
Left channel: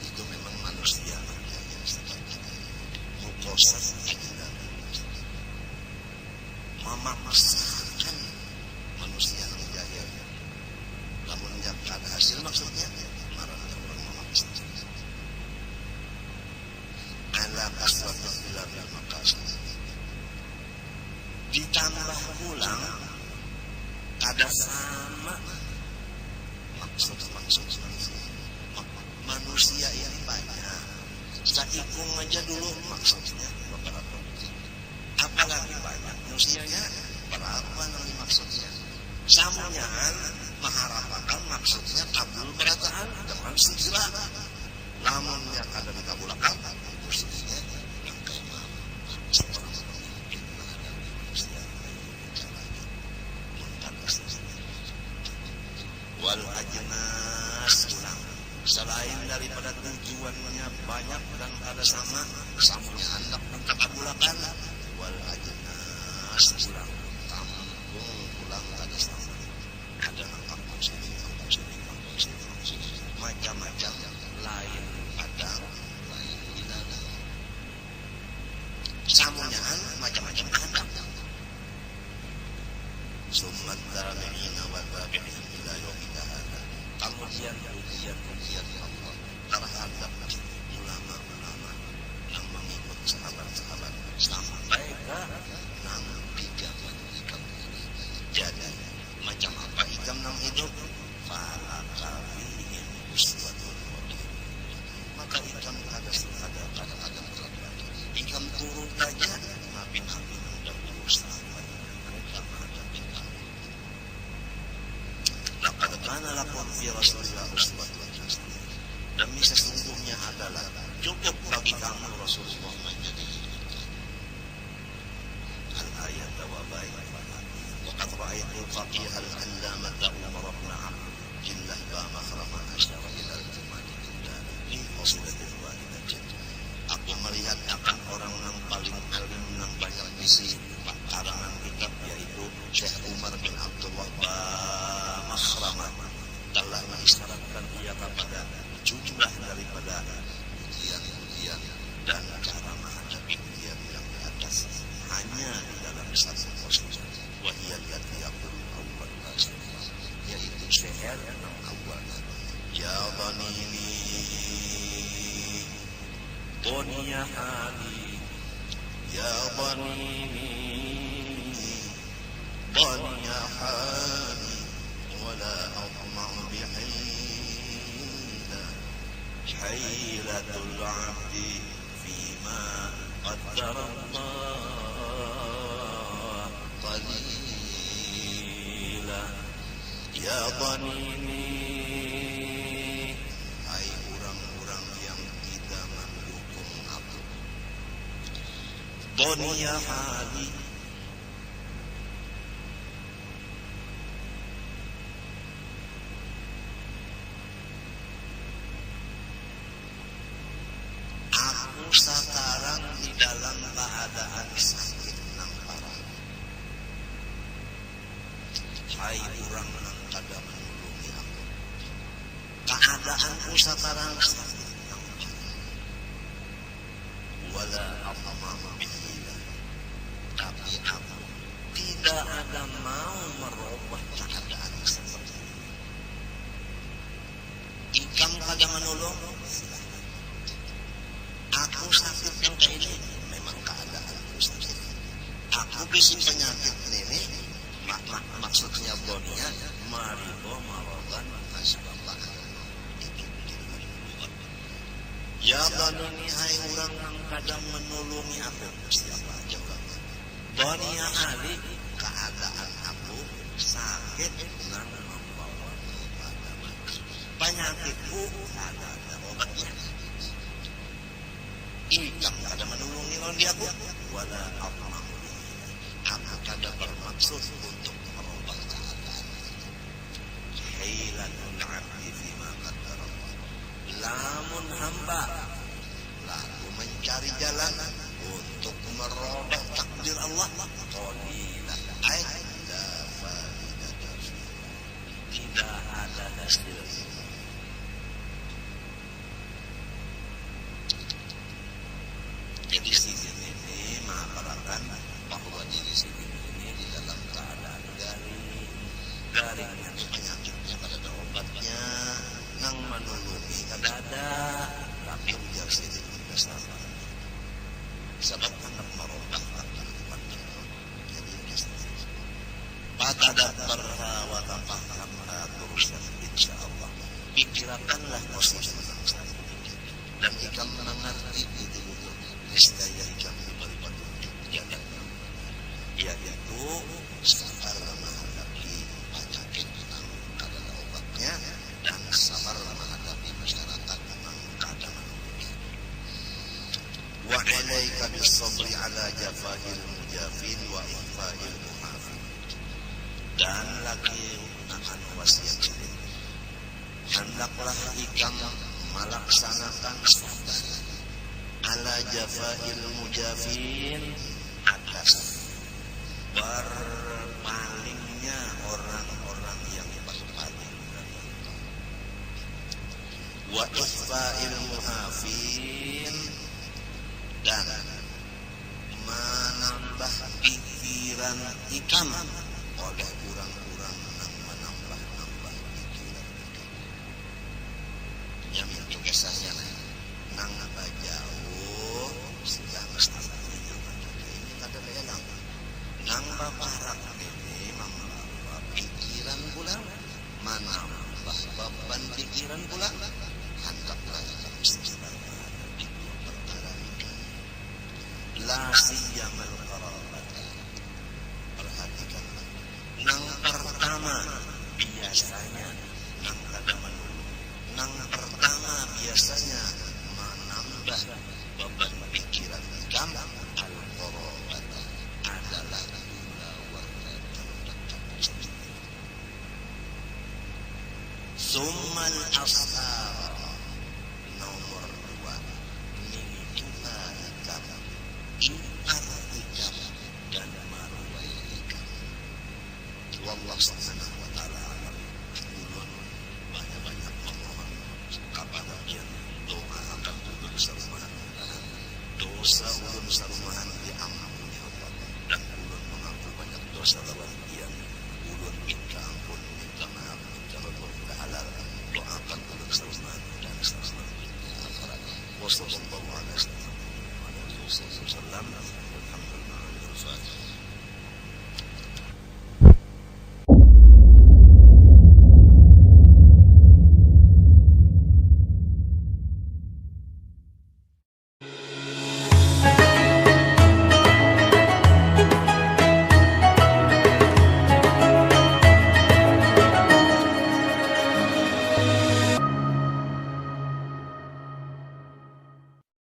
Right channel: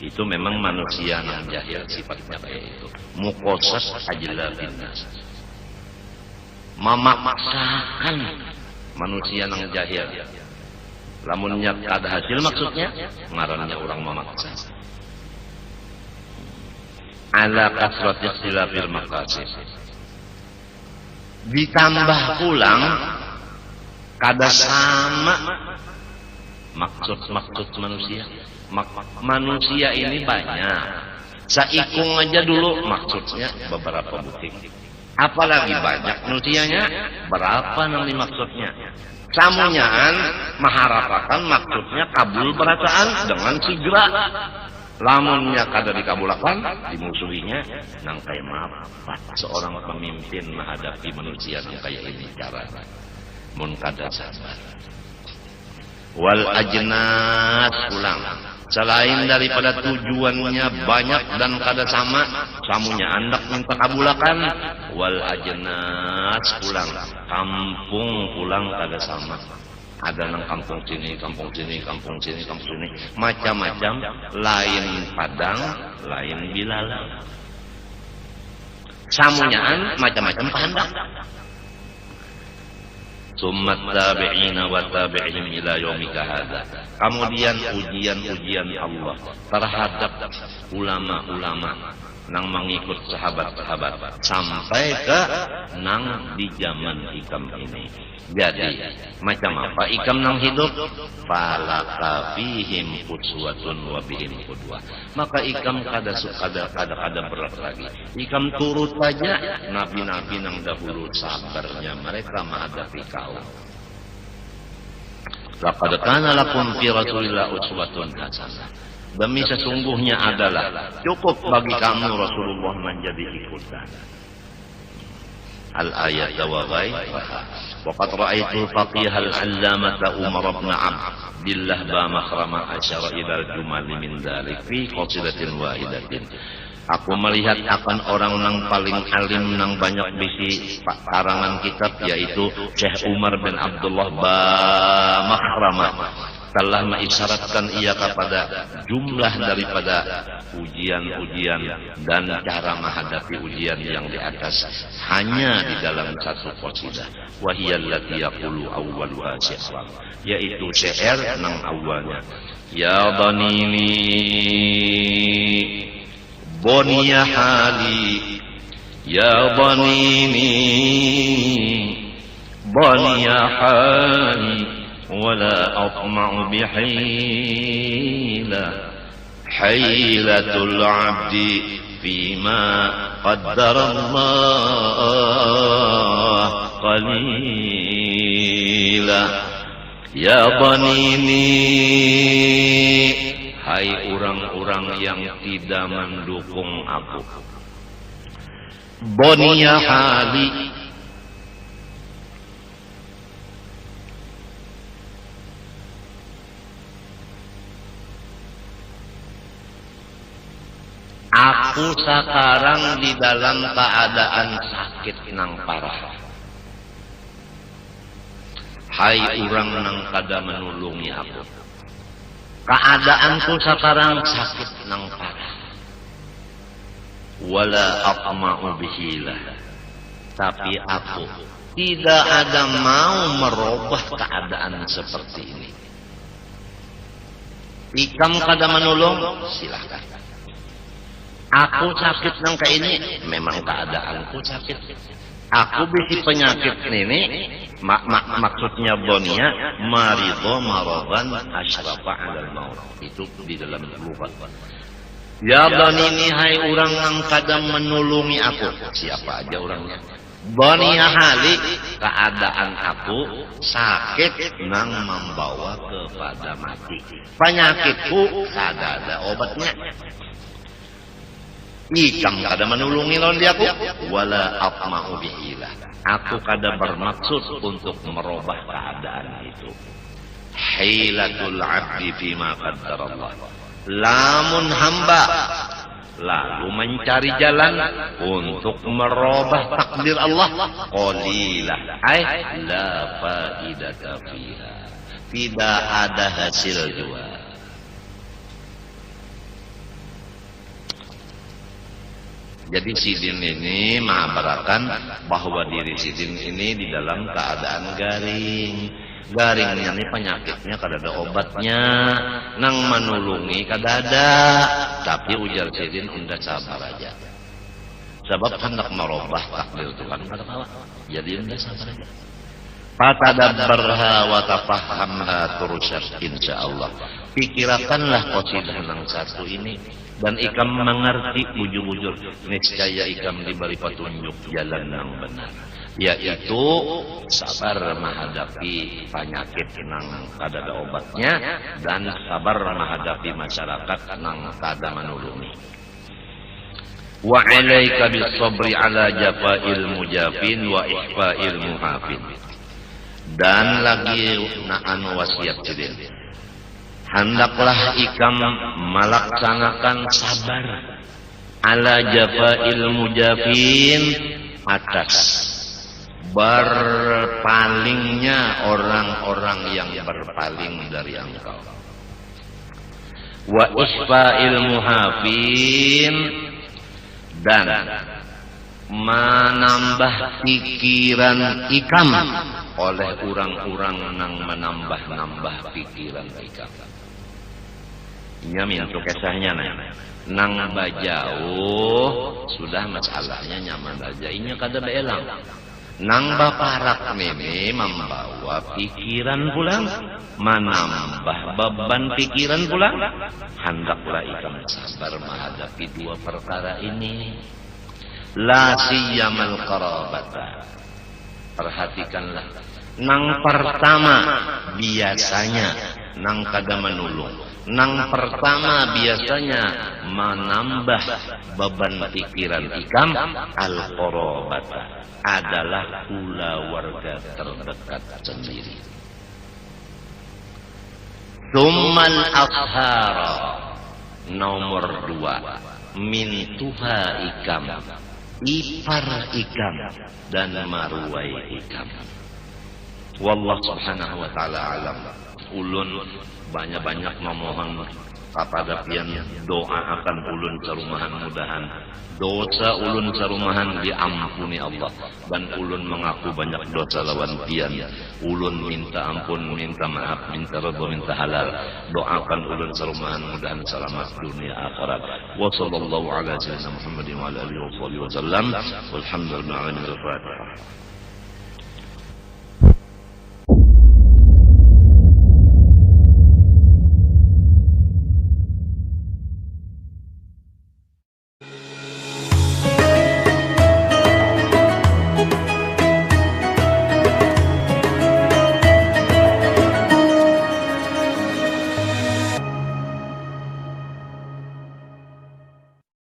Itu memang manusia nang jahil sifatnya kayak itu. Muqasat ajlabin nas. Memaksakan manusia nang jahil. Lamunnya kada hasil maksudnya ngarannya orang memaksa. Ala kasrati ikhtilafil maqasid. Ditambah pulang kada sama maksud manusia. Manusia ini banyak. Saikung aja dulu maksudnya beberapa butik. Apalagi banyak manusianya, berapa nang dimaksudnya. Samunyaan mengharapkan maksudnya kabul berataan dengan segera. Lamunnya kada dikabulakan, dimusuhinya nang kaya apa seorang pemimpin menghadapi manusia nang kaya ini caranya. Mun kada sabar. Wal ajnas pulang. Selain daripada tujuannya banyak dan kada sama, samunya andak minta kabulakan. Wal ajnas pulang. Kampung pulang kada sama. Ada nang kampung sini, macam-macam, lain Padang, lain Bilalang. Samunyaan macam-macam kehendak. Summat tabi'ina wa tabi'ihim ila yaumika hadza. Kemudian ujian Allah terhadap ulama-ulama nang mengikut sahabat-sahabat sampai ke nang di zaman ikam ini. Jadi macam apa ikam nang hidup? Falaka fihim uswatun wa bihim qudwah. Maka ikam kada berat lagi. Ikam turut aja nabi-nabi nang dahulu sabarnya mereka menghadapi kaum. Laqad kana lakum fi Rasulillah uswatun hasanah. Demi sesungguhnya adalah cukup bagi kamu Rasulullah menjadi ikutan. Al-ayat wa ghairiha. Waqad ra'aitu al-faqih al-allamah Umar bin Abdillah ba makhrama asyara ila al-jumal min dhalik fi qasidatin wahidatin. Aku melihat akan orang nang paling alim nang banyak bisi karangan kitab yaitu Syekh Umar bin Abdullah ba makhrama telah mengisyaratkan ia kepada jumlah daripada ujian-ujian dan cara menghadapi ujian yang di atas hanya di dalam satu qasidah wahiyallati yaqulu awwaluha syi'ran, yaitu syair nang awalnya ya dhanini dhaniya hali ya dhanini dhaniya hali wala atma'u bihila hailatul abdi fima qaddarallah qalila ya dhanini hai urang-urang orang yang tidak mendukung aku. Boniya hali, aku sekarang di dalam keadaan sakit nang parah. Hai orang nang kada menulungi aku, keadaanku sekarang sakit nang parah. Wala aqma'u bihilah, tapi aku tidak ada mau merubah keadaan seperti ini. Ikam kada menulung, silahkan. Aku sakit nang kayak ini, memang keadaanku sakit. Aku bisi penyakit ini, maksudnya bonia, marido marodan asyrafa alal maut. Itu di dalam lughat. Ya ini hai orang yang kadang menulungi aku. Siapa aja orangnya? Bonia hali, keadaan aku sakit nang membawa kepada mati. Penyakitku kada ada obatnya. Ikam kada menulungi lawan dia aku, wala aqma'u bihilah. Aku kada bermaksud untuk merubah keadaan itu. Hilatul abdi fima qaddarallah. Lamun hamba lalu mencari jalan untuk merubah takdir Allah, qalilah ay la faidata fiha. Tidak ada hasil juga. Jadi Sidin ini mengabarkan bahwa diri Sidin ini di dalam keadaan garing. Garingnya ini penyakitnya kada ada obatnya, nang menulungi kada ada. Tapi ujar Sidin, unda sabar aja. Sebab hendak merubah takdir Tuhan kada apa. Jadi unda sabar aja. Patadabbarha wa tafahhamha tursyad insyaallah. Pikirakanlah qasidah nang satu ini dan ikam mengerti bujur-bujur, niscaya ikam diberi petunjuk jalan yang benar, yaitu sabar menghadapi penyakit nang kada ada obatnya dan sabar menghadapi masyarakat nang kada menulungi. Wa 'alaika bis-sabri 'ala jafa'il mujafin wa ihfa'il muhafin. Dan lagi naan wasiat Sidin, hendaklah ikam melaksanakan sabar ala jafa'il mujafin, atas berpalingnya orang-orang yang berpaling dari engkau. Wa ihfa'il muhafin, dan menambah pikiran ikam oleh orang-orang nang menambah-nambah pikiran ikam. Nyamin untuk kisahnya nang bajauh sudah masalahnya nyaman aja, inya kada beelang. Nang baparak ini membawa pikiran pulang, menambah beban pikiran pulang. Hendaklah ikam sabar menghadapi dua perkara ini. La siyamal qarabata. Perhatikanlah, nang pertama biasanya nang kada menulung. Nang pertama biasanya menambah beban pikiran ikam, al-qarabata, adalah pula warga terdekat sendiri. Summal ashara, nomor dua, min tuha ikam, ipar ikam dan maruai ikam. Wallah subhanahu wa ta'ala alam. Ulun banyak-banyak memohon kepada pian doa akan ulun serumahan, mudahan dosa ulun serumahan diampuni Allah, dan ulun mengaku banyak dosa lawan pian. Ulun minta ampun, minta maaf, minta redha, minta halal. Doakan ulun serumahan mudahan selamat dunia akhirat. Wa sallallahu ala sayyidina Muhammadin wa ala alihi wasallam. Walhamdulillahi rabbil alamin. Al-Fatihah.